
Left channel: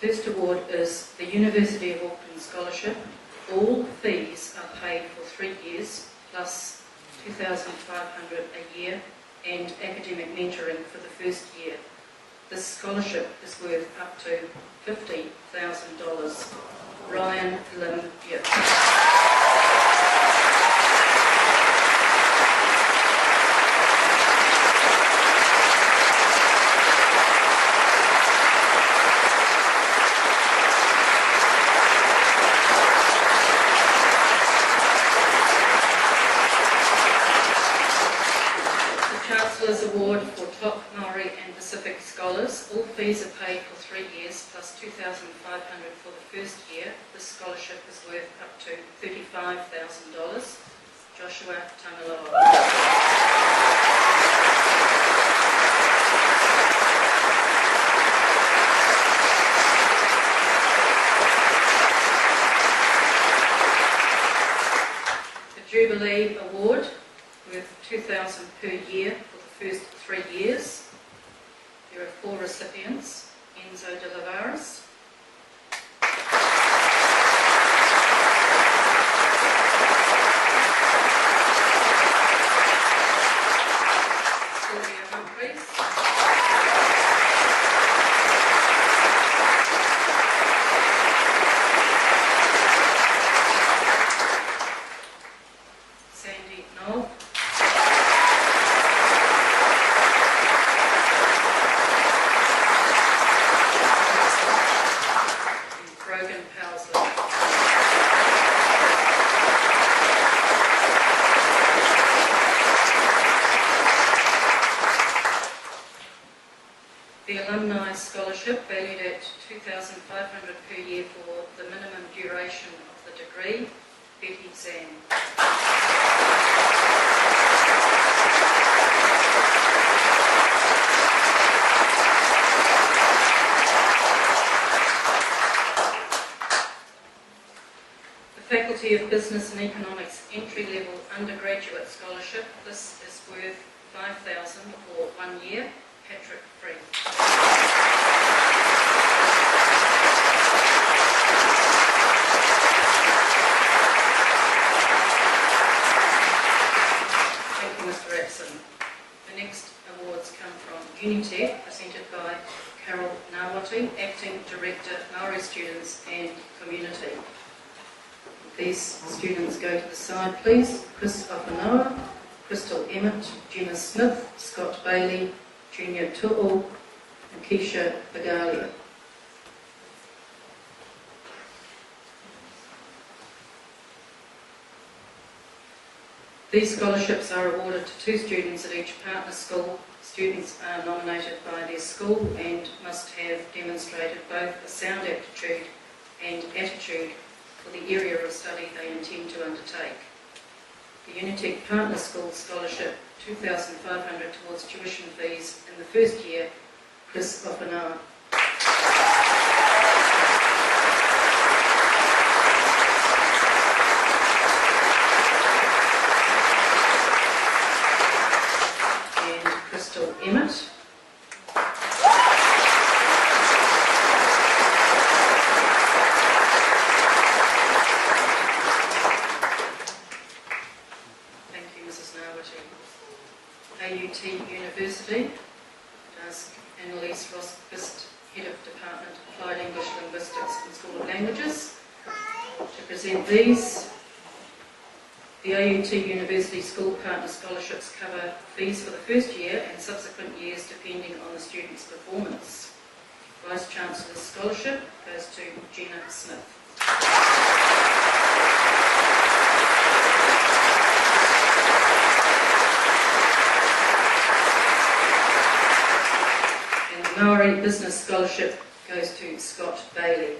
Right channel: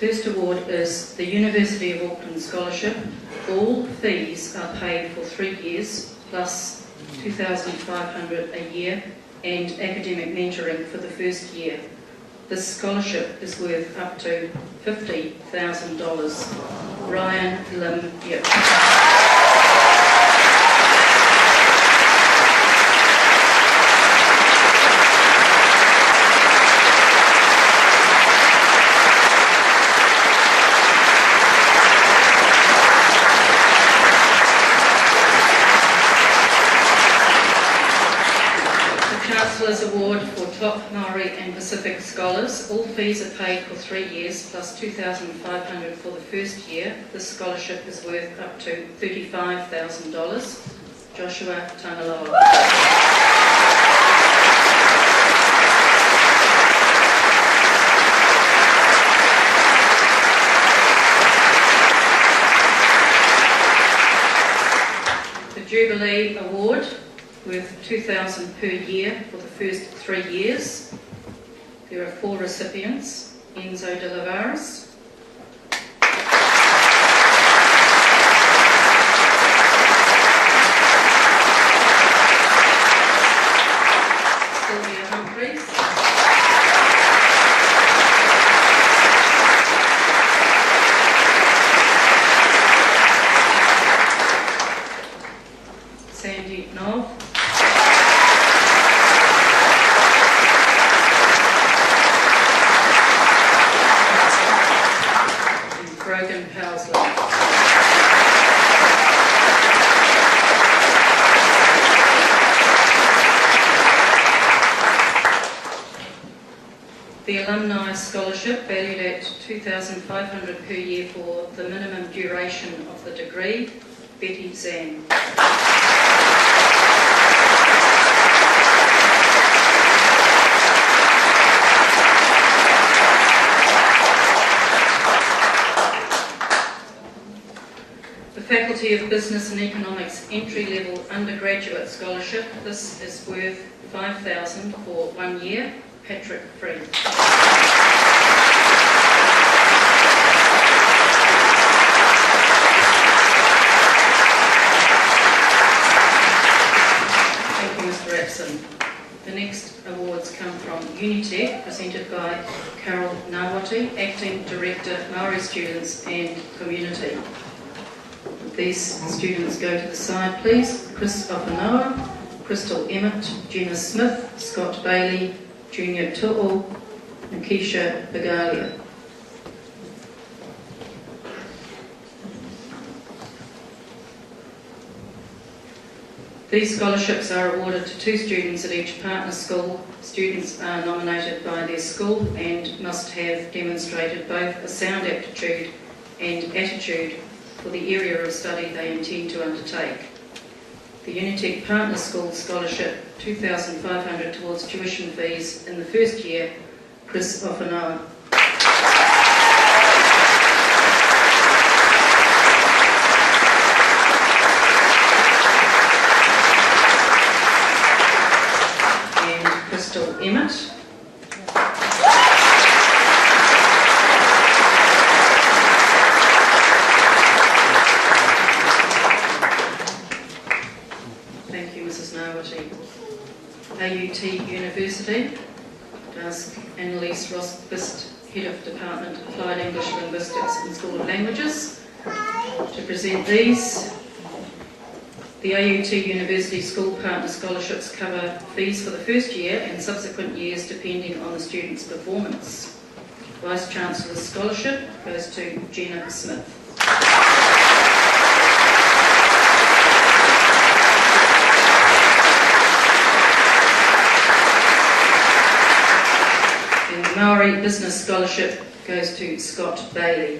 First award is the University of Auckland Scholarship. All fees are paid for 3 years, plus $2,500 a year, and academic mentoring for the first year. This scholarship is worth up to $50,000. Ryan Lim Yip. Award for top Maori and Pacific scholars. All fees are paid for 3 years, plus $2,500 for the first year. This scholarship is worth up to $35,000. Joshua Tangaloa. The Jubilee Award, worth $2,000 per year for the first 3 years. There are 4 recipients. Enzo de Lavares, Sylvia Humphreys, Sandy Nov, Brogan Powsland. The Alumni Scholarship, valued at $2,500 per year for the minimum duration of the degree, Betty Zan. Faculty of Business and Economics Entry-Level Undergraduate Scholarship. This is worth $5,000 for 1 year. Patrick Free. Thank you, Mr. Rapson. The next awards come from Unitec, presented by Carol Nawati, Acting Director, Maori Students and Community. These students go to the side, please. Chris Opanoa, Crystal Emmett, Jenna Smith, Scott Bailey, Junior Tu'u, Nikisha Bagalia. These scholarships are awarded to 2 students at each partner school. Students are nominated by their school and must have demonstrated both a sound aptitude and attitude for the area of study they intend to undertake. The Unitec Partner School Scholarship, $2,500 towards tuition fees in the first year, Chris Opanoa. Emmett. Thank you, Mrs. Nawati. AUT University, ask Annalise Rosbist, Head of Department Applied English Linguistics and School of Languages, to present these. The AUT University School Partner Scholarships cover fees for the first year and subsequent years depending on the student's performance. Vice Chancellor's Scholarship goes to Jenna Smith. And the Maori Business Scholarship goes to Scott Bailey.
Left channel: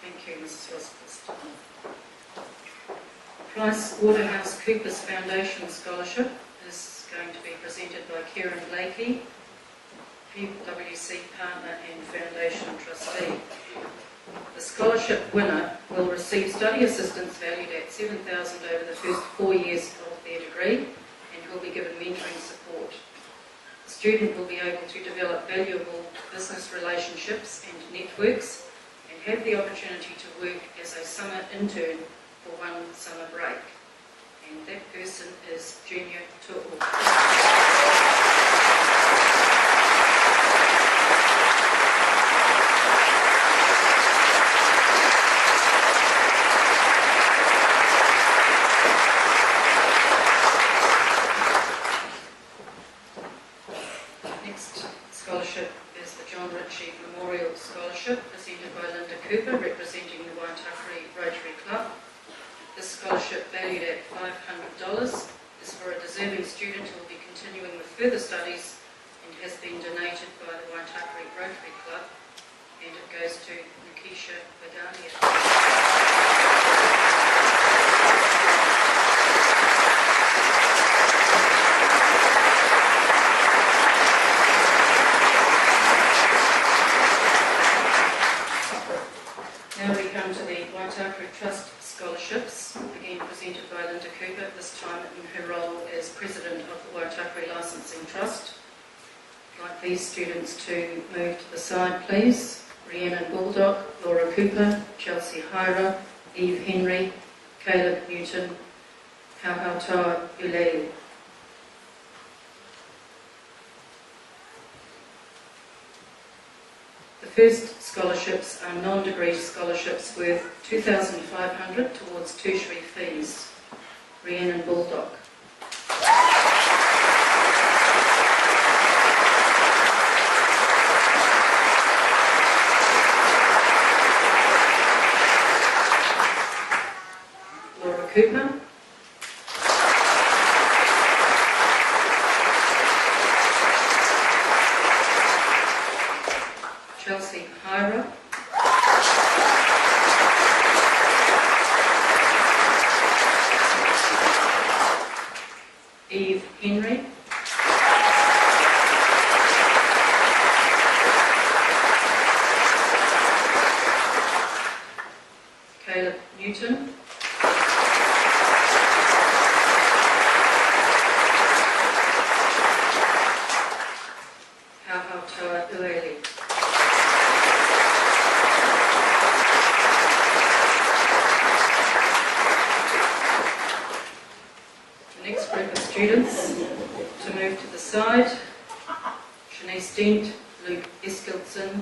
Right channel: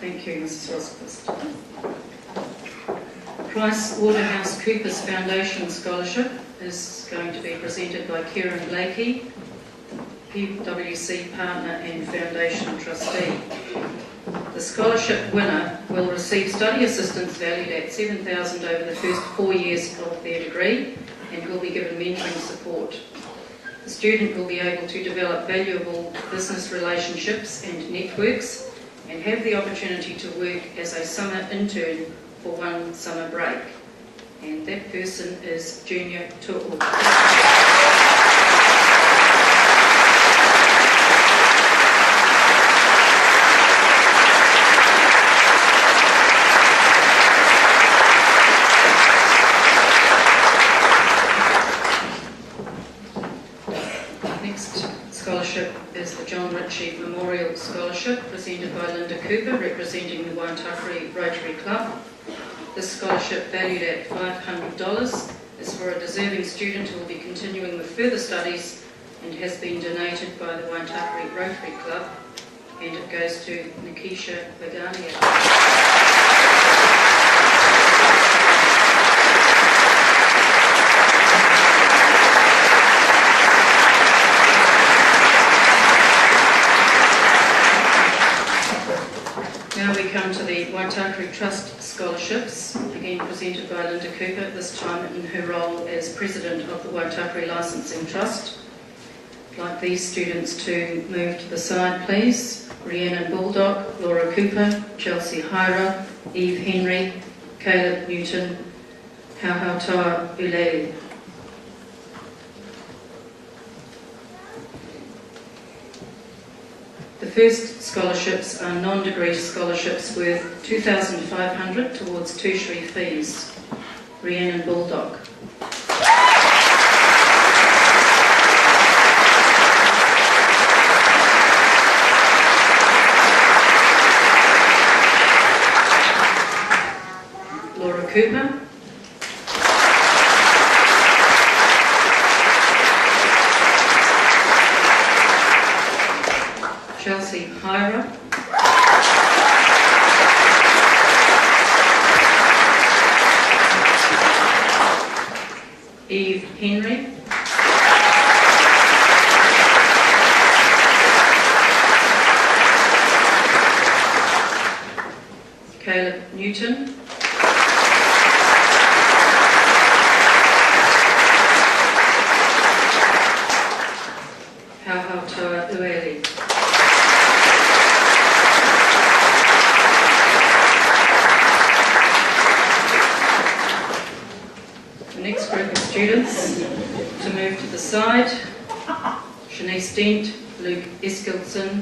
Thank you, Mrs. Rosquist. PricewaterhouseCoopers Foundation Scholarship is going to be presented by Kieran Blakey, PwC Partner and Foundation Trustee. The scholarship winner will receive study assistance valued at $7,000 over the first 4 years of their degree and will be given mentoring support. The student will be able to develop valuable business relationships and networks and have the opportunity to work as a summer intern for one summer break. And that person is Junior Tu'u. Next scholarship is the John Ritchie Memorial Scholarship, presented by Linda Cooper, representing the Waitakere Rotary Club. This scholarship, valued at $500, is for a deserving student who will be continuing with further studies and has been donated by the Waitakere Rotary Club, and it goes to Nikisha Bagania. Now we come to the Waitakere Trust Scholarships, again presented by Linda Cooper, this time in her role as President of the Waitakere Licensing Trust. I'd like these students to move to the side, please. Rhiannon Baldock, Laura Cooper, Chelsea Hyra, Eve Henry, Caleb Newton, Hauhautoa Ulele. The first scholarships are non-degree scholarships worth $2,500 towards tertiary fees. Rhiannon Baldock. Laura Cooper. Chelsea Hyra. Eve Henry. Caleb Newton. Hauhautoa Ulele. Next group of students to move to the side: Shanice Dent, Luke Eskildson,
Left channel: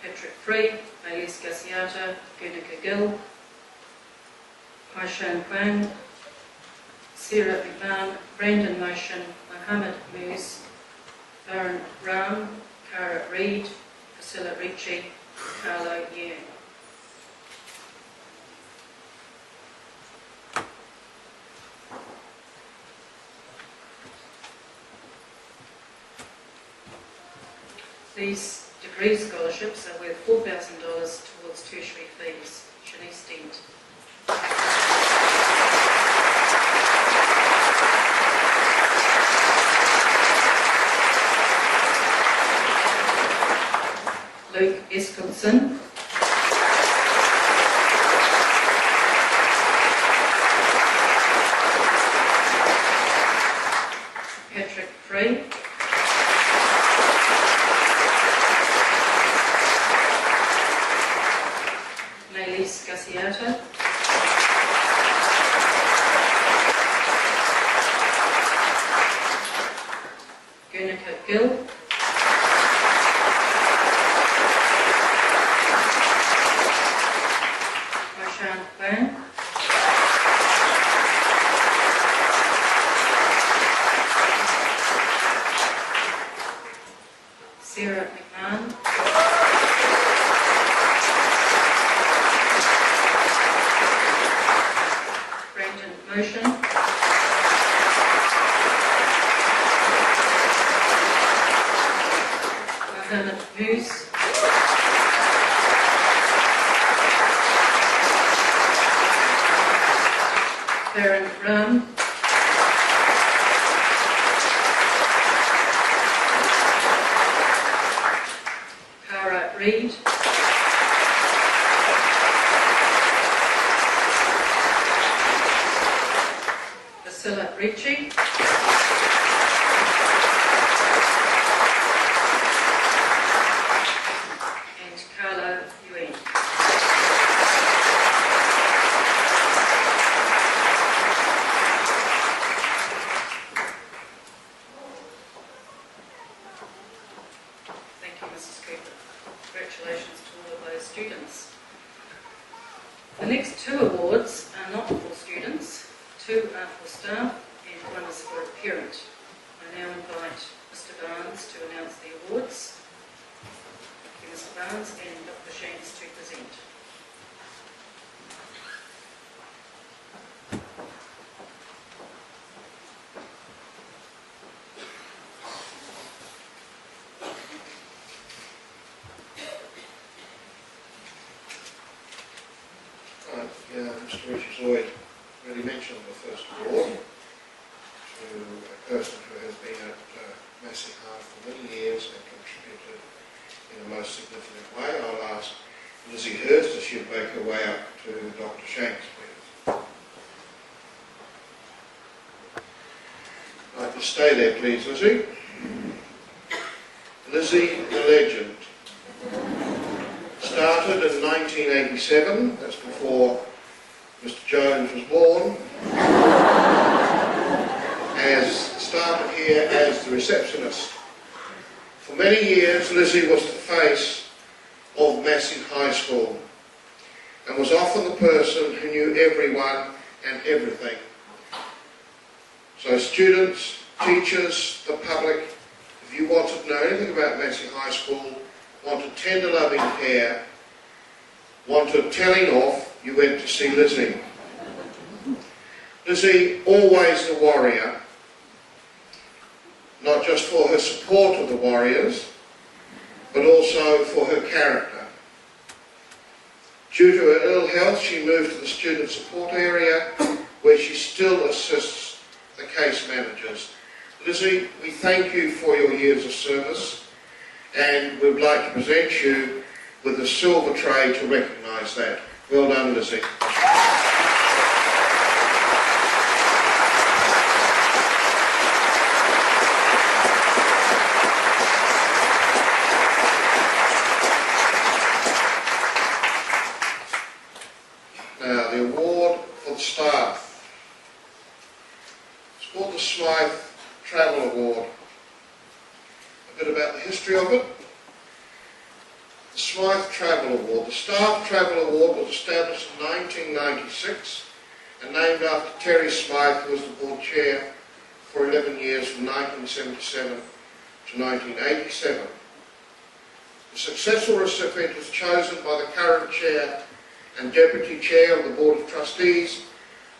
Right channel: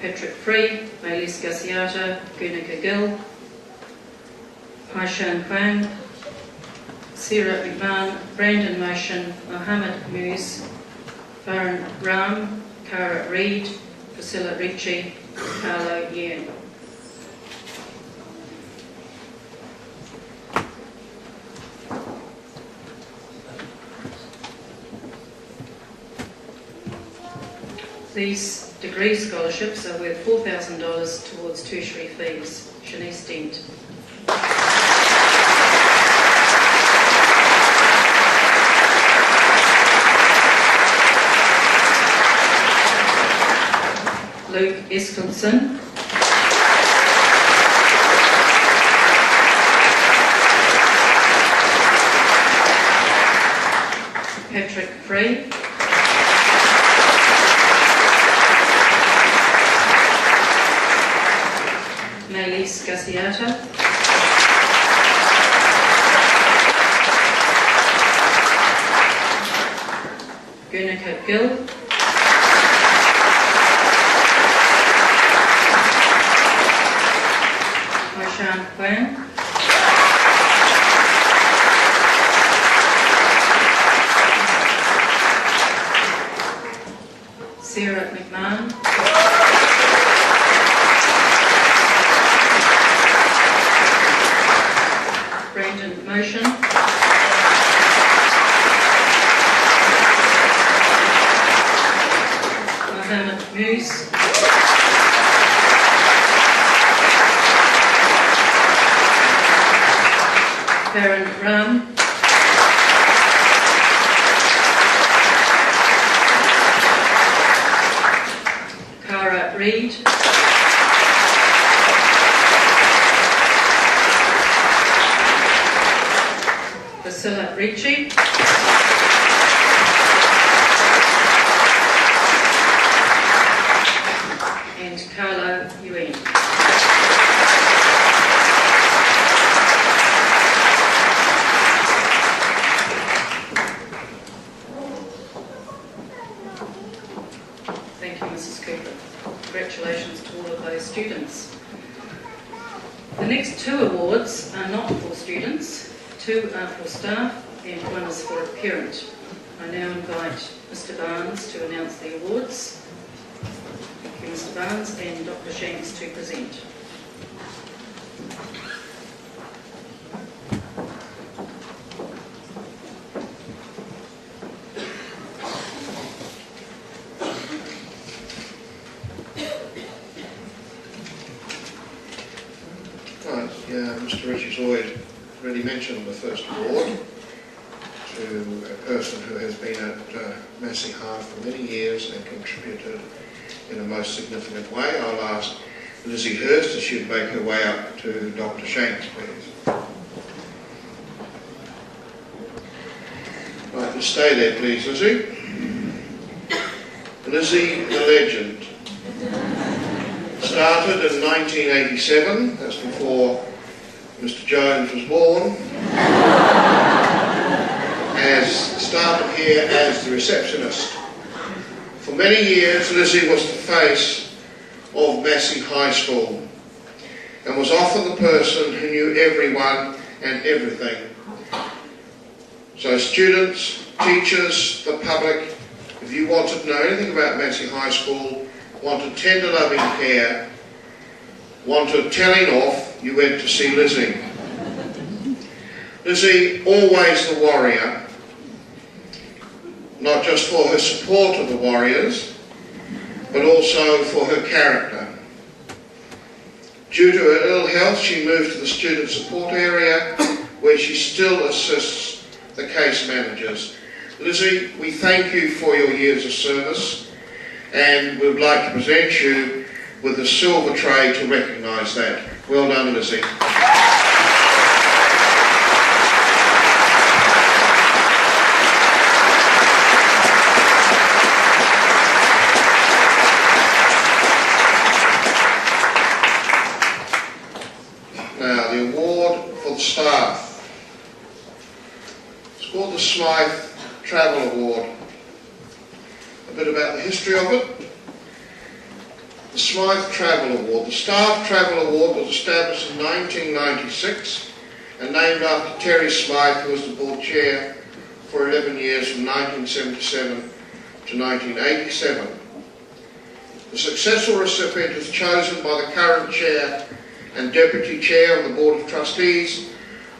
Patrick Free, Maylise Gasiata, Guernica Gill, Haishan Huang, Sarah McMahon, Brandon Motion, Mohammed Muse, Farhan Ram, Cara Reid, Priscilla Ricci, Carlo Yen. These degree scholarships are worth $4,000 towards tertiary fees. Shanice Dent. Luke Eskildson. Garciata, Guernica Gill, Moshan Kwan, Sarah McMahon, Brandon Motion, Mohammed Muse, Karen Ram, Cara Reid, Priscilla Ricci, and Carlo Yuen. Thank you, Mrs. Cooper. Congratulations to all of those students. The next two awards are not for students, two are for staff and one is for a parent. I now invite Mr. Barnes to announce the awards. Thank you, Mr. Barnes, and Dr. Shanks to present. Mr. Richards already mentioned the first award to a person who has been at Massey High for many years and contributed in a most significant way. I'll ask Lizzie Hurst if she'd make her way up to Dr. Shanks, please. Right, just stay there, please, Lizzie. Lizzie, the legend. Started in 1987, that's before Mr. Jones was born, started here as the receptionist. For many years, Lizzie was the face of Massey High School and was often the person who knew everyone and everything. So students, teachers, the public, if you wanted to know anything about Massey High School, wanted tender loving care, wanted telling off, you went to see Lizzie. Lizzie, always the warrior, not just for her support of the Warriors, but also for her character. Due to her ill health, she moved to the student support area, where she still assists the case managers. Lizzie, we thank you for your years of service, and we would like to present you with a silver tray to recognise that. Well done, Lizzie. Now, the award for the staff. It's called the Smythe Travel Award. A bit about the history of it. The Smythe Travel Award. The Staff Travel Award was established in 1996 and named after Terry Smythe, who was the board chair for 11 years from 1977 to 1987. The successful recipient is chosen by the current chair and deputy chair of the Board of Trustees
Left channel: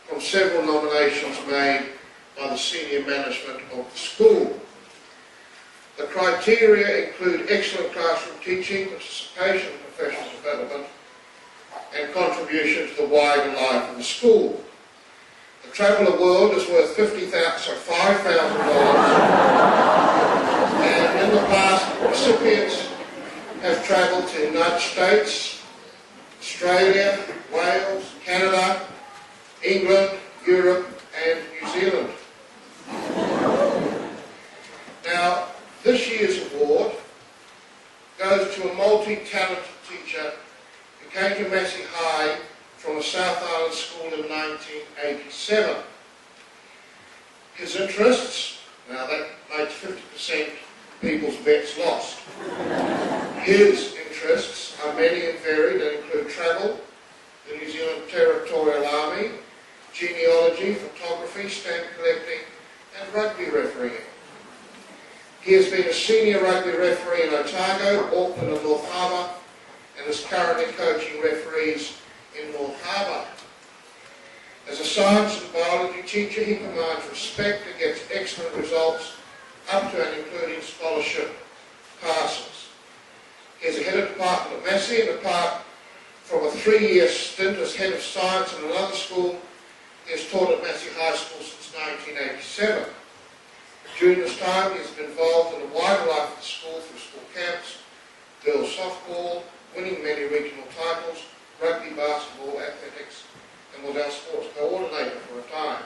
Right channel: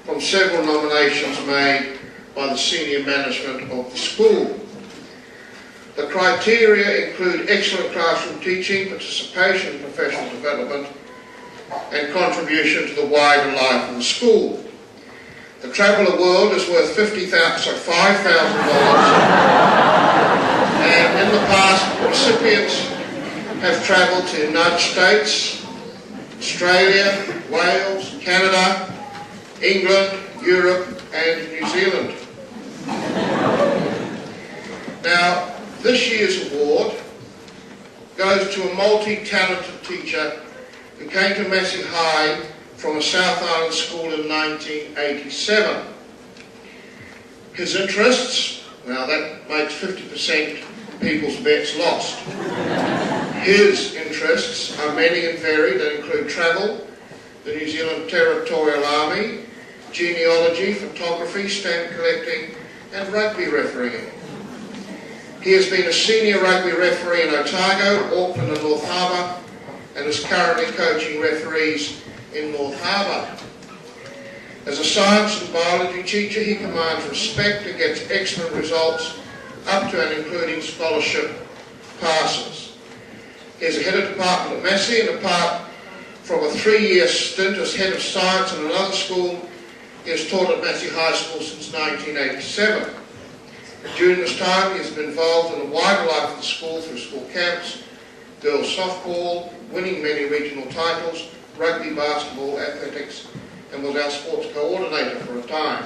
from several nominations made by the senior management of the school. The criteria include excellent classroom teaching, participation in professional development, and contribution to the wider life of the school. The Travel Award is worth $5,000, and in the past, recipients have travelled to the United States, Australia, Wales, Canada, England, Europe, and New Zealand. Now, this year's award goes to a multi-talented teacher who came to Massey High from a South Island school in 1987. His interests, now that makes 50% people's bets lost. His interests are many and varied and include travel, the New Zealand Territorial Army, genealogy, photography, stamp collecting, and rugby refereeing. He has been a senior rugby referee in Otago, Auckland and North Harbour, and is currently coaching referees in North Harbour. As a science and biology teacher, he commands respect and gets excellent results, up to and including scholarship passes. He is a head of department at Massey, and apart from a 3-year stint as head of science in another school, he has taught at Massey High School since 1987. During this time, he has been involved in the wider life of the school through school camps, girls softball, winning many regional titles, rugby, basketball, athletics, and was our sports coordinator for a time.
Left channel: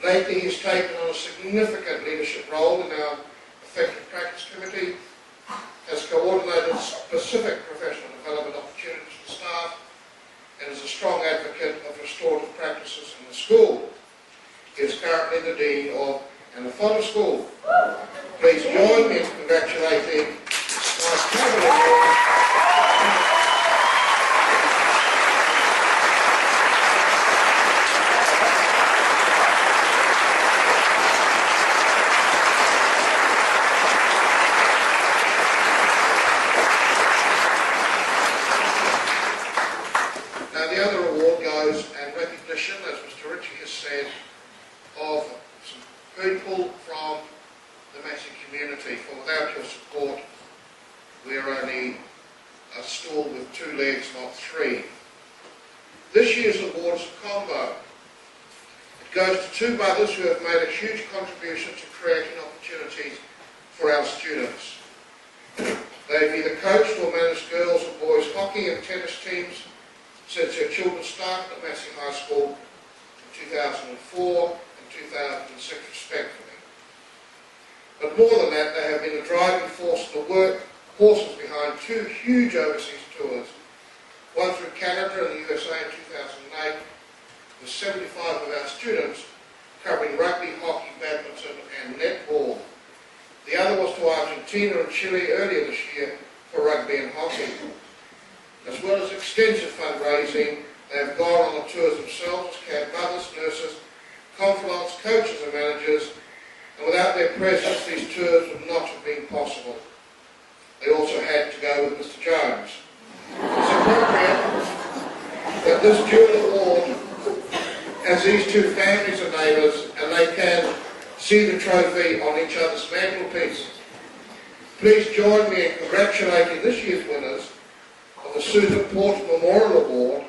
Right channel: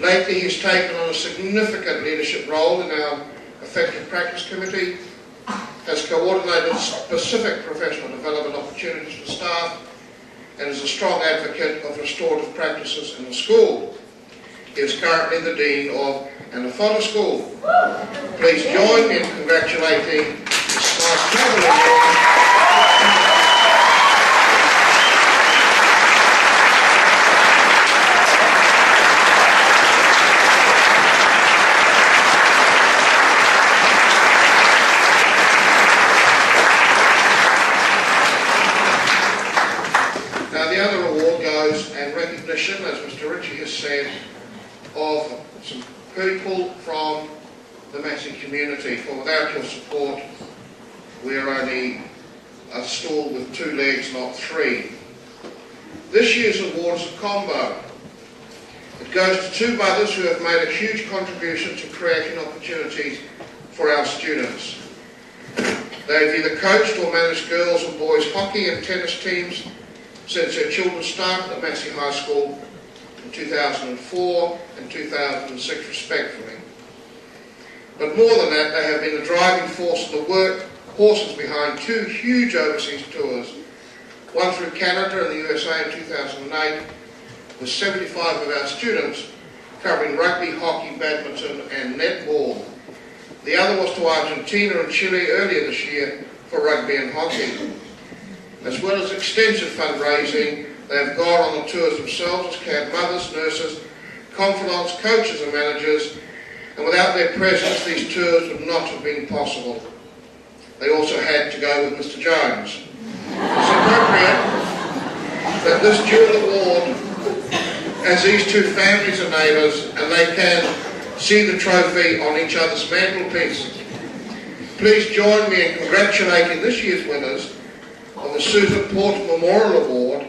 Lately, he has taken on a significant leadership role in our Effective Practice Committee, has coordinated specific professional development opportunities for staff, and is a strong advocate of restorative practices in the school. He is currently the Dean of Anafonda School. Please join me in congratulating this nice privilege. As Mr. Ritchie has said, of some people from the Massey community, for without your support we're only a stool with 2 legs, not 3. This year's award is a combo. It goes to 2 brothers who have made a huge contribution to creating opportunities for our students. They have either coached or managed girls and boys hockey and tennis teams since their children started at Massey High School in 2004 and 2006 respectively. But more than that, they have been the driving force and the workhorses behind 2 huge overseas tours, one through Canada and the USA in 2008 with 75 of our students covering rugby, hockey, badminton and netball. The other was to Argentina and Chile earlier this year for rugby and hockey. As well as extensive fundraising, they have gone on the tours themselves as camp mothers, nurses, confidants, coaches and managers, and without their presence these tours would not have been possible. They also had to go with Mr. Jones. It's appropriate that this dual award, as these 2 families are neighbours and they can see the trophy on each other's mantelpiece. Please join me in congratulating this year's winners of the Susan Porter Memorial Award,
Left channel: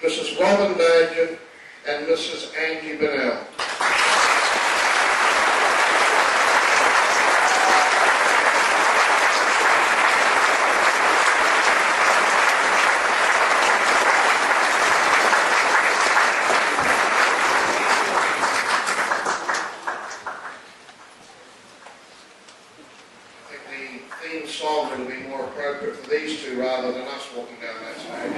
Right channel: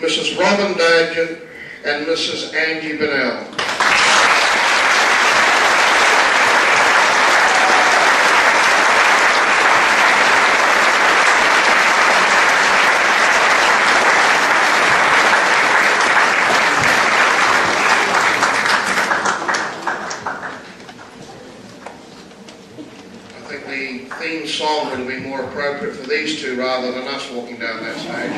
Mrs. Robin Dagen and Mrs. Angie Bennell. I think the theme song would have been more appropriate for these 2 rather than us walking down that stage.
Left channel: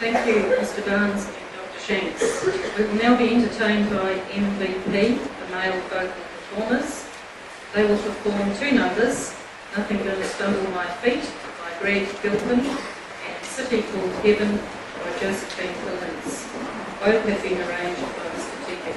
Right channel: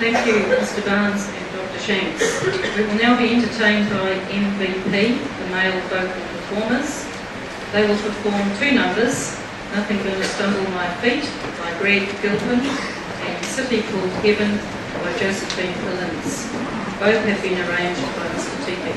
Thank you, Mr. Barnes and Dr. Shanks. We will now be entertained by MVP, the male vocal performers. They will perform 2 numbers, Nothing Gonna Stumble My Feet by Greg Gilpin and City Called Heaven by Josephine Collins. Both have been arranged by Mr. Tepe.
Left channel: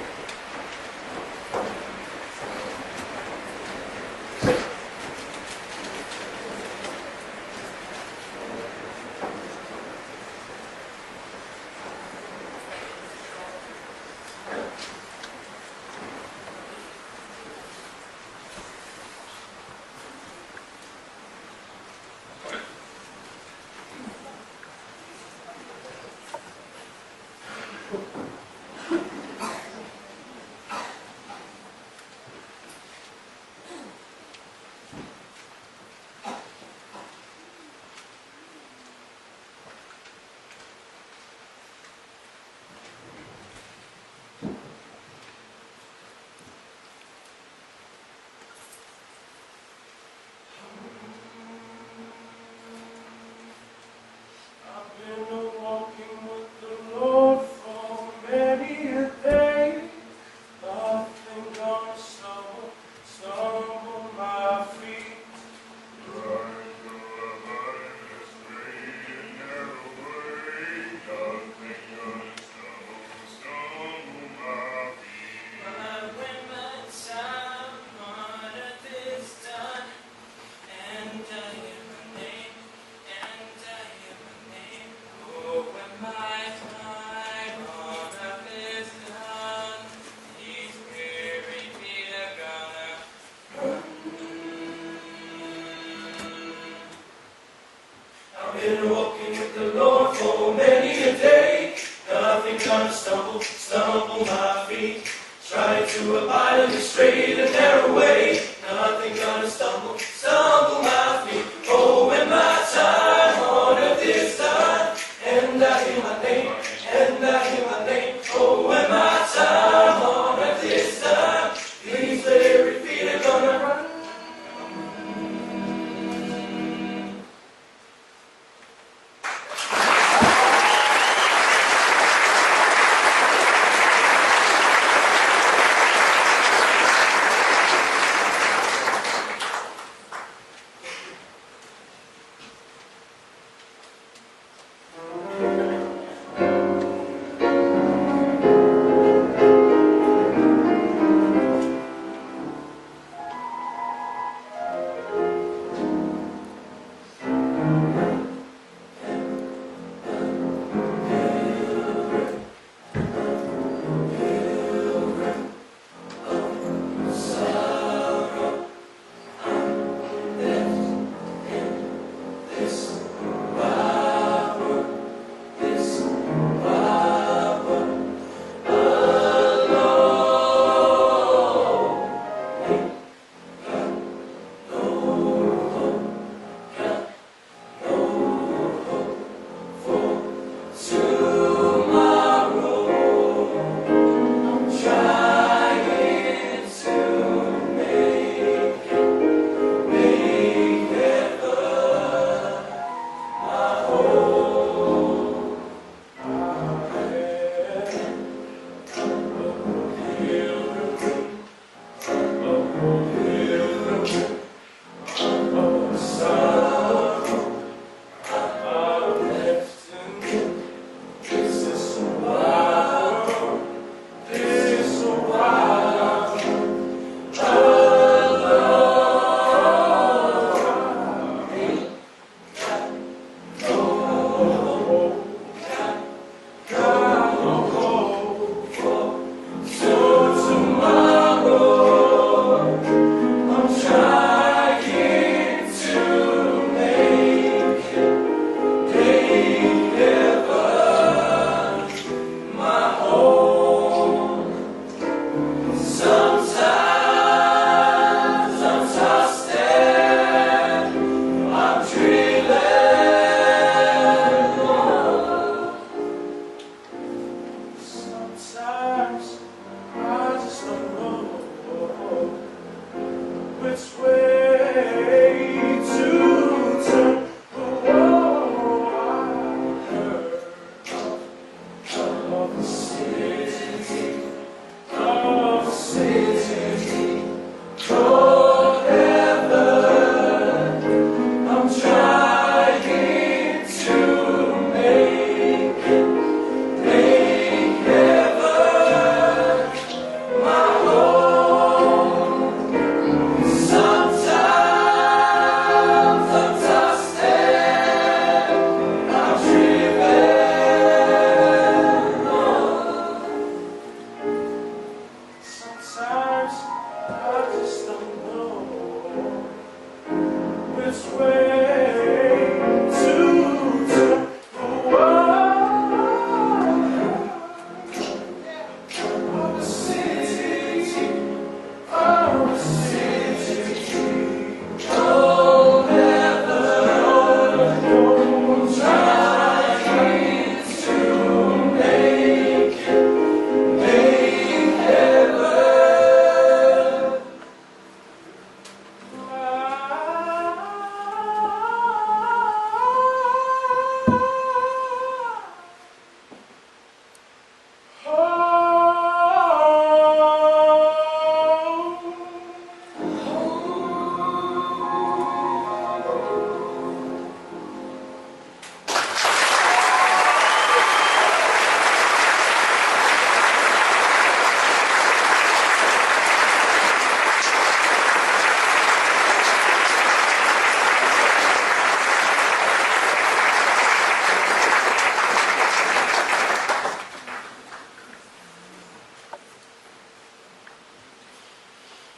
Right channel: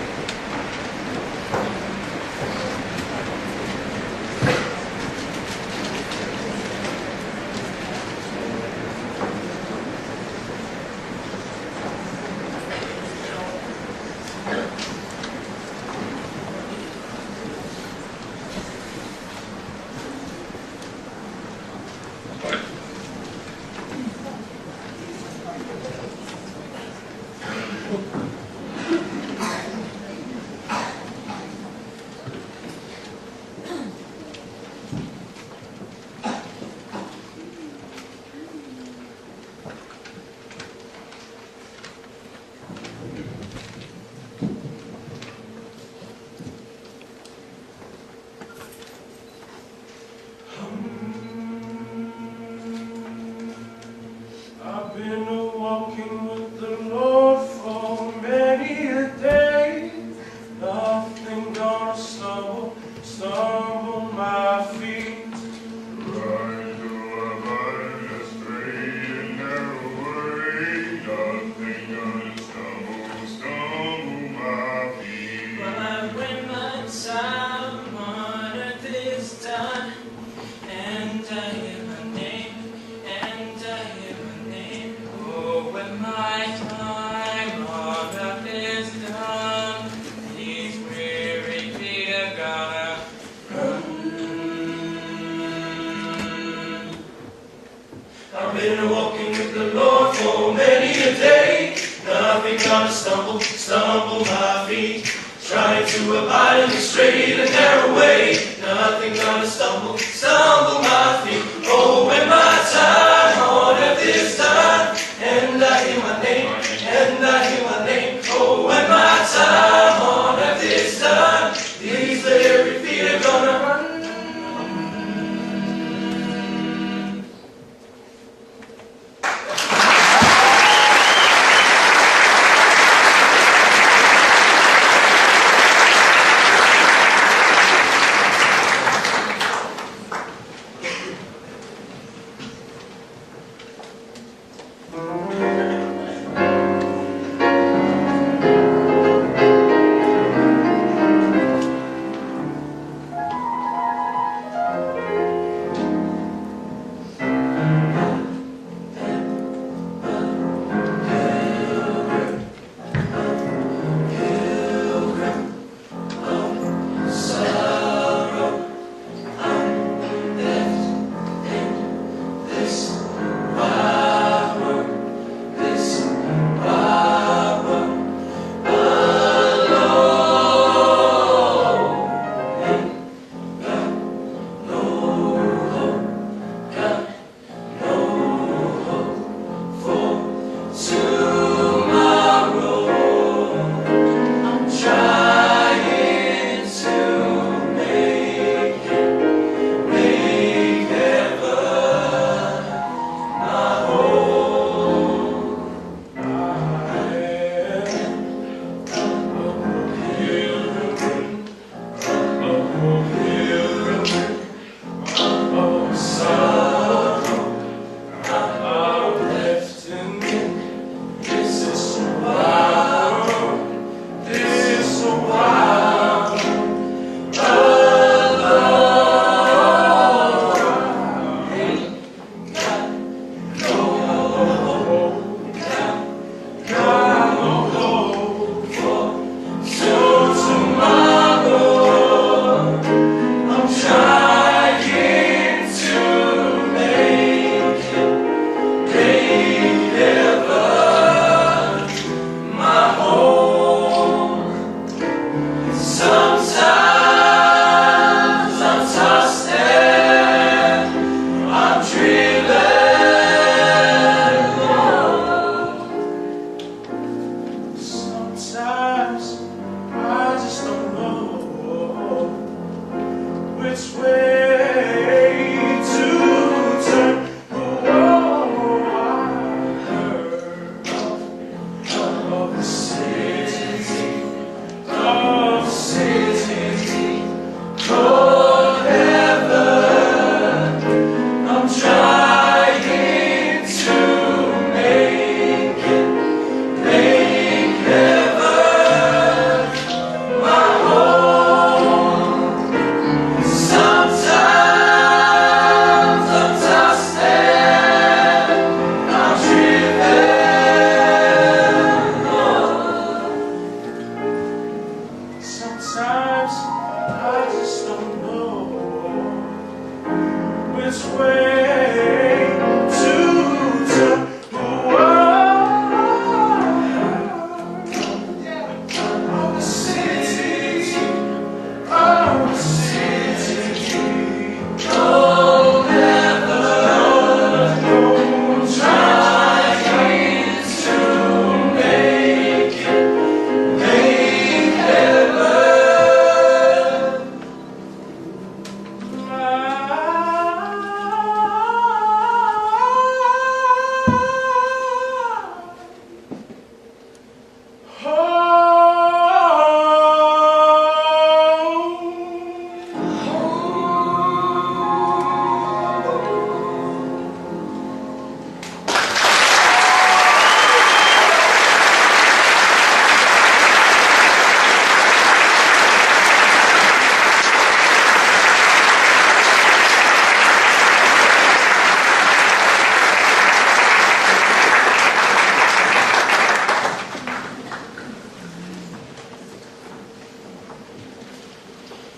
I've been walking with the Lord for many a day. Nothing gonna stumble my feet. Trying to abide in the straight and narrow way. Nothing gonna stumble my feet. Oh, when my time on earth is done, and I hear my name, oh, when my time on earth is done, these very feet are gonna run.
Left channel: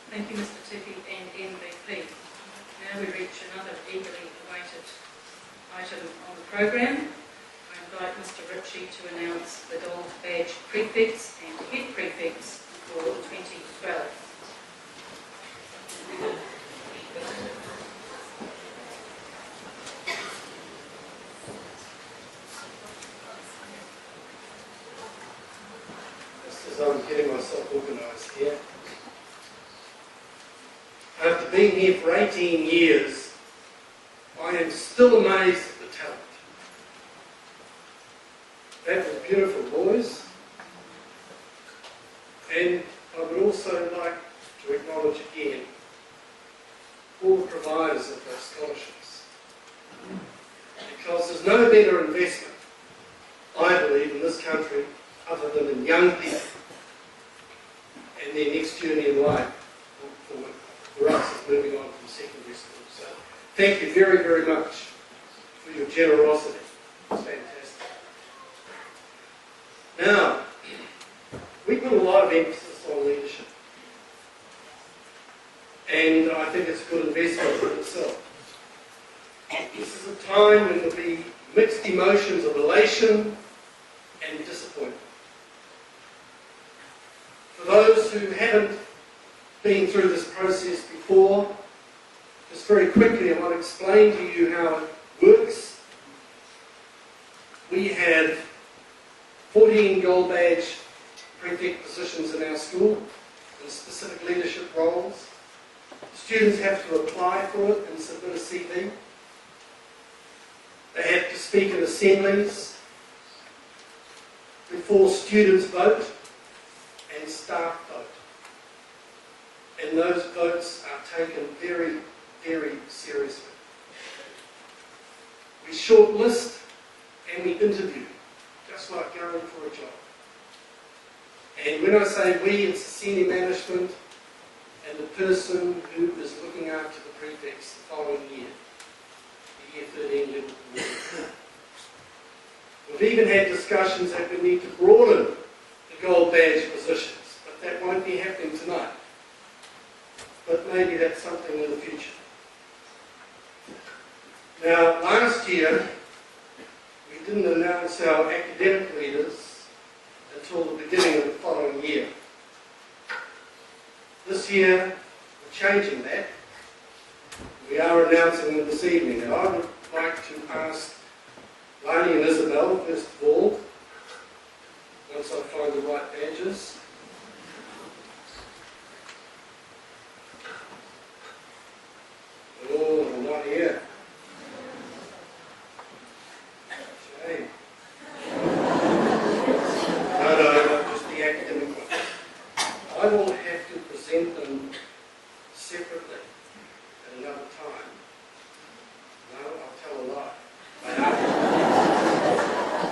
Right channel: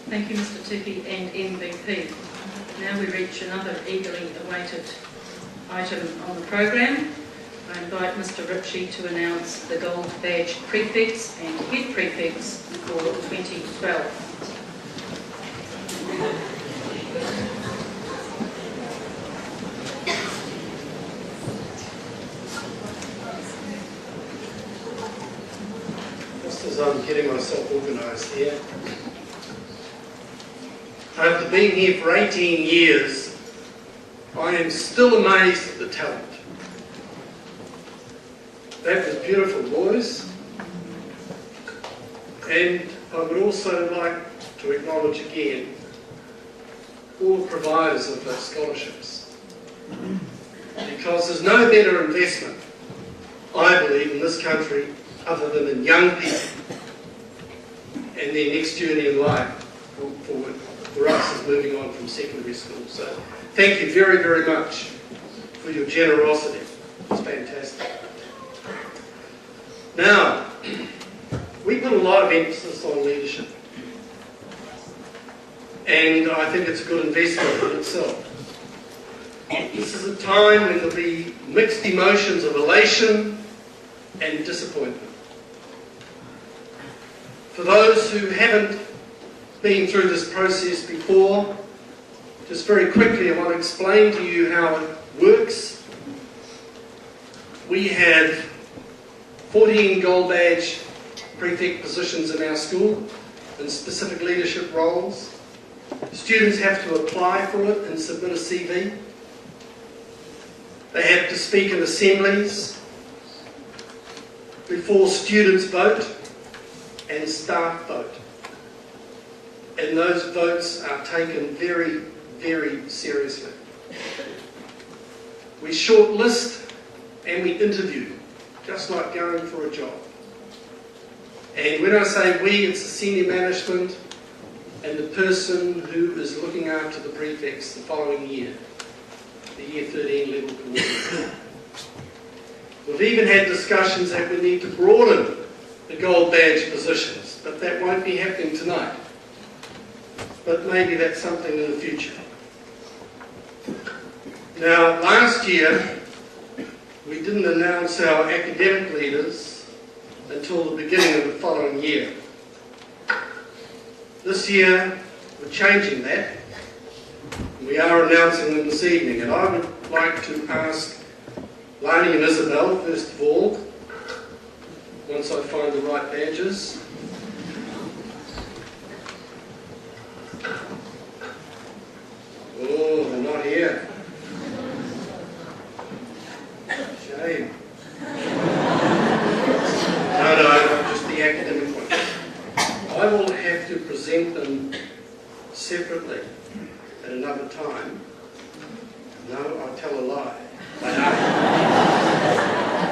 Thank you, Mr. Tuki and MVP. Now we reach another eagerly awaited item on the program. I invite Mr. Ritchie to announce the gold badge prefects and head prefects for 2012. Just as I'm getting myself organised here. After being here for 18 years, I am still amazed at the talent. That was beautiful, boys. And I would also like to acknowledge again all the providers of those scholarships. Because there's no better investment, I believe, in this country other than in young people and their next journey in life for us as moving on from secondary school. So thank you very, very much for your generosity. It's fantastic. Now, we put a lot of emphasis on leadership. And I think it's a good investment in itself. This is a time when there'll be mixed emotions of elation and disappointment. For those who haven't been through this process before, just very quickly I want to explain to you how it works. We have 14 gold badge prefect positions in our school in specific leadership roles. Students have to apply for it and submit a CV. They have to speak in assemblies before students vote and staff vote. And those votes are taken very, very seriously. We shortlist and we interview, just like going for a job. And when I say we, it's the senior management and the person who is looking after the prefects the following year, the year 13 level coordinator. We've even had discussions that we need to broaden the gold badge positions, but that won't be happening tonight. But maybe that's something in the future. Now, last year, we didn't announce our academic leaders until the beginning of the following year. This year, we're changing that. We are announcing them this evening, and I would like to ask Lani and Isabel, first of all, once I find the right badges. Oh, they're not here. Shame. No, just the academic ones. I will have to present them separately at another time. No, I'll tell a lie. They are.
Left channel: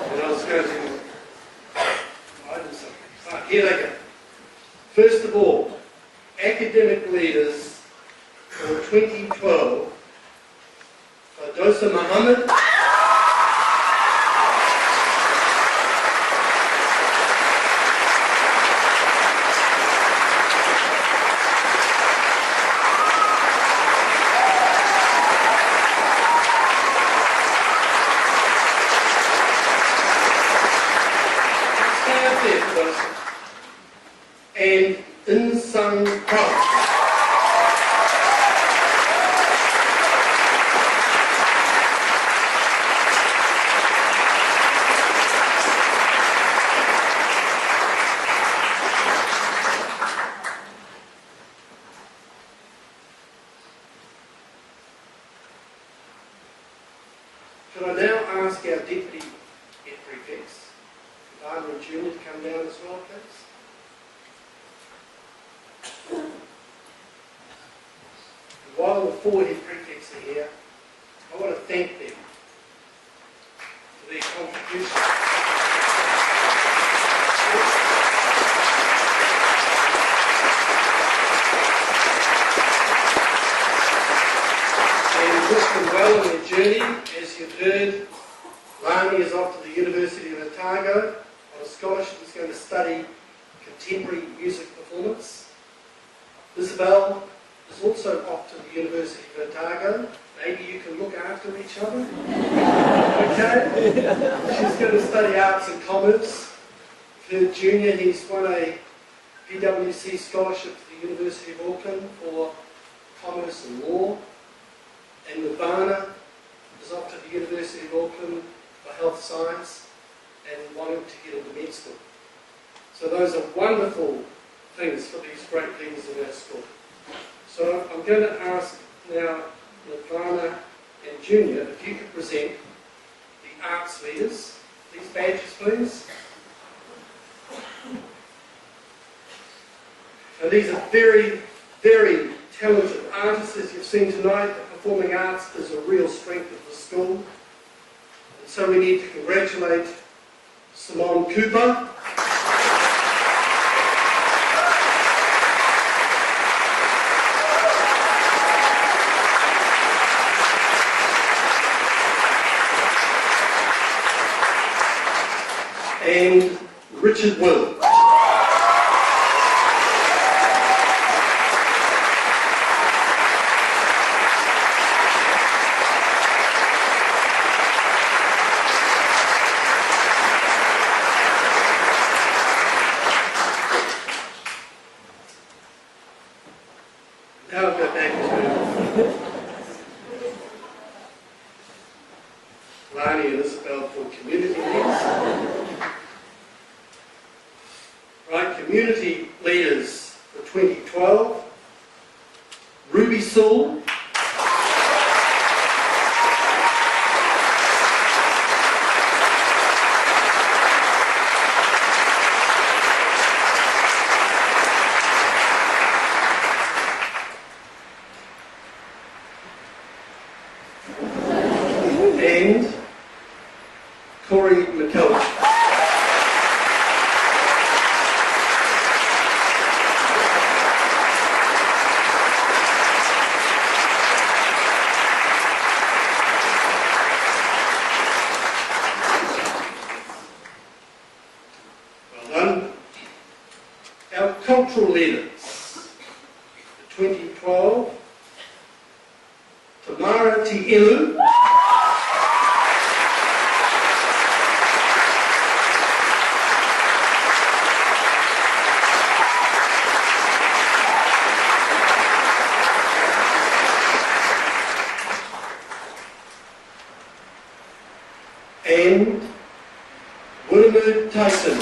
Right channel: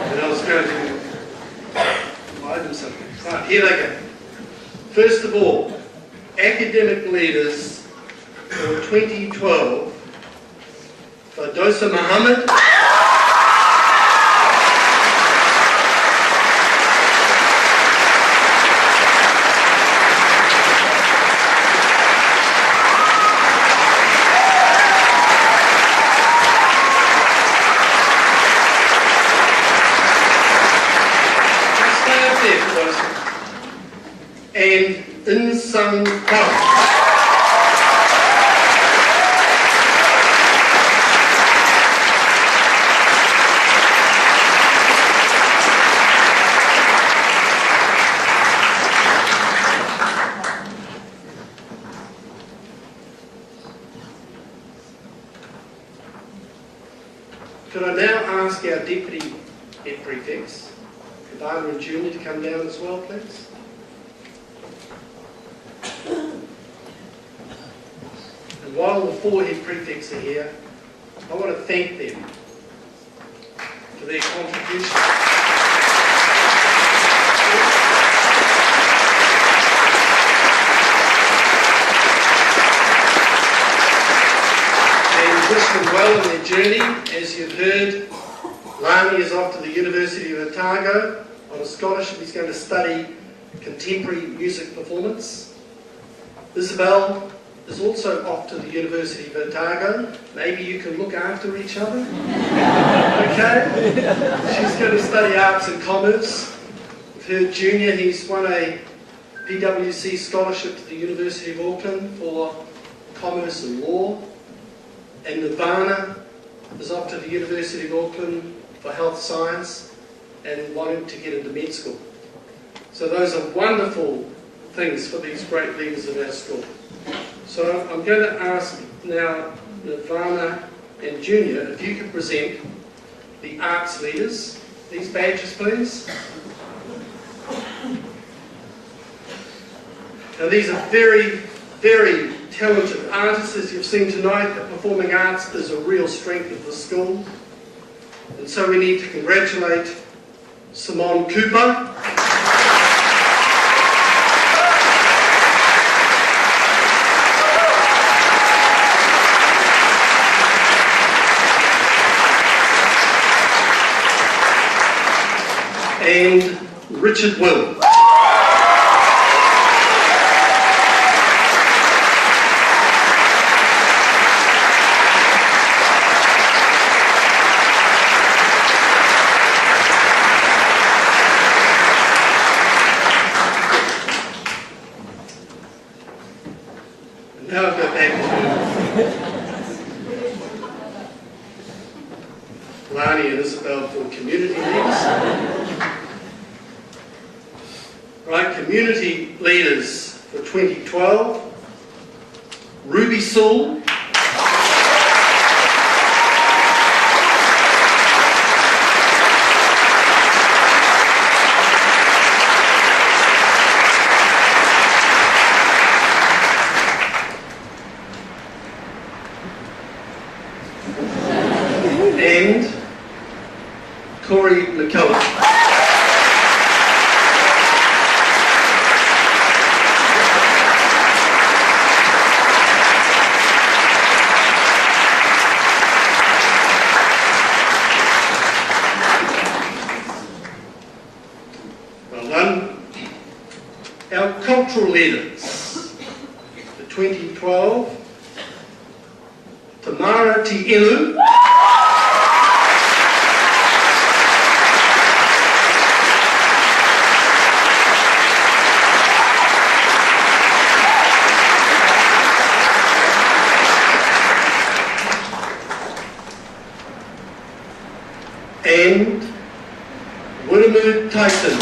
But I was going to hide them something. Right, here they go. First of all, academic leaders for 2012, Fadosa Muhammad, and Insan Power. Could I now ask our Deputy Head Prefects, Ivana and Junior, to come down as well, please? And while the four Head Prefects are here, I want to thank them for their contribution. And wish them well in their journey. As you've heard, Lani is off to the University of Otago on a scholarship. He's going to study contemporary music performance. Isabel is also off to the University of Otago. Maybe you can look after each other. Okay? She's going to study arts and commerce. With her junior, he's won a PwC scholarship to the University of Auckland for commerce and law. And Nirvana is off to the University of Auckland for health science and wanting to get into med school. So those are wonderful things for these great leaders of our school. So I'm going to ask now Nirvana and Junior if you could present the arts leaders. These badges, please. Now these are very, very talented artists, as you've seen tonight. The performing arts is a real strength of the school. And so we need to congratulate Simone Cooper. And Richard Will. Now I'll go back to Lani and Isabel for community leaders. Right, community leaders for 2012. Ruby Sewell. And Corey McCullough. Well done. Our cultural leaders for 2012. Tamara Tielu. And William Tyson.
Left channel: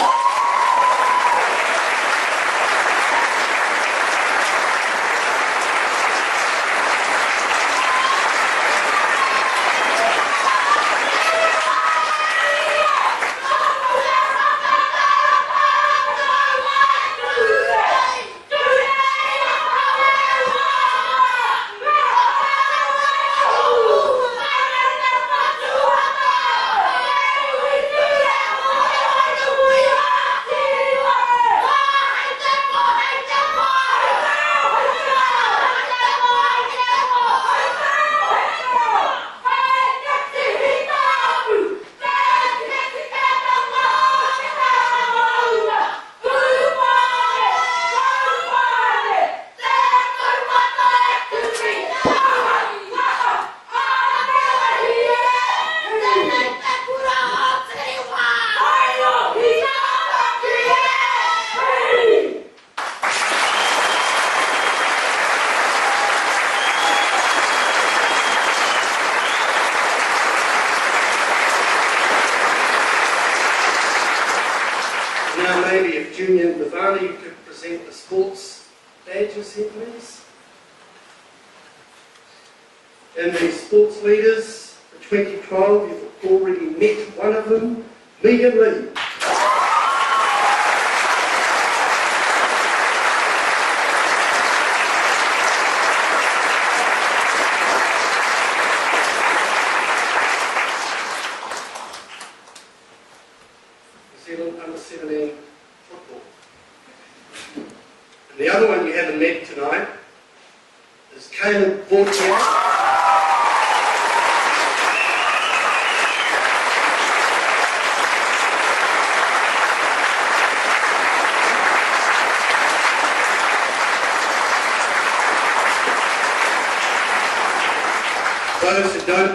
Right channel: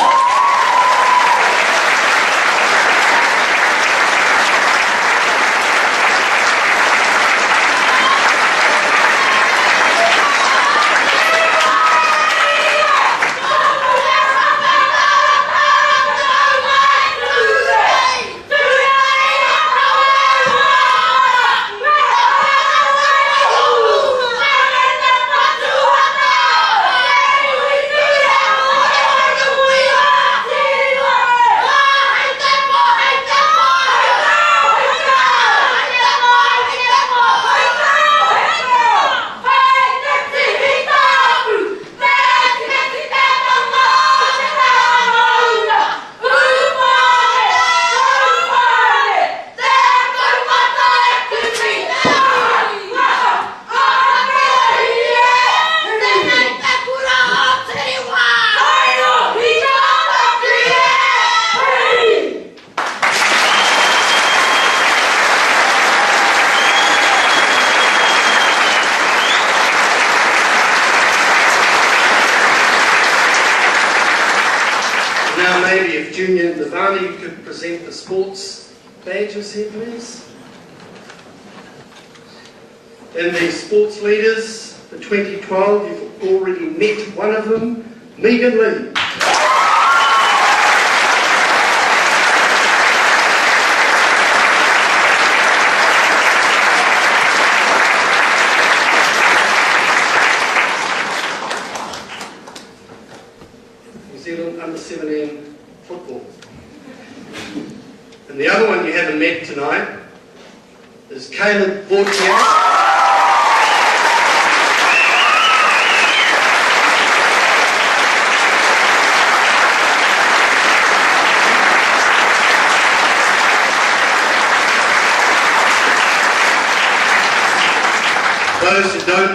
Now maybe if Junior Nirvana, you could present the sports badges here, please. And the sports leaders for 2012, you've already met one of them, Megan Lee. New Zealand under-17 football. And the other one you haven't met tonight is Caleb Vortier.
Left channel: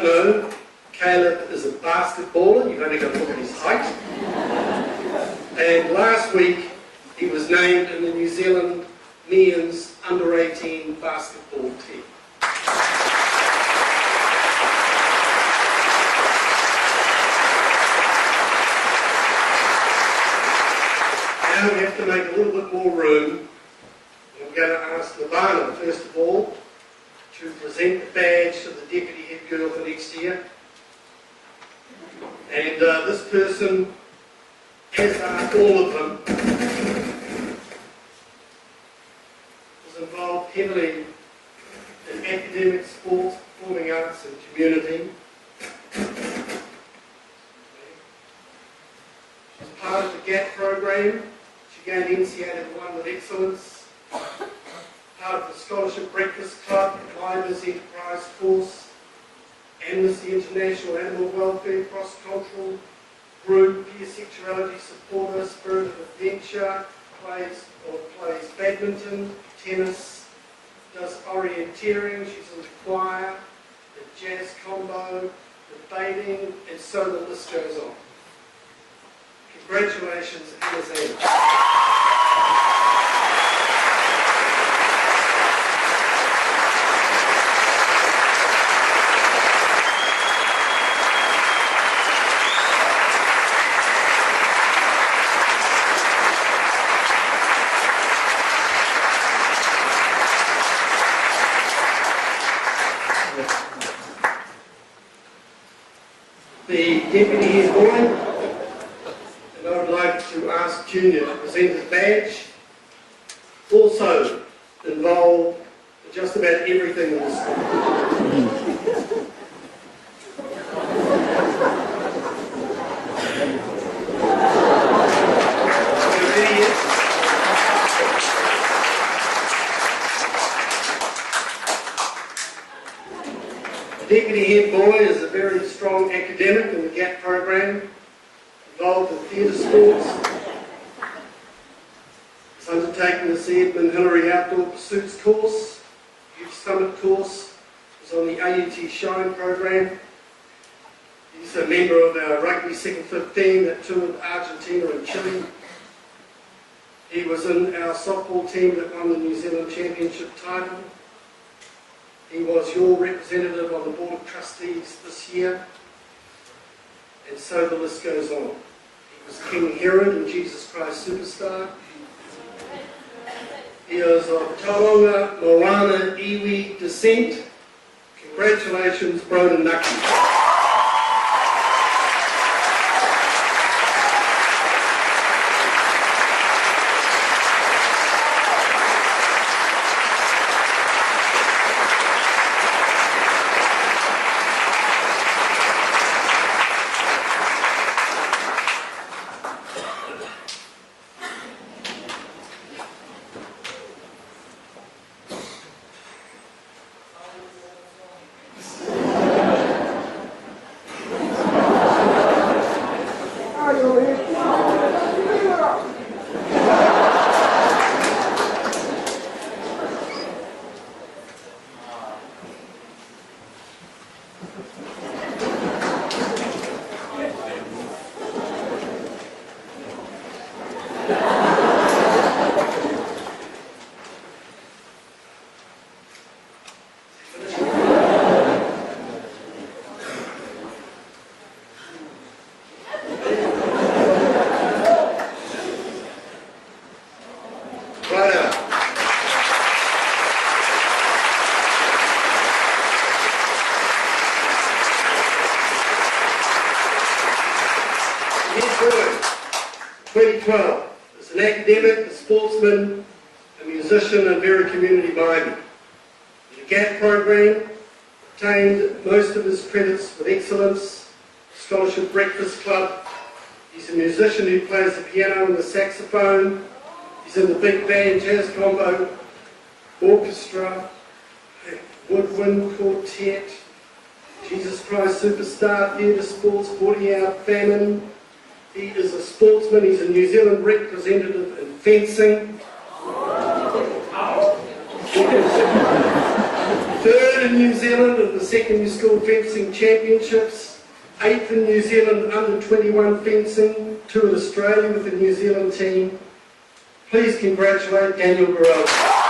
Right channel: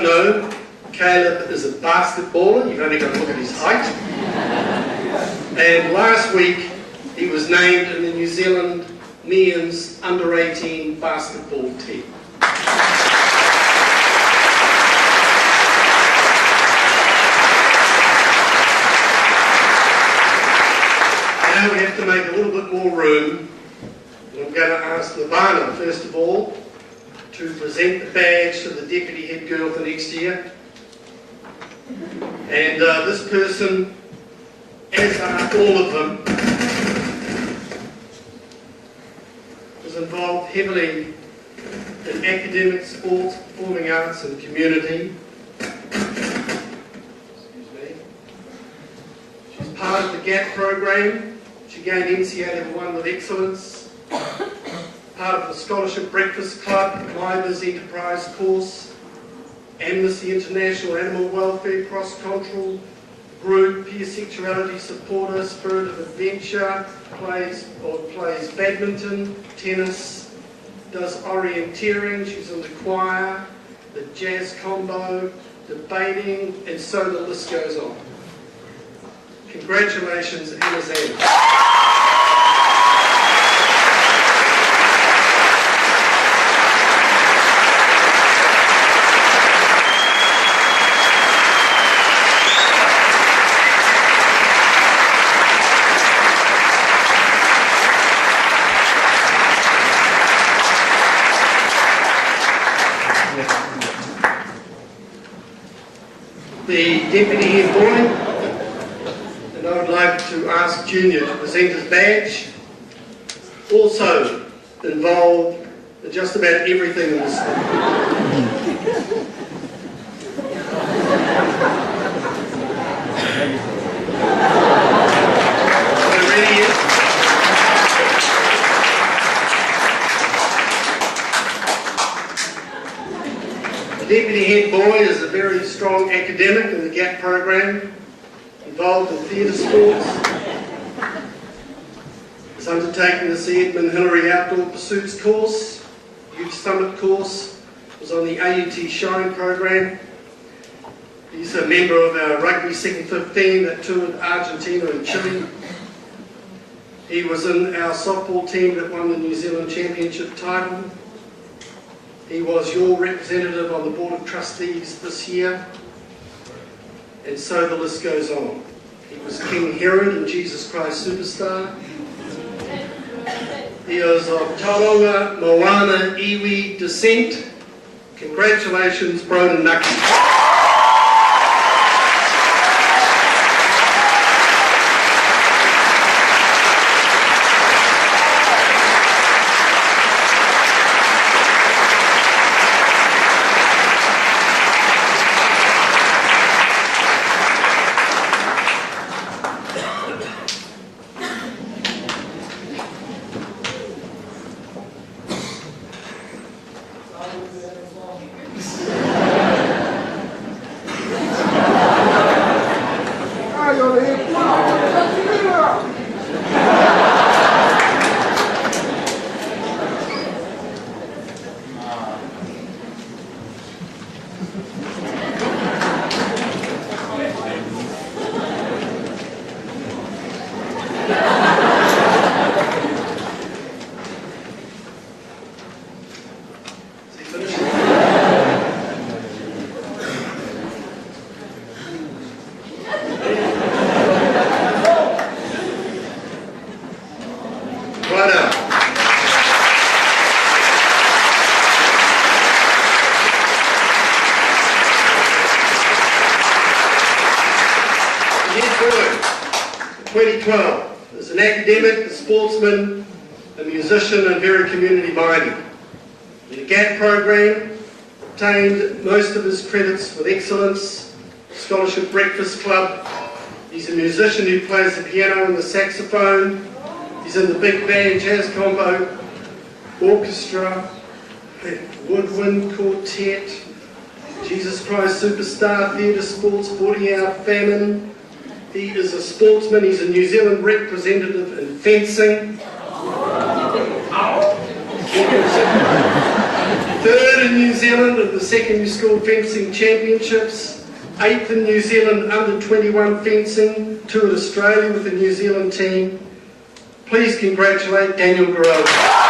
don't know, Caleb is a basketballer. You've only got to look at his height. And last week, he was named in the New Zealand men's under-18 basketball team. Now we have to make a little bit more room. I'm going to ask Lavana, first of all, to present the badge to the Deputy Head Girl for next year. And this person, as are all of them, is involved heavily in academic, sports, performing arts and community. She's part of the GAP program. She gained NCA Level 1 with excellence. Part of the Scholarship Breakfast Club, Climbers Enterprise course, Amnesty International Animal Welfare Cross-Cultural Group, Peer Sexuality Supporter, Spirit of Adventure, plays badminton, tennis, does orienteering, she's in the choir, the jazz combo, debating, and so the list goes on. Congratulations, Alexander. The Deputy Head Boy, and I would like to ask Junior to present his badge. Also involved in just about everything in the school. Are you ready yet? The Deputy Head Boy is a very strong academic in the GAP program, involved in theatre sports. He's undertaken the C. Edmund Hillary Outdoor Pursuits course, Youth Summit course, was on the AUT Shine program. He's a member of our rugby 2nd 15 that toured Argentina and Chile. He was in our softball team that won the New Zealand Championship title. He was your representative on the Board of Trustees this year, and so the list goes on. He was King Herod in Jesus Christ Superstar. He is of Tauranga, Moana, Iwi descent. Congratulations, Broden Nucky. As an academic, a sportsman, a musician, and very community-minded. In the GAP program, obtained most of his credits with excellence, Scholarship Breakfast Club. He's a musician who plays the piano and the saxophone. He's in the big band jazz combo, orchestra, woodwind quartet, Jesus Christ Superstar, theatre sports, 40-hour famine. He is a sportsman. He's a New Zealand representative in fencing. 3rd in New Zealand at the Secondary School Fencing Championships, 8th in New Zealand under 21 fencing, 2 at Australia with the New Zealand team. Please congratulate Daniel Gorella.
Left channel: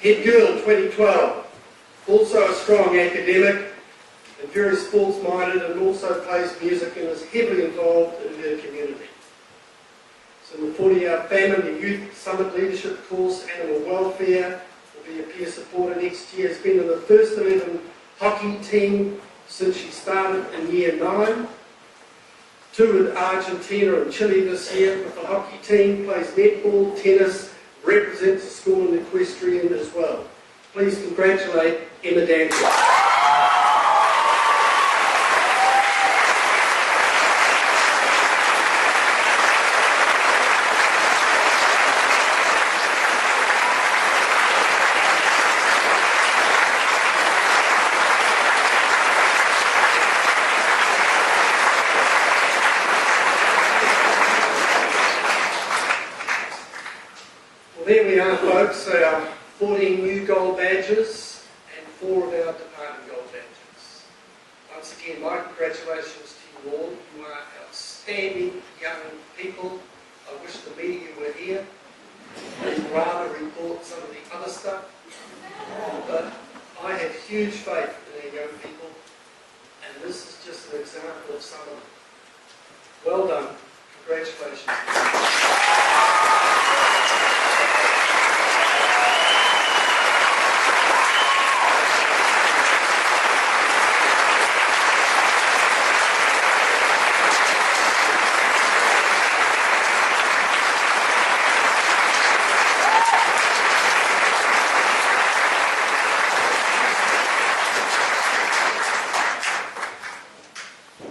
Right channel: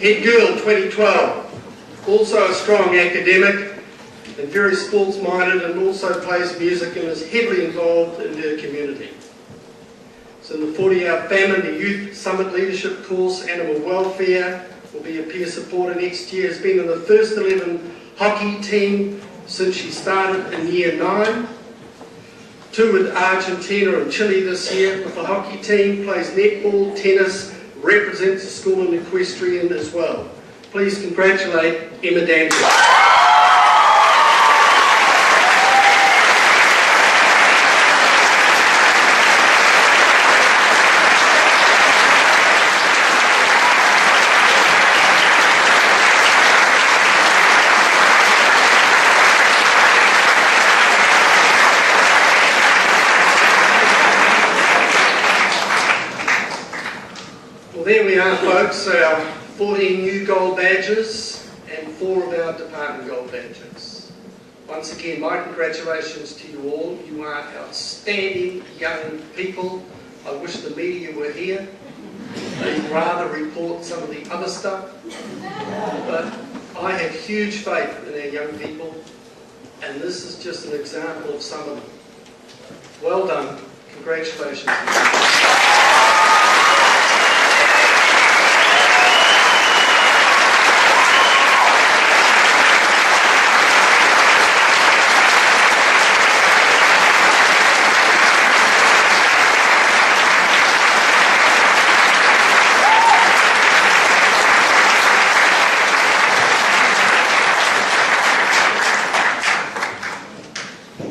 Head girl 2012, also a strong academic and very sports minded, and also plays music and is heavily involved in her community. So in the 40-hour famine, the Youth Summit Leadership course, Animal Welfare, will be a peer supporter next year, has been in the first 11 hockey team since she started in year 9. 2 with Argentina and Chile this year with the hockey team, plays netball, tennis, represents the school in equestrian as well. Please congratulate Emma Dancer. Well, there we are, folks. Our 14 new gold badges and 4 of our department gold badges. Once again, my congratulations to you all. You are outstanding young people. I wish the media were here. They'd rather report some of the other stuff. But I have huge faith in our young people, and this is just an example of some of them. Well done. Congratulations.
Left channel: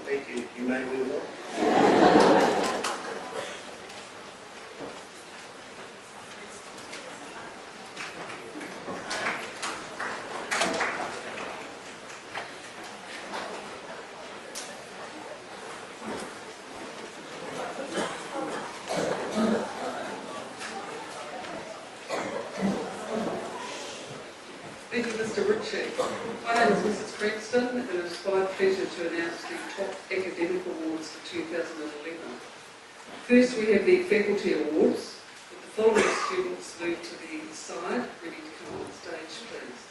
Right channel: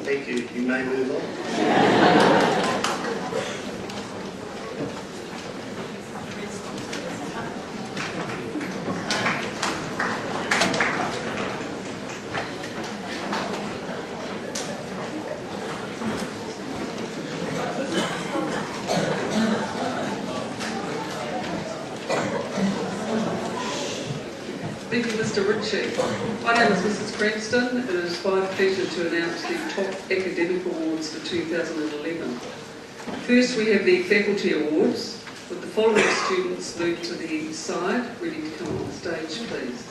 Thank you. You may move on. Thank you, Mr. Ritchie. My name is Mrs. Cranston. It is my pleasure to announce the top academic awards for 2011. First, we have the faculty awards, with the following students moved to the side, ready to come on stage, please.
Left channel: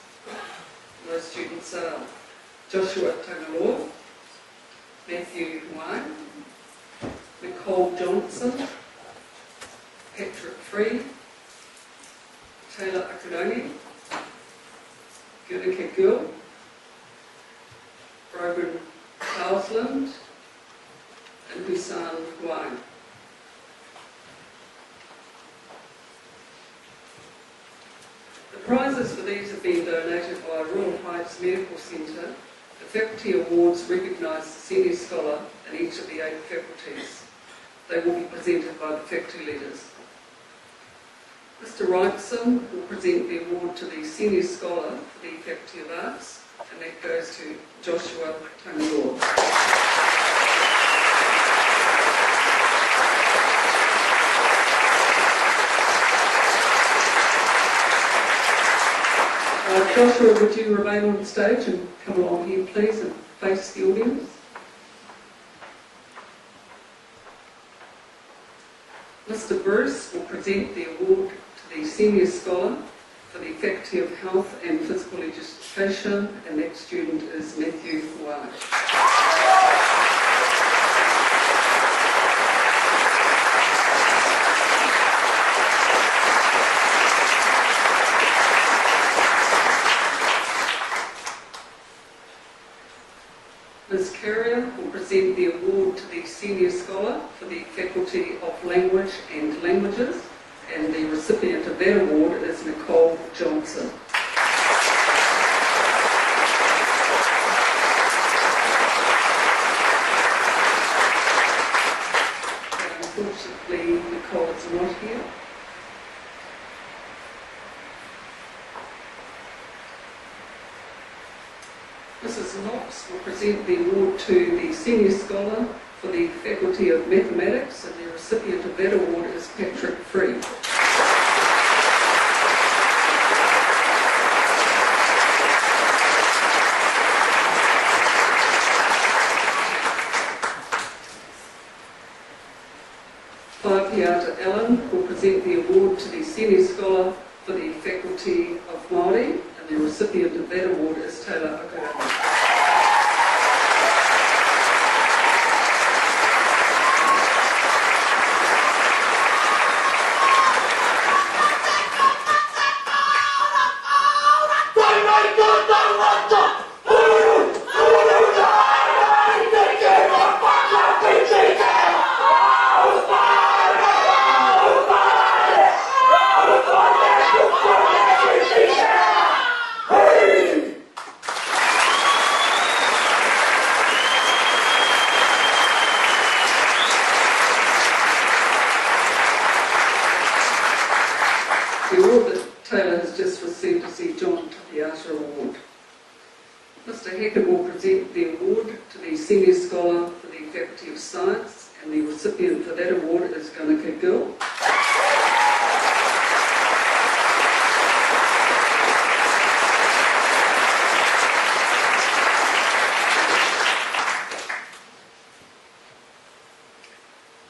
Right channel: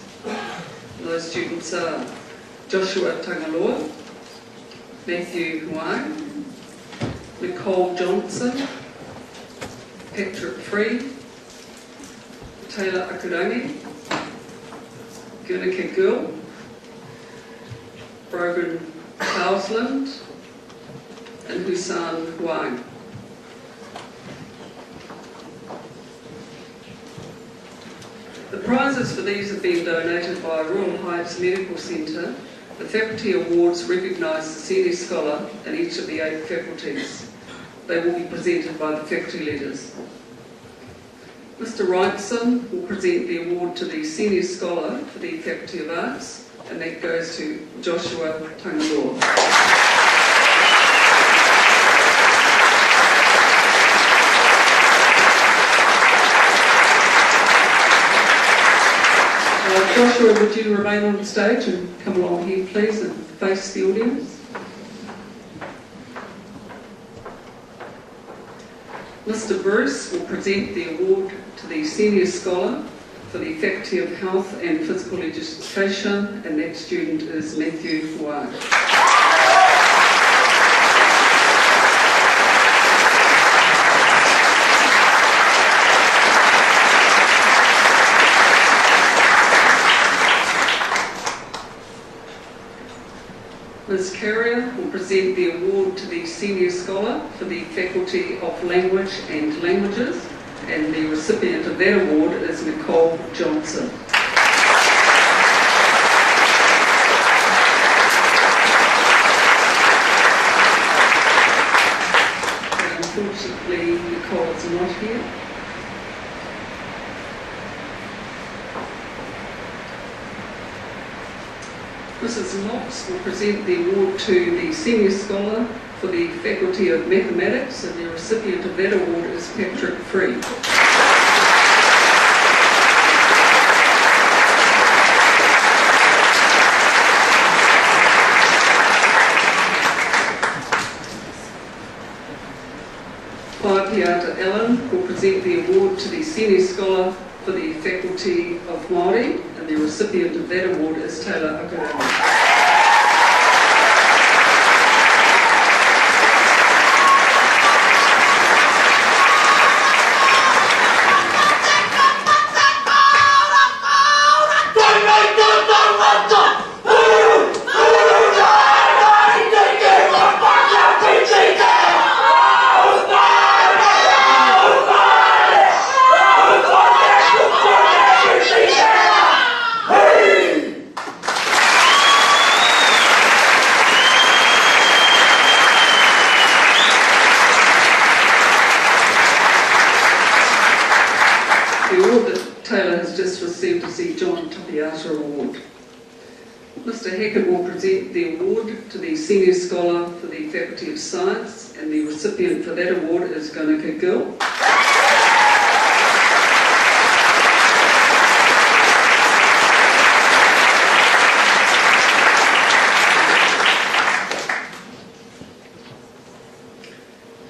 And those students are Joshua Tangaloa, Matthew Huang, Nicole Johnson, Patrick Free, Taylor Akurangi, Guernica Gill, Brogan Hausland, and Hussan Huang. The prizes for these have been donated by Royal Heights Medical Centre. The faculty awards recognise the senior scholar in each of the 8 faculties. They will be presented by the faculty leaders. Mr. Wrightson will present the award to the Senior Scholar for the Faculty of Arts, and that goes to Joshua Tangaloa. Joshua, would you remain on stage and come along here, please, and face the audience? Mr. Bruce will present the award to the Senior Scholar for the Faculty of Health and Physical Education, and that student is Matthew Huang. Ms. Carrier will present the award to the Senior Scholar for the Faculty of Language and Languages, and the recipient of that award is Nicole Johnson. Unfortunately, Nicole is not here. Mrs. Knox will present the award to the Senior Scholar for the Faculty of Mathematics, and the recipient of that award is Patrick Free. Piata Allen will present the award to the Senior Scholar for the Faculty of Māori, and the recipient of that award is Taylor Okarama. Award. Mr. Hackett will present the award to the Senior Scholar for the Faculty of Science, and the recipient for that award is Ganika Gill.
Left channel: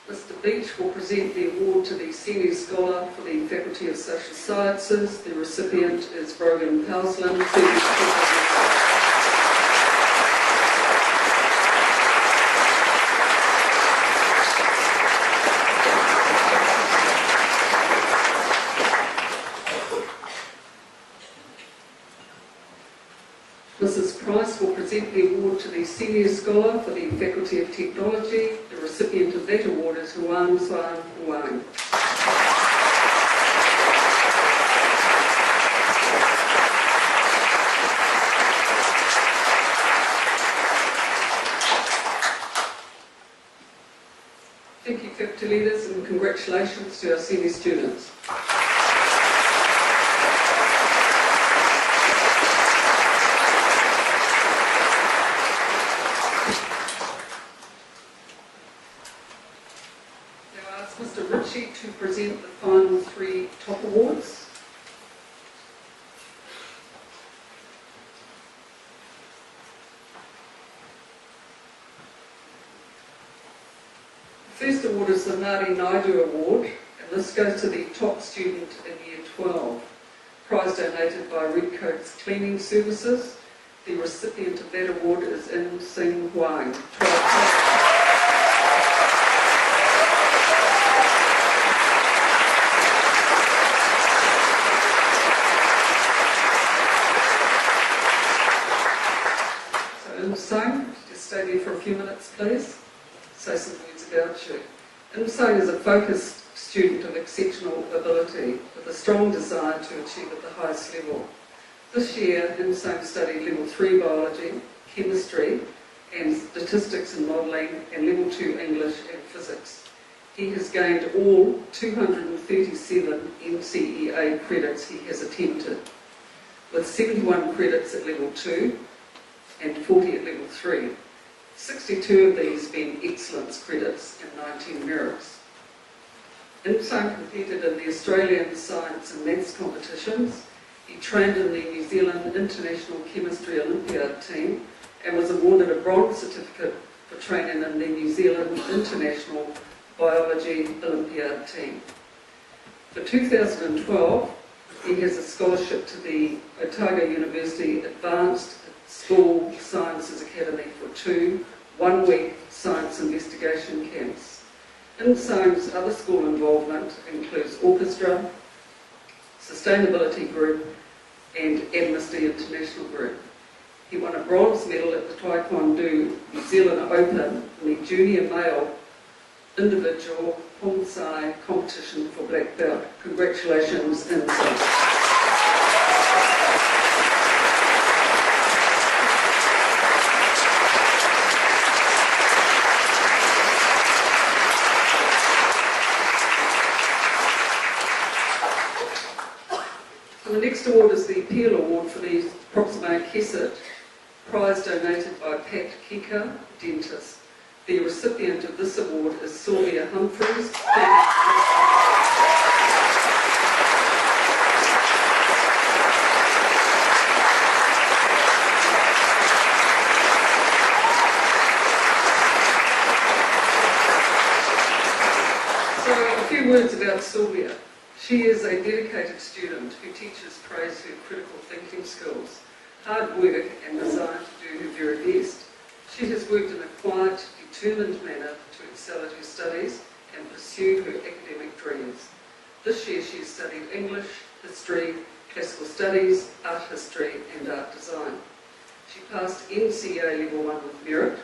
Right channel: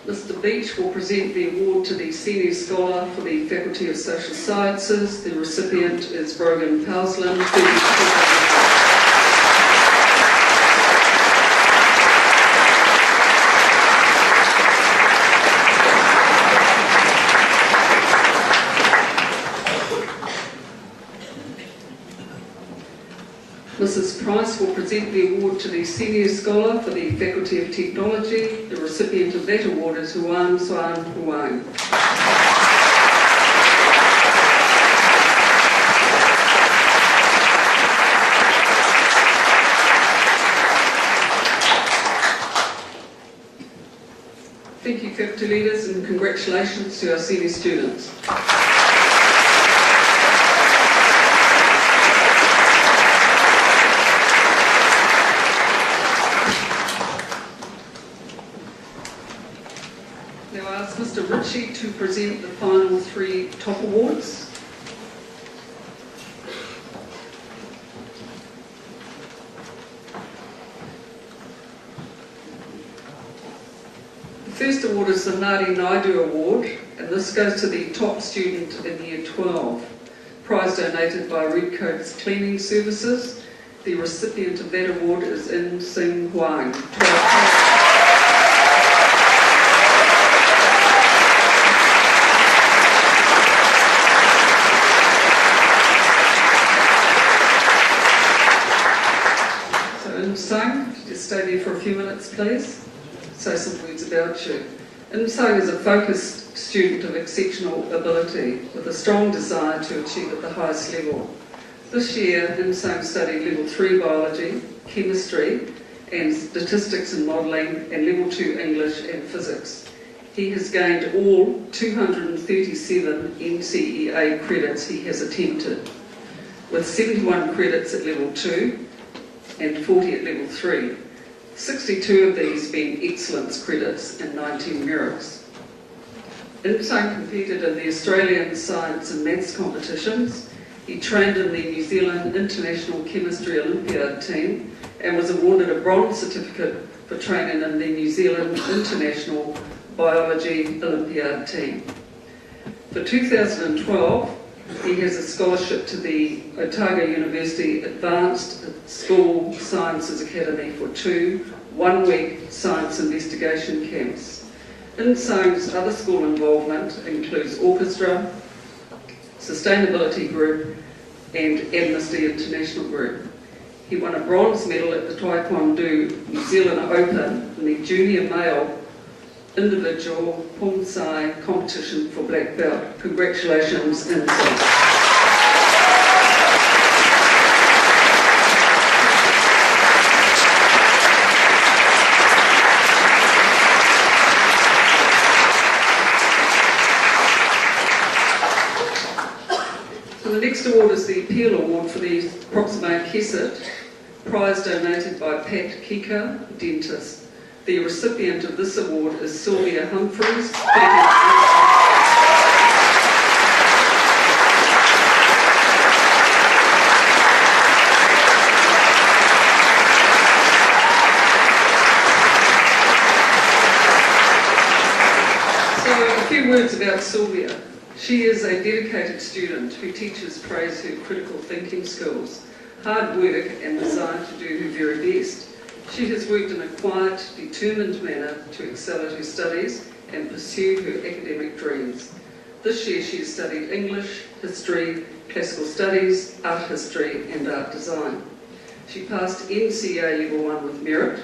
Mr. Beach will present the award to the Senior Scholar for the Faculty of Social Sciences. The recipient is Brogan Powsland. Mrs. Price will present the award to the Senior Scholar for the Faculty of Technology. The recipient of that award is Huan Suan Huang. Thank you, faculty leaders, and congratulations to our senior students. Mr. Ritchie to present the final three top awards. The first award is the Ngāti Naidu Award, and this goes to the top student in Year 12. Prize donated by Redcoats Cleaning Services. The recipient of that award is In Sing Huang. Sang, just stay there for a few minutes, please. Say some words about you. In Sang is a focused student of exceptional ability with a strong desire to achieve at the highest level. This year, In Sang studied Level 3 Biology, Chemistry and Statistics and Modelling, and Level 2 English and Physics. He has gained all 237 NCEA credits he has attempted, with 71 credits at Level 2, and 40 at Level 3, 62 of these being excellence credits and 19 merits. In Sang competed in the Australian Science and Maths competitions. He trained in the New Zealand International Chemistry Olympiad team and was awarded a bronze certificate for training in the New Zealand International Biology Olympiad team. For 2012, he has a scholarship to the Otago University Advanced School Sciences Academy for 2 one-week science investigation camps. In Sang's other school involvement includes Orchestra, Sustainability Group and Amnesty International Group. He won a bronze medal at the Taekwondo New Zealand Open in the junior male individual Pong-Sai competition for black belt. Congratulations, Inzi. The next award is the Appeal Award for the Proximo Kesset, prize donated by Pat Kika, dentist. The recipient of this award is Sylvia Humphreys. So a few words about Sylvia. She is a dedicated student who teaches praise her critical thinking skills, hard work and desire to do her very best. She has worked in a quiet, determined manner to excel at her studies and pursue her academic dreams. This year she has studied English, history, classical studies, art history and art design. She passed NCA Level 1 with merit,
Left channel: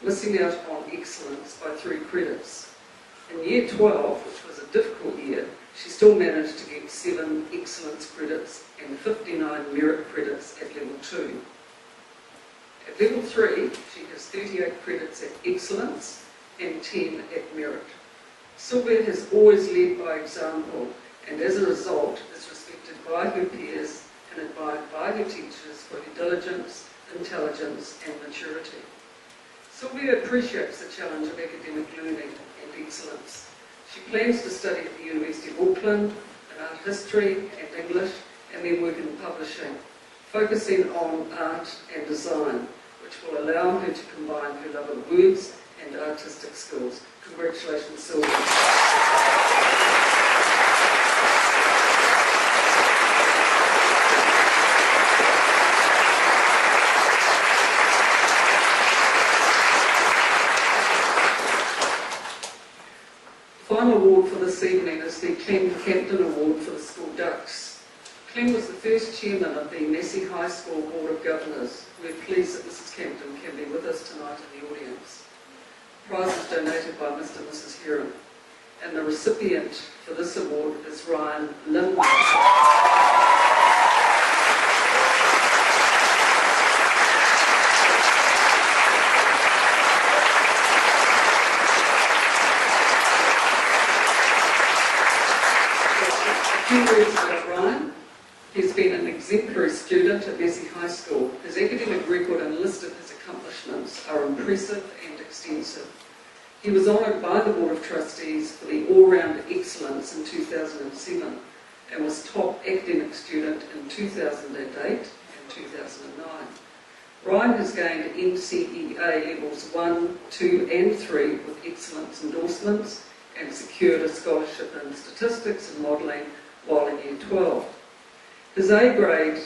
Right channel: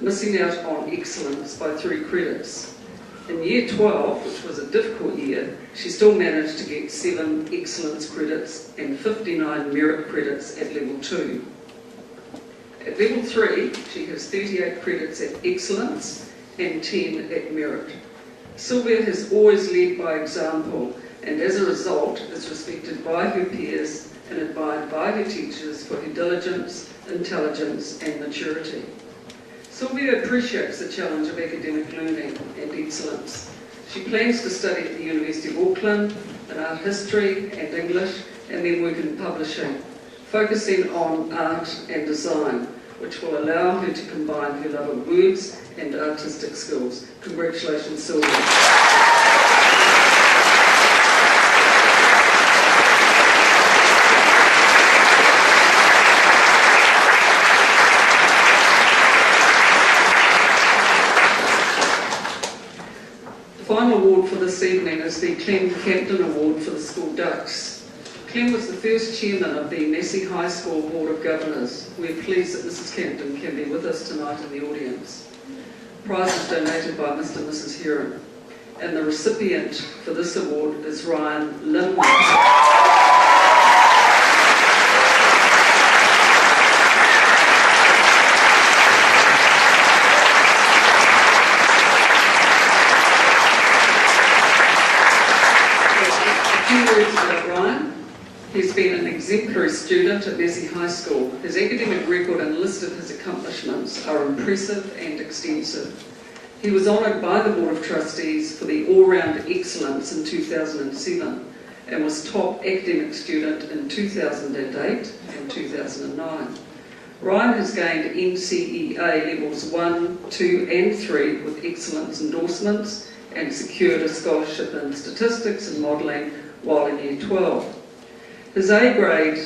missing out on excellence by 3 credits. In Year 12, which was a difficult year, she still managed to get 7 excellence credits and 59 merit credits at Level 2. At Level 3, she has 38 credits at excellence and 10 at merit. Sylvia has always led by example and as a result is respected by her peers and admired by her teachers for her diligence, intelligence and maturity. Sylvia appreciates the challenge of academic learning and excellence. She plans to study at the University of Auckland in art history and English and then work in publishing, focusing on art and design, which will allow her to combine her love of words and artistic skills. Congratulations, Sylvia. The final award for this evening is the Clem Captain Award for the School Ducks. Clem was the first chairman of the Massey High School Board of Governors. We're pleased that Mrs Campton can be with us tonight in the audience. The prize is donated by Mr and Mrs Heron, and the recipient for this award is Ryan Linwood. Words about Ryan. He's been an exemplary student at Massey High School. His academic record and list of his accomplishments are impressive and extensive. He was honoured by the Board of Trustees for the all-round excellence in 2007 and was top academic student in 2008 and 2009. Ryan has gained NCEA levels 1, 2 and 3 with excellence endorsements and secured a scholarship in statistics and modelling while in Year 12. His A+ grade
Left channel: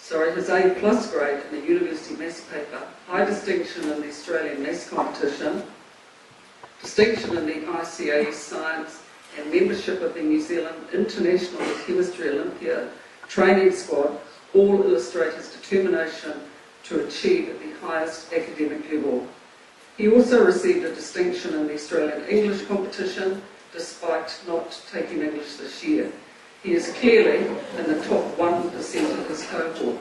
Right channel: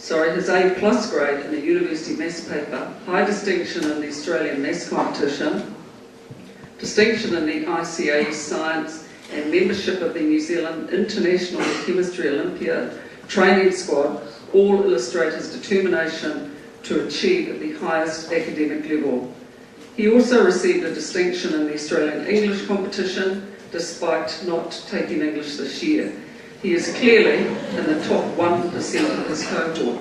in the University Maths paper, high distinction in the Australian Maths competition, distinction in the ICA Science and membership of the New Zealand International Chemistry Olympiad training squad all illustrate his determination to achieve at the highest academic level. He also received a distinction in the Australian English competition despite not taking English this year. He is clearly in the top 1% of his cohort.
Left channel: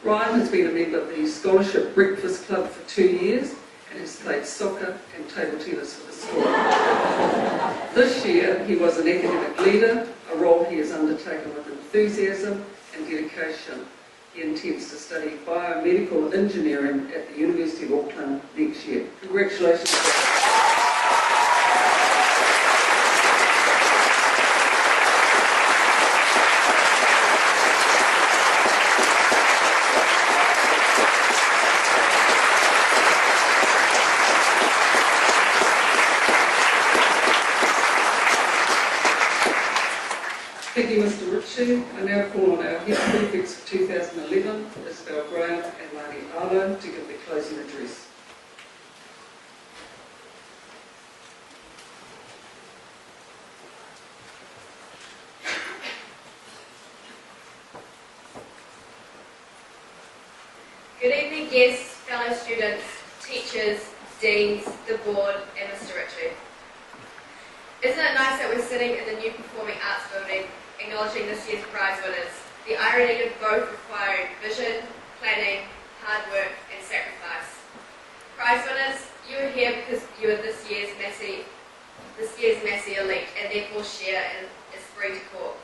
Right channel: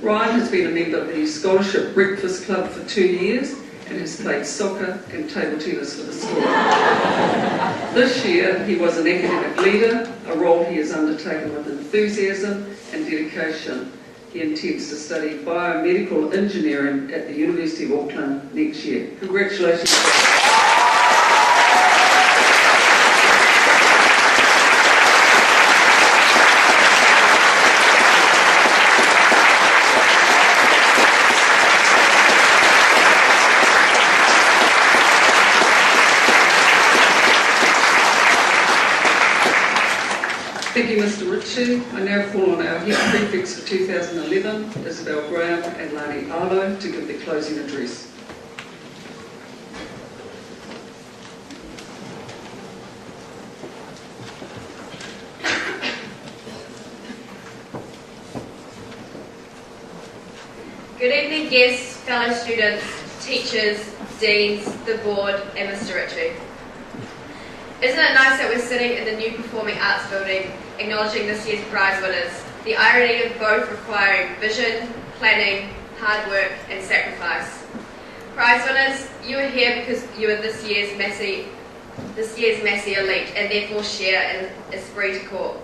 Ryan has been a member of the Scholarship Breakfast Club for 2 years and has played soccer and table tennis for the school. This year he was an academic leader, a role he has undertaken with enthusiasm and dedication. He intends to study biomedical engineering at the University of Auckland next year. Congratulations. Thank you, Mr Ritchie. I now call on our head prefects for 2011, Isabel Graham and Lani Arlo, to give the closing address. Good evening, guests, fellow students, teachers, deans, the board, and Mr. Ritchie. Isn't it nice that we're sitting in the new Performing Arts building, acknowledging this year's prize winners, the irony of both requiring vision, planning, hard work, and sacrifice. Prize winners, you are here because you are this year's Massey elite, and therefore share an esprit de corps.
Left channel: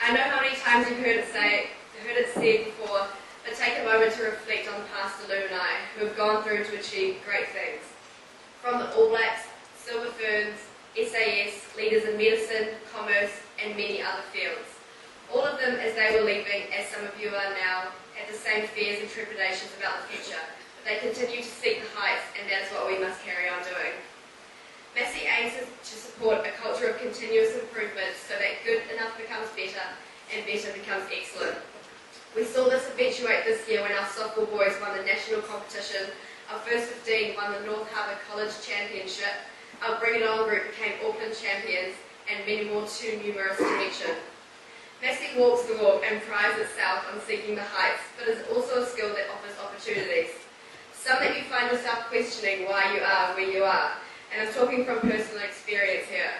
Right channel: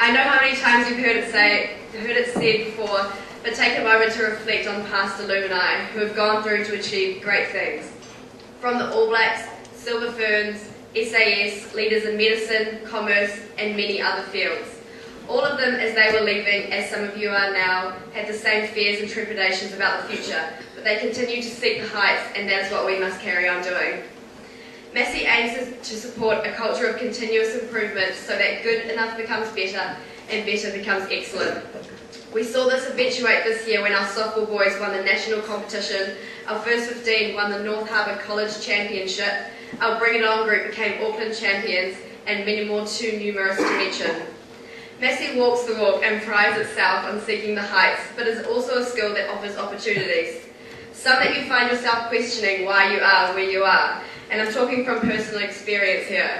I know how many times you've heard it said before, but take a moment to reflect on past alumni who have gone through to achieve great things. From the All Blacks, Silver Ferns, SAS, leaders in medicine, commerce, and many other fields. All of them, as they were leaving, as some of you are now, had the same fears and trepidations about the future, but they continue to seek the heights, and that is what we must carry on doing. Massey aims to support a culture of continuous improvement so that good enough becomes better and better becomes excellent. We saw this eventuate this year when our softball boys won the national competition, our first 15 won the North Harbour College Championship, our Bring It On group became Auckland champions, and many more too numerous to mention. Massey walks the walk and prides itself on seeking the heights, but is also a school that offers opportunities. Some that you find yourself questioning why you are where you are, and I'm talking from personal experience here.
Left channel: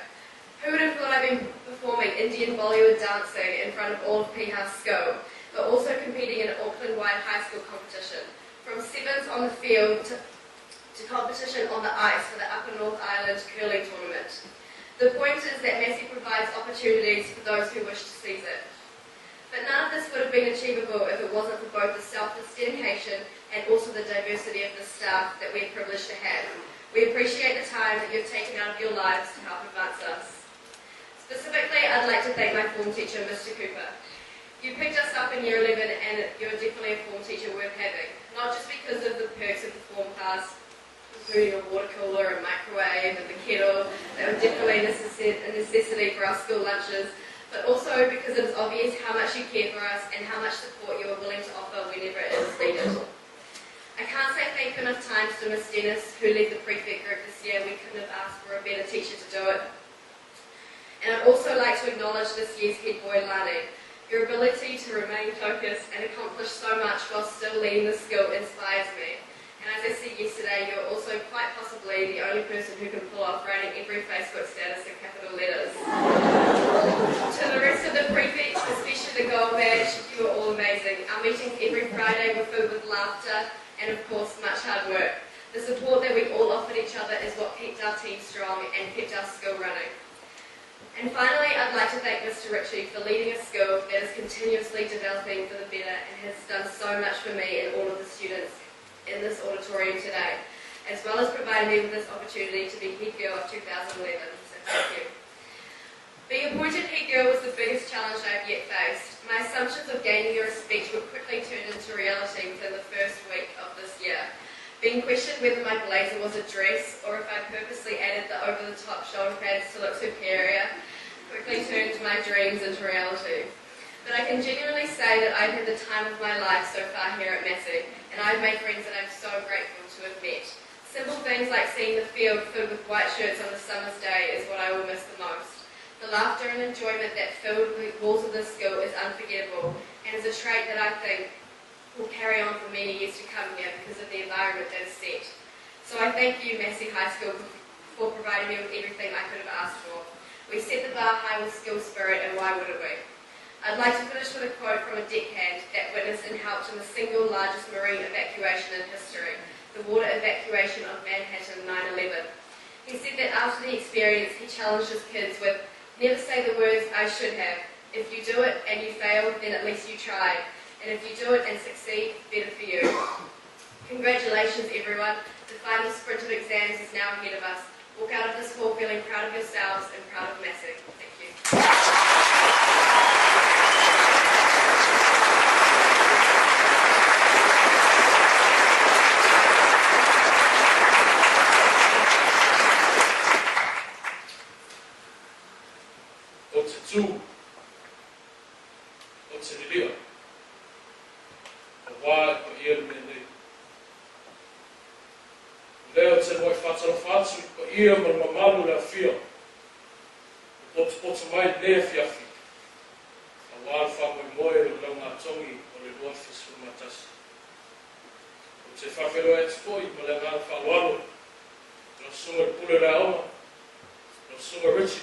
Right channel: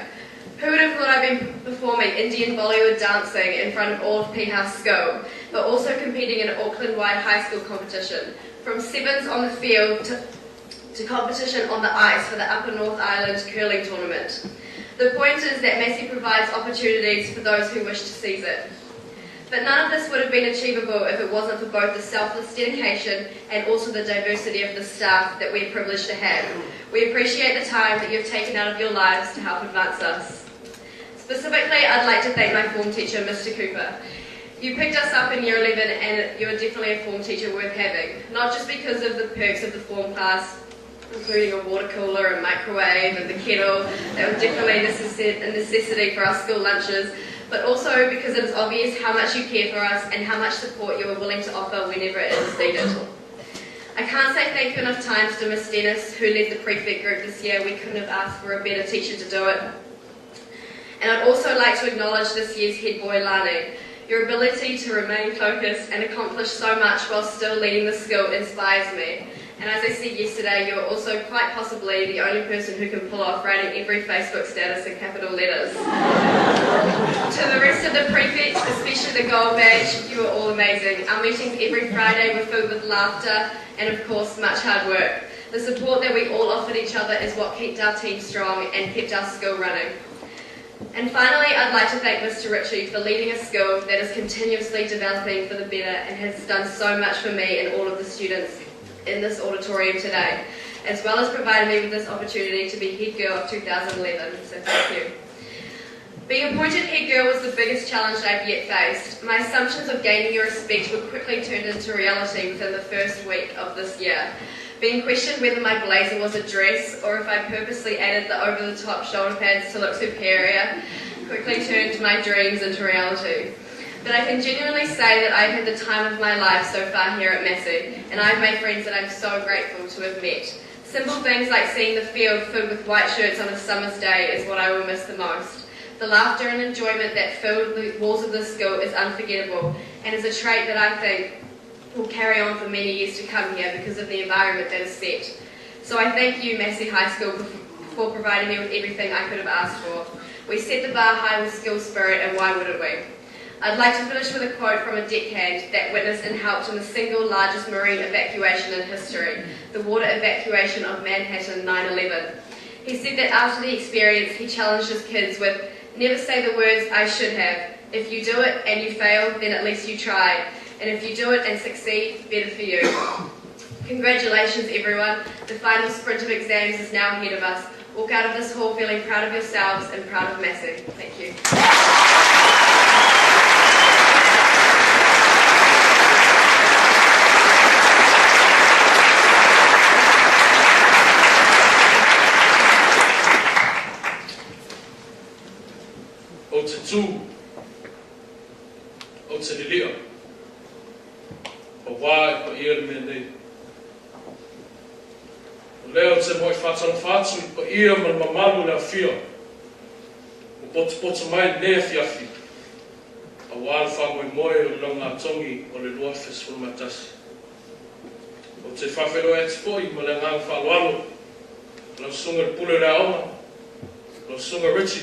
Who would have thought I'd been performing Indian Bollywood dancing in front of all of P House School, but also competing in an Auckland-wide high school competition, from sevens on the field to competition on the ice for the Upper North Island curling tournament. The point is that Massey provides opportunities for those who wish to seize it. But none of this would have been achievable if it wasn't for both the selfless dedication and also the diversity of the staff that we're privileged to have. We appreciate the time that you've taken out of your lives to help advance us. Specifically, I'd like to thank my form teacher, Mr. Cooper. You picked us up in Year 11 and you're definitely a form teacher worth having, not just because of the perks of the form class, including a water cooler, a microwave and the kettle that was definitely a necessity for our school lunches, but also because it is obvious how much you care for us and how much support you are willing to offer whenever it is needed. I can't say thank you enough times to Miss Dennis, who led the prefect group this year. We couldn't have asked for a better teacher to do it. And I'd also like to acknowledge this year's head boy, Lani. Your ability to remain focused and accomplish so much while still leading the school inspires me. And as I said yesterday, you're also quite possibly the only person who can pull off writing every Facebook status in capital letters. To the rest of the prefects, especially the gold badge, you are all amazing. Our meetings every Friday were filled with laughter and of course much hard work. The support that we all offered each other is what kept our team strong and kept our school running. And finally, I'd like to thank Mr. Ritchie for leading a school that is continuously developing for the better and has done so much for me and all of the students in this auditorium today, as well as providing me with this opportunity to be head girl of 2011, so thank you. Being appointed head girl was the biggest challenge I've yet faced. My assumptions of gaining your respect were quickly turned into reality within the first week of this year. Being questioned whether my blazer was a dress or if I purposely added the over-the-top shoulder pads to look superior quickly turned my dreams into reality. But I can genuinely say that I've had the time of my life so far here at Massey, and I've made friends that I'm so grateful to have met. Simple things like seeing the field filled with white shirts on a summer's day is what I will miss the most. The laughter and enjoyment that filled the walls of this school is unforgettable, and is a trait that I think will carry on for many years to come here because of the environment that is set. So I thank you, Massey High School, for providing me with everything I could have asked for. We set the bar high with school spirit, and why wouldn't we? I'd like to finish with a quote from a deckhand that witnessed and helped in the single largest marine evacuation in history, the water evacuation of Manhattan 9/11. He said that after the experience, he challenged his kids with, "Never say the words, I should have. If you do it and you fail, then at least you tried. And if you do it and succeed, better for you." Congratulations, everyone. The final sprint of exams is now ahead of us. Walk out of this hall feeling proud of yourselves and proud of Massey. Thank you. O te tū, o te lilia, o wā e pa ia le mea nei. O leo te moi whātala whātu i pa ia ma le mamalu le awhia, o botu mai nea whiawhi, a wā le whangoi moe o le longa tongi o le loa wheswha matasi. O te whawhelo e te whoi, ma le ngā whaloalo. Lau sunga pule rea oma. Lau sunga Richie.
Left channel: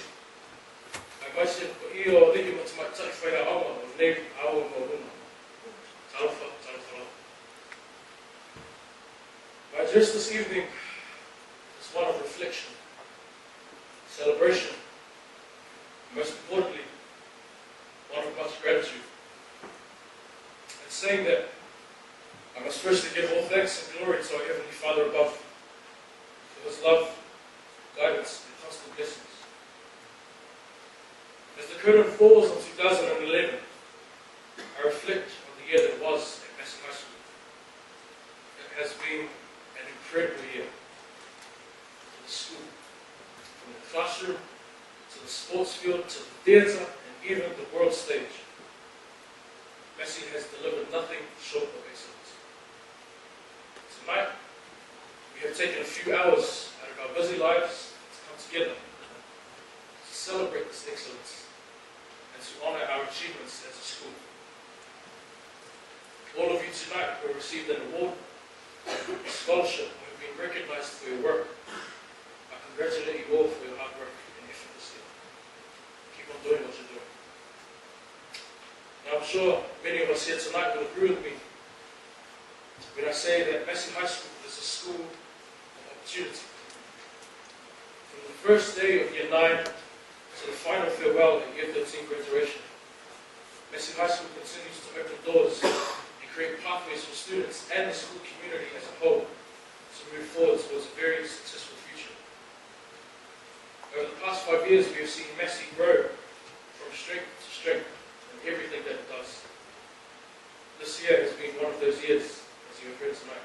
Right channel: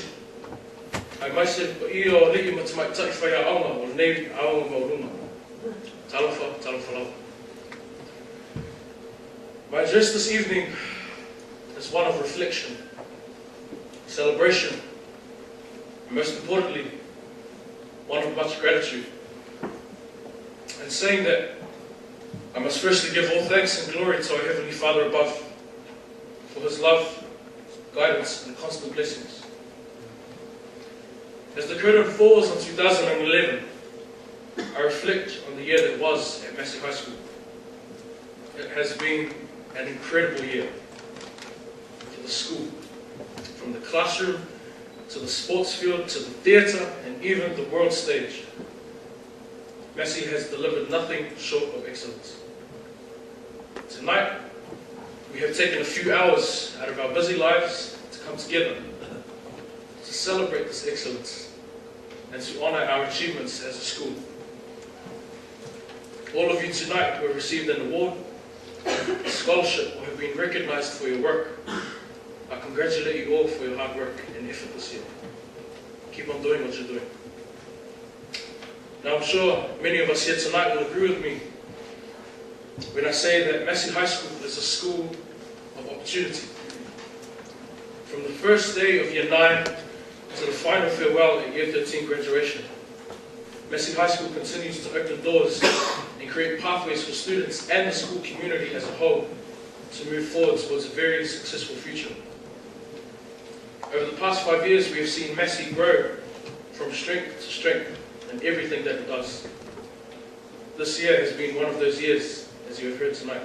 Ai mai se pa i o lii ma te mai tai whai a aonga, o nei aonga ma uruma. Talofa lau. My address this evening is one of reflection, celebration, and most importantly, one of much gratitude. And saying that I must firstly give all thanks and glory to our Heavenly Father above for His love, guidance, and constant blessings. As the curtain falls on 2011, I reflect on the year that was at Massey High School. It has been an incredible year for the school, from the classroom to the sports field to the theatre and even the world stage. Massey has delivered nothing short of excellence. Tonight, we have taken a few hours out of our busy lives to come together to celebrate this excellence and to honour our achievements as a school. All of you tonight who have received an award, a scholarship, or have been recognised for your work, I congratulate you all for your hard work and effort this year. Keep on doing what you're doing. Now I'm sure many of us here tonight will agree with me when I say that Massey High School is a school of opportunity. From the first day of Year 9 to the final farewell at Year 13 graduation, Massey High School continues to open doors and create pathways for students and the school community as a whole to move forward towards a very successful future. Over the past 5 years, we have seen Massey grow from strength to strength in everything that it does. This year has been one of those years, as you have heard tonight.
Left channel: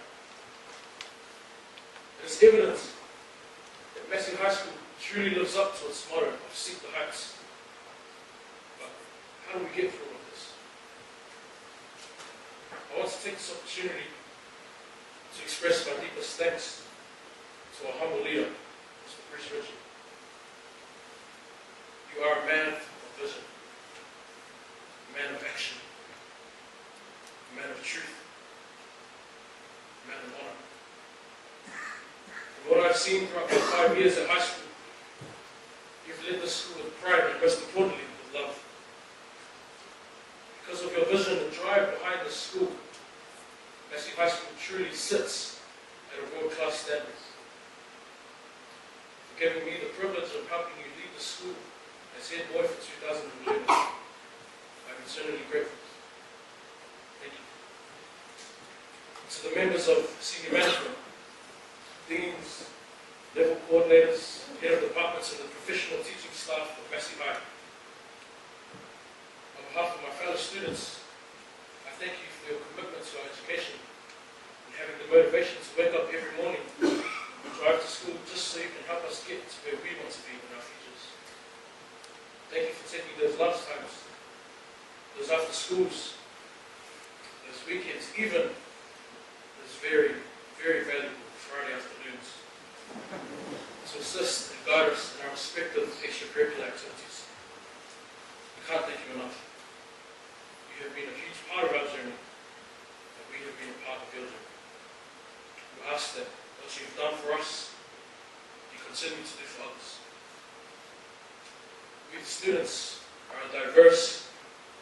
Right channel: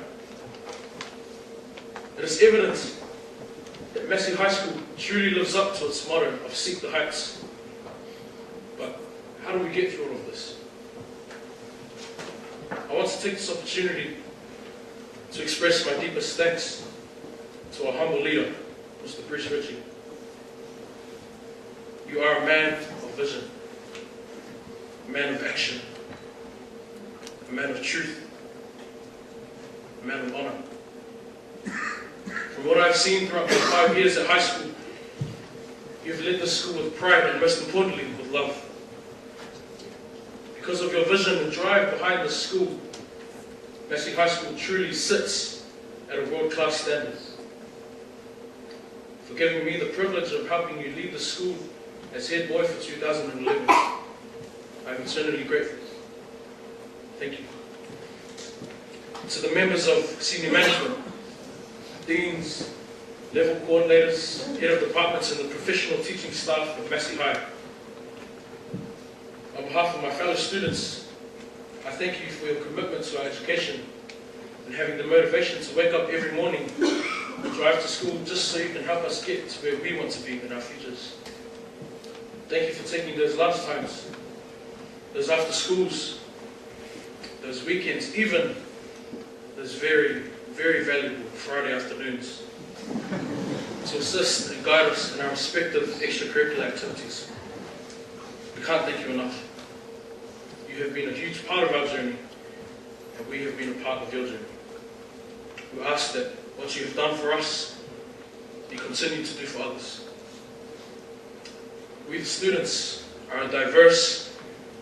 It is evident that Massey High School truly lives up to its motto of seek the heights. But how do we get through all of this? I want to take this opportunity to express my deepest thanks to our humble leader, Mr. Prizegiving. You are a man of vision, a man of action, a man of truth, a man of honour. From what I've seen throughout my 5 years at high school, you've led the school with pride and most importantly with love. Because of your vision and drive behind the school, Massey High School truly sits at a world-class standard. For giving me the privilege of helping you lead the school as head boy for 2011, I am eternally grateful. Thank you. To the members of senior management, deans, level coordinators, head of departments and the professional teaching staff of Massey High, on behalf of my fellow students, I thank you for your commitment to our education and having the motivation to wake up every morning and drive to school just so you can help us get to where we want to be in our futures. Thank you for taking those lunch times, those after schools, those weekends, even those very, very valuable Friday afternoons to assist and guide us in our respective extracurricular activities. We can't thank you enough. You have been a huge part of our journey, and we have been a part of your journey. We ask that what you have done for us, you continue to do for others. We, the students, are a diverse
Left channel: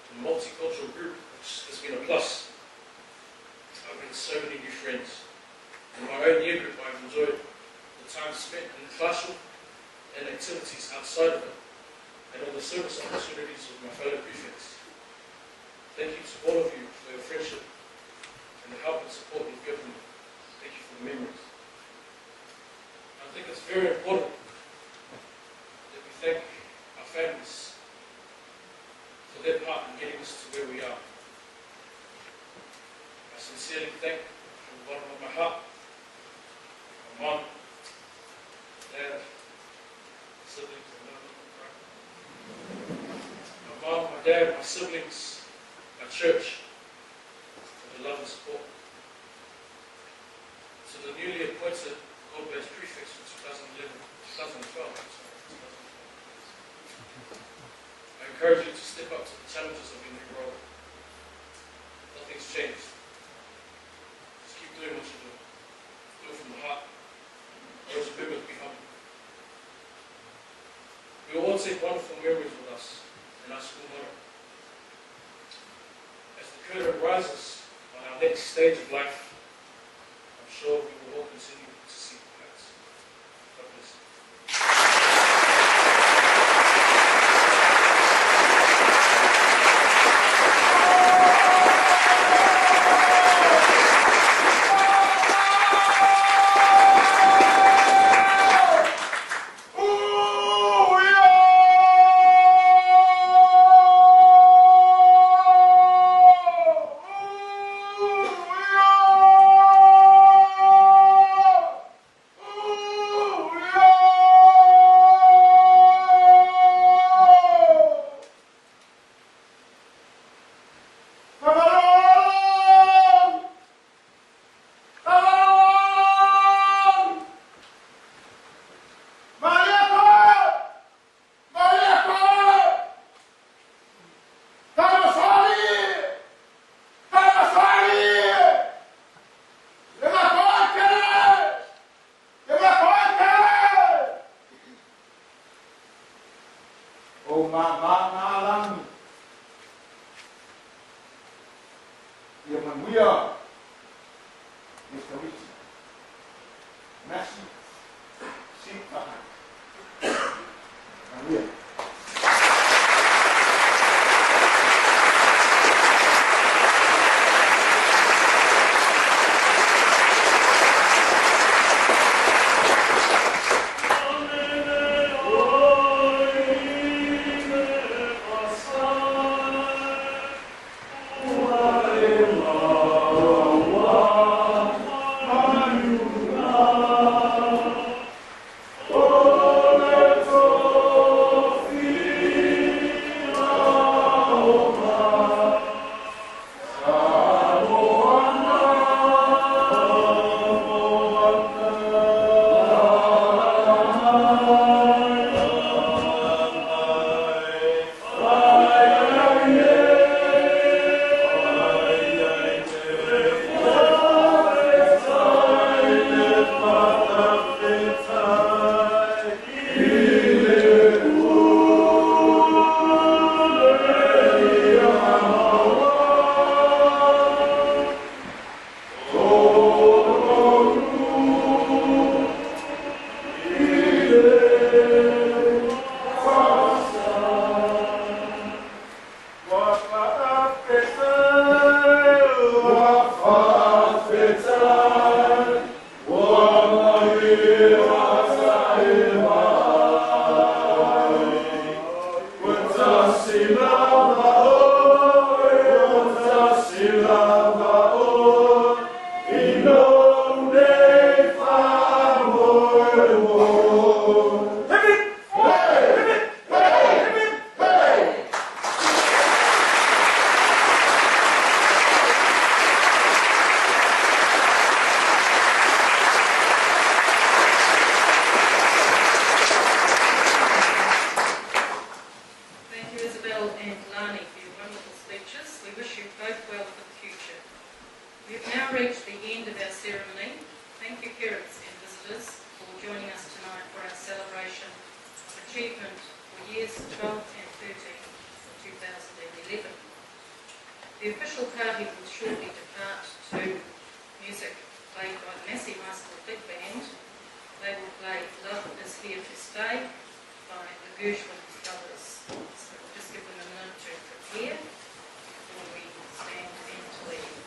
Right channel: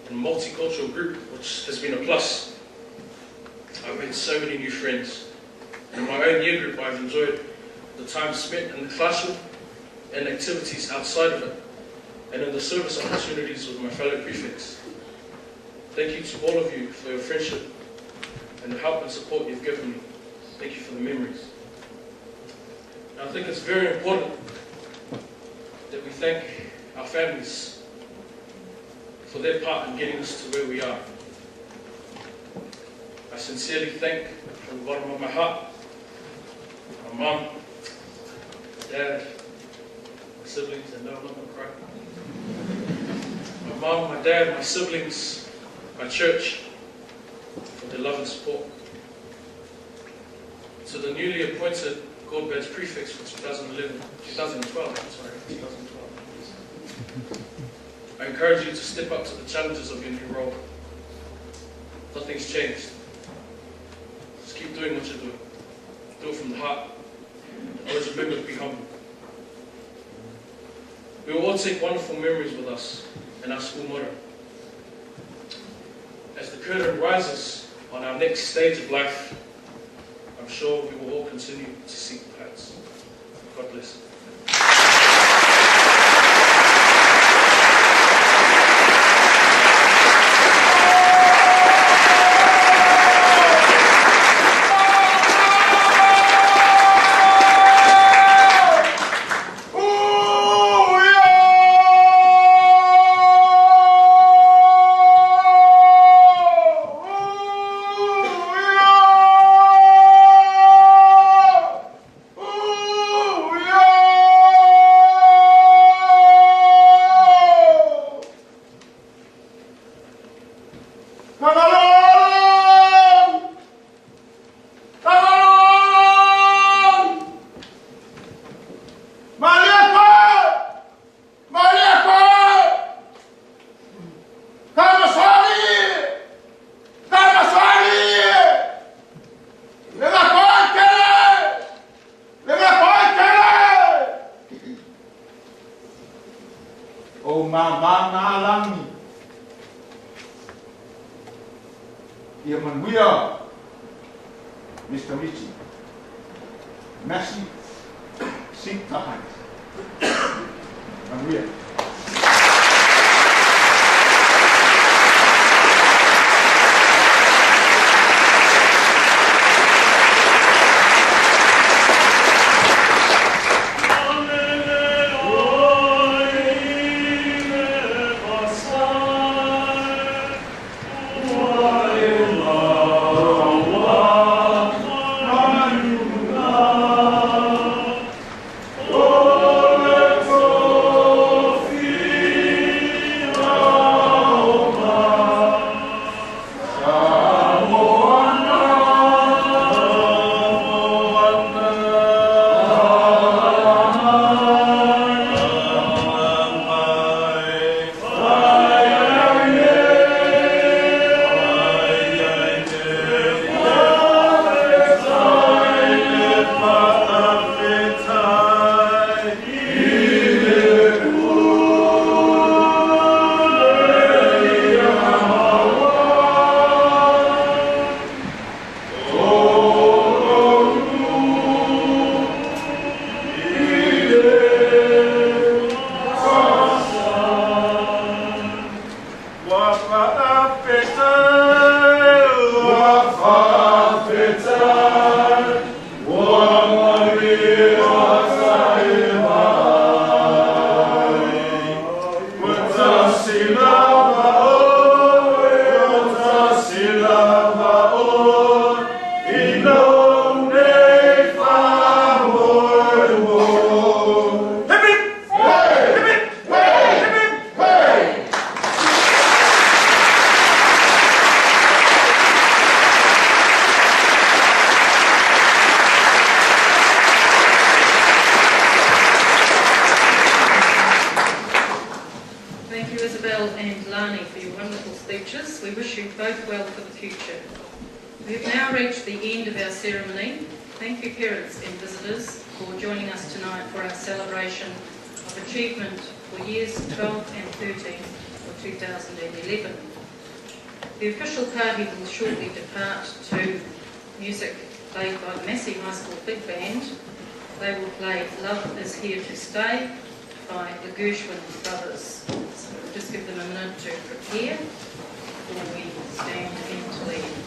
and multicultural group, which has been a plus. I've made so many new friends. And in my own year group, I've enjoyed the time spent in the classroom and activities outside of it, and in the service opportunities with my fellow prefects. Thank you to all of you for your friendship and the help and support you've given me. Thank you for the memories. And I think it's very important that we thank our families for their part in getting us to where we are. I sincerely thank, from the bottom of my heart, my mum, dad, my siblings, and no, I'm not going to cry. My mum, my dad, my siblings, my church, for their love and support. To the newly appointed Gold Badge prefects for 2012. I encourage you to step up to the challenges of your new role. Nothing's changed. Just keep doing what you're doing. Do it from the heart. Always remember to be humble. We will all take wonderful memories with us in our school motto. As the curtain rises on our next stage of life, I'm sure we will all continue to seek the heights. God bless. Mr. Richie, Massey, seek the heights. And we are. We wish you both well for the future. We have now reached the end of our ceremony. Thank you, parents and visitors, for joining us tonight for our celebration of achievement for years 12 and 13 for 2011. The official party will shortly depart to music played by the Massey High School Big Band. They will play Love Is Here to Stay by the Gershwin Brothers. So we'll just give them a minute to prepare before we stand and leave.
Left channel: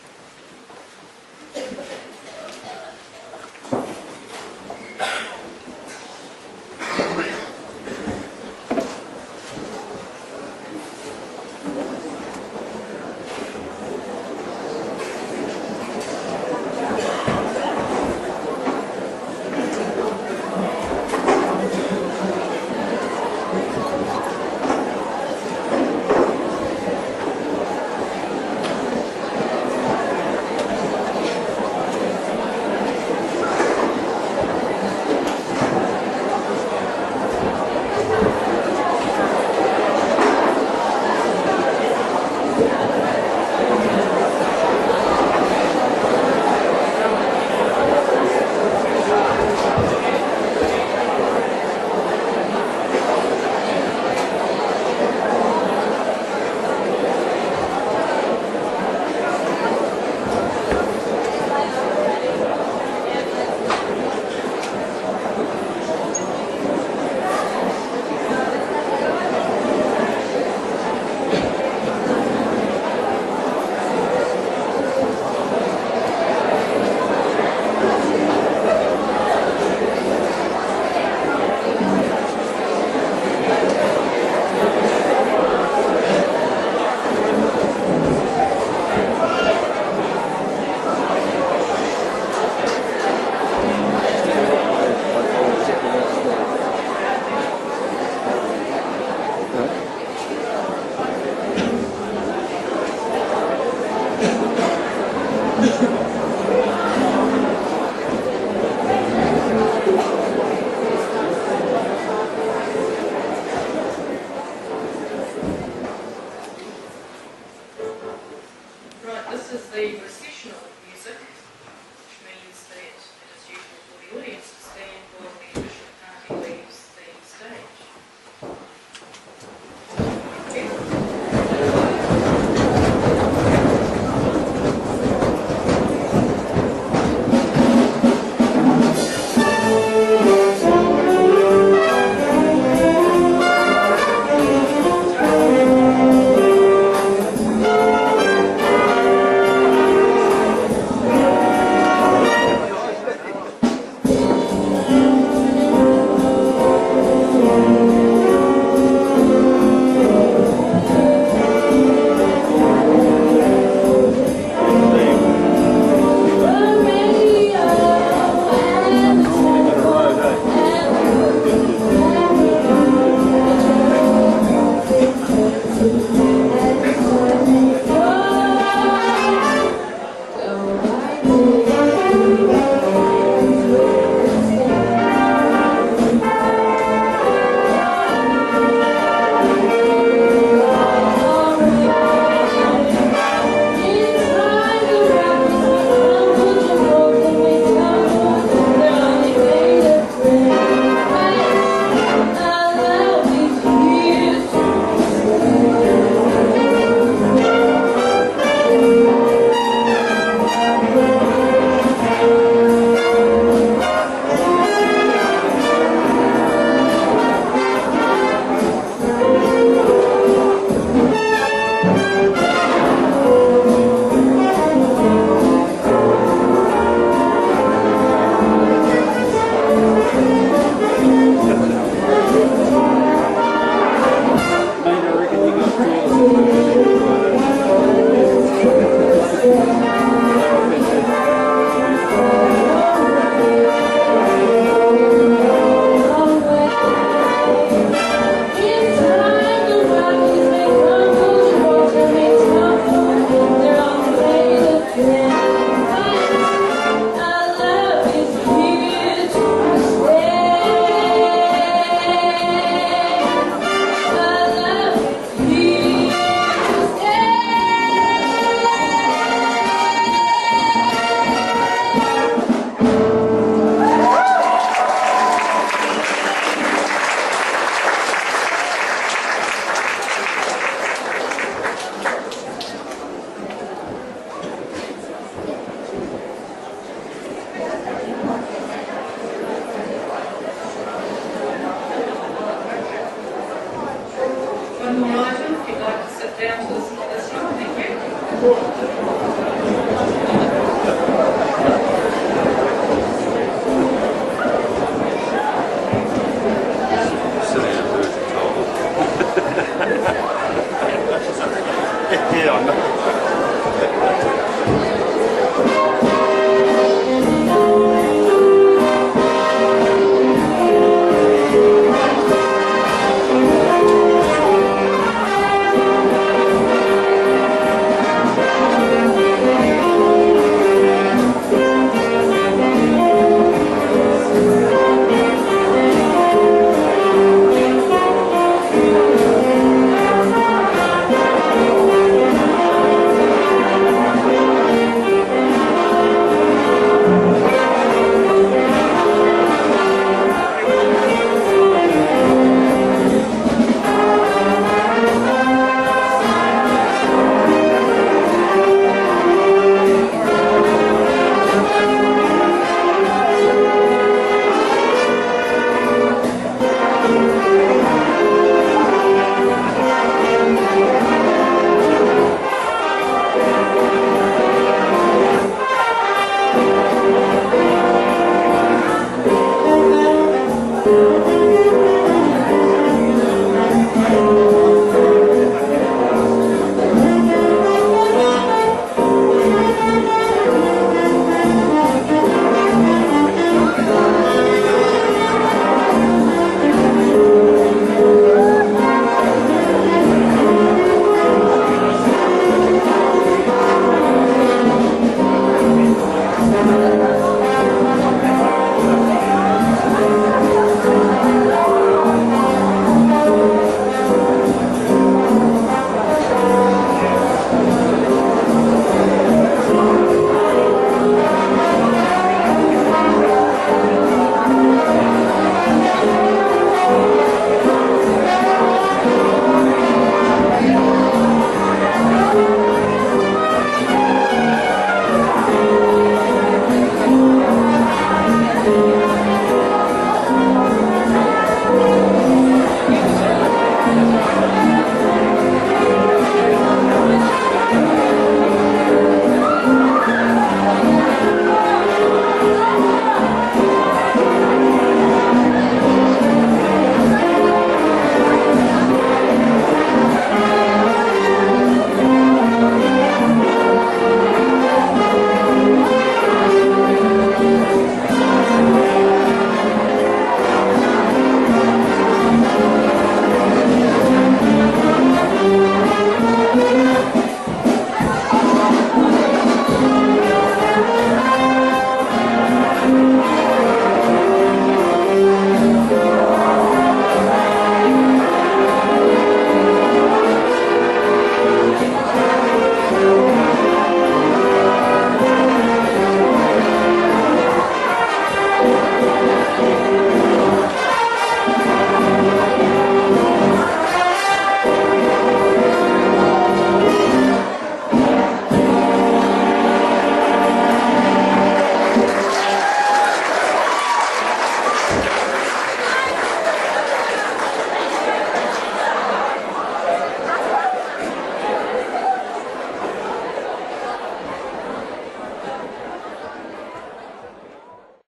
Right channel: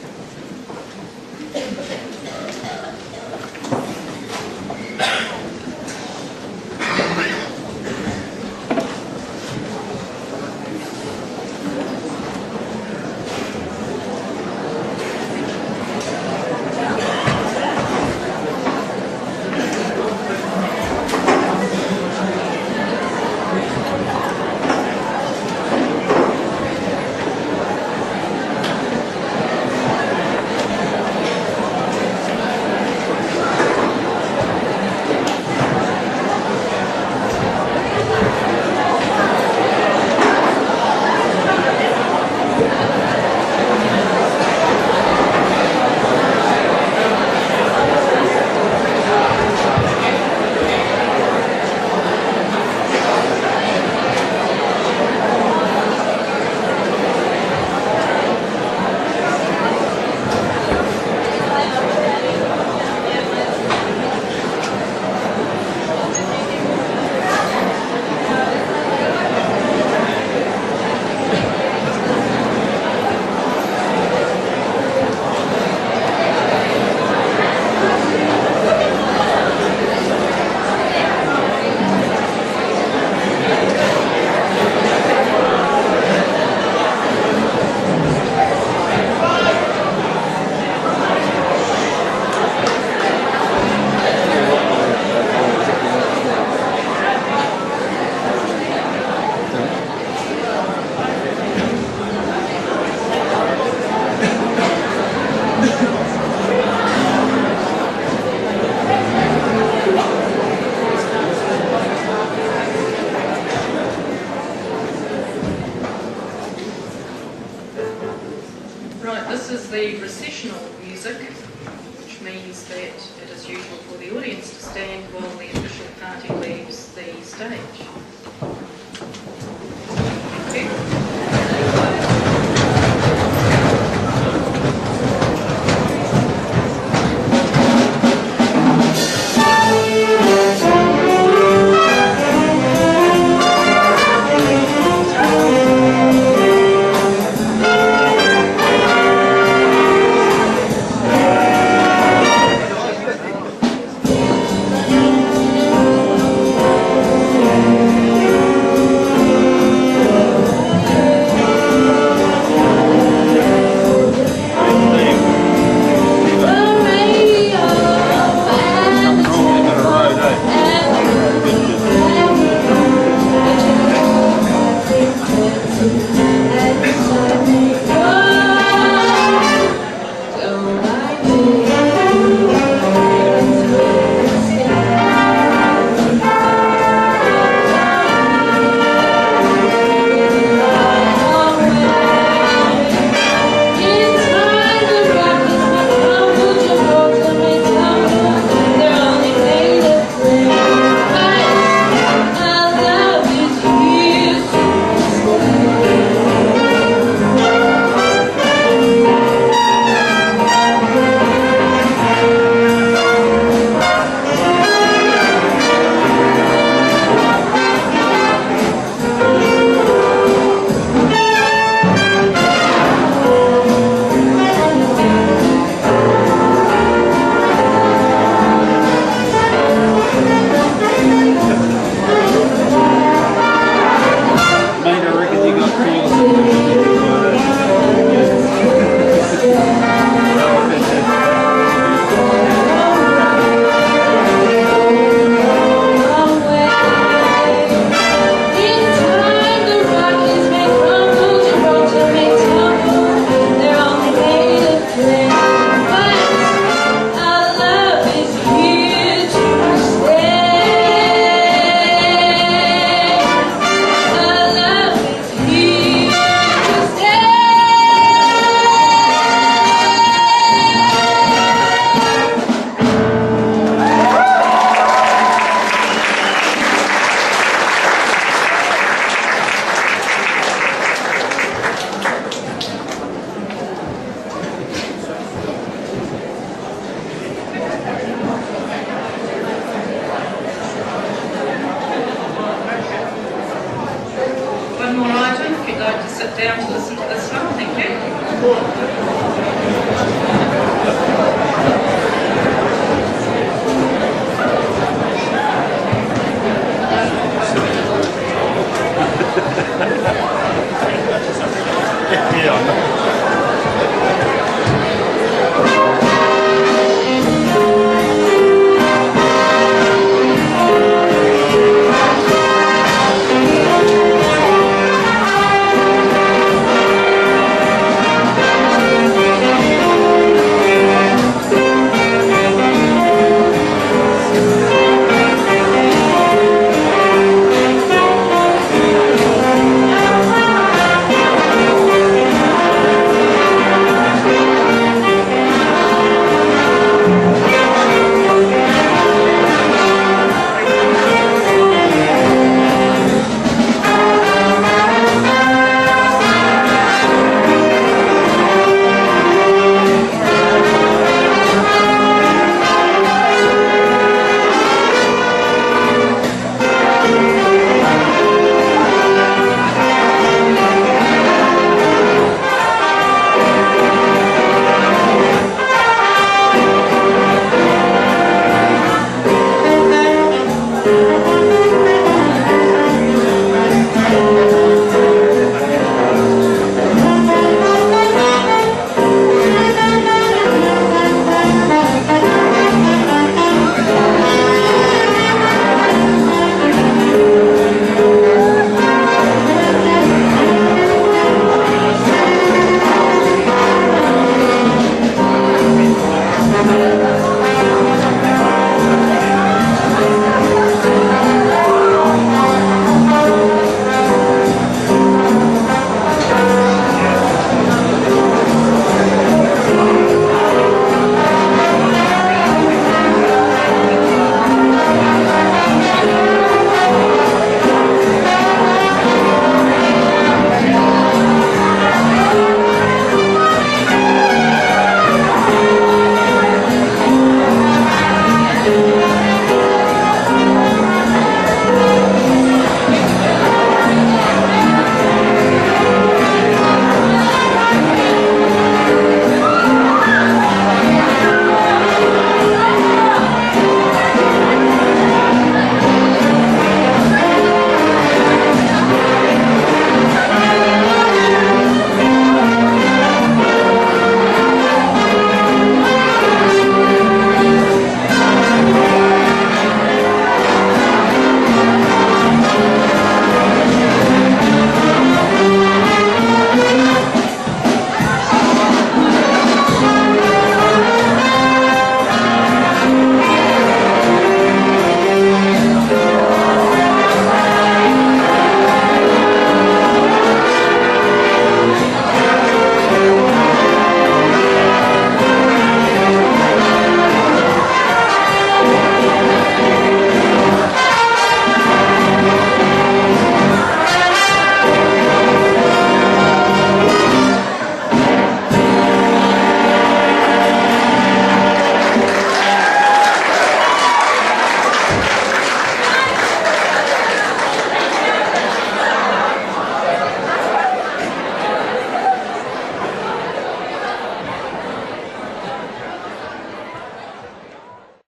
sit down to listen to this song. Thank you.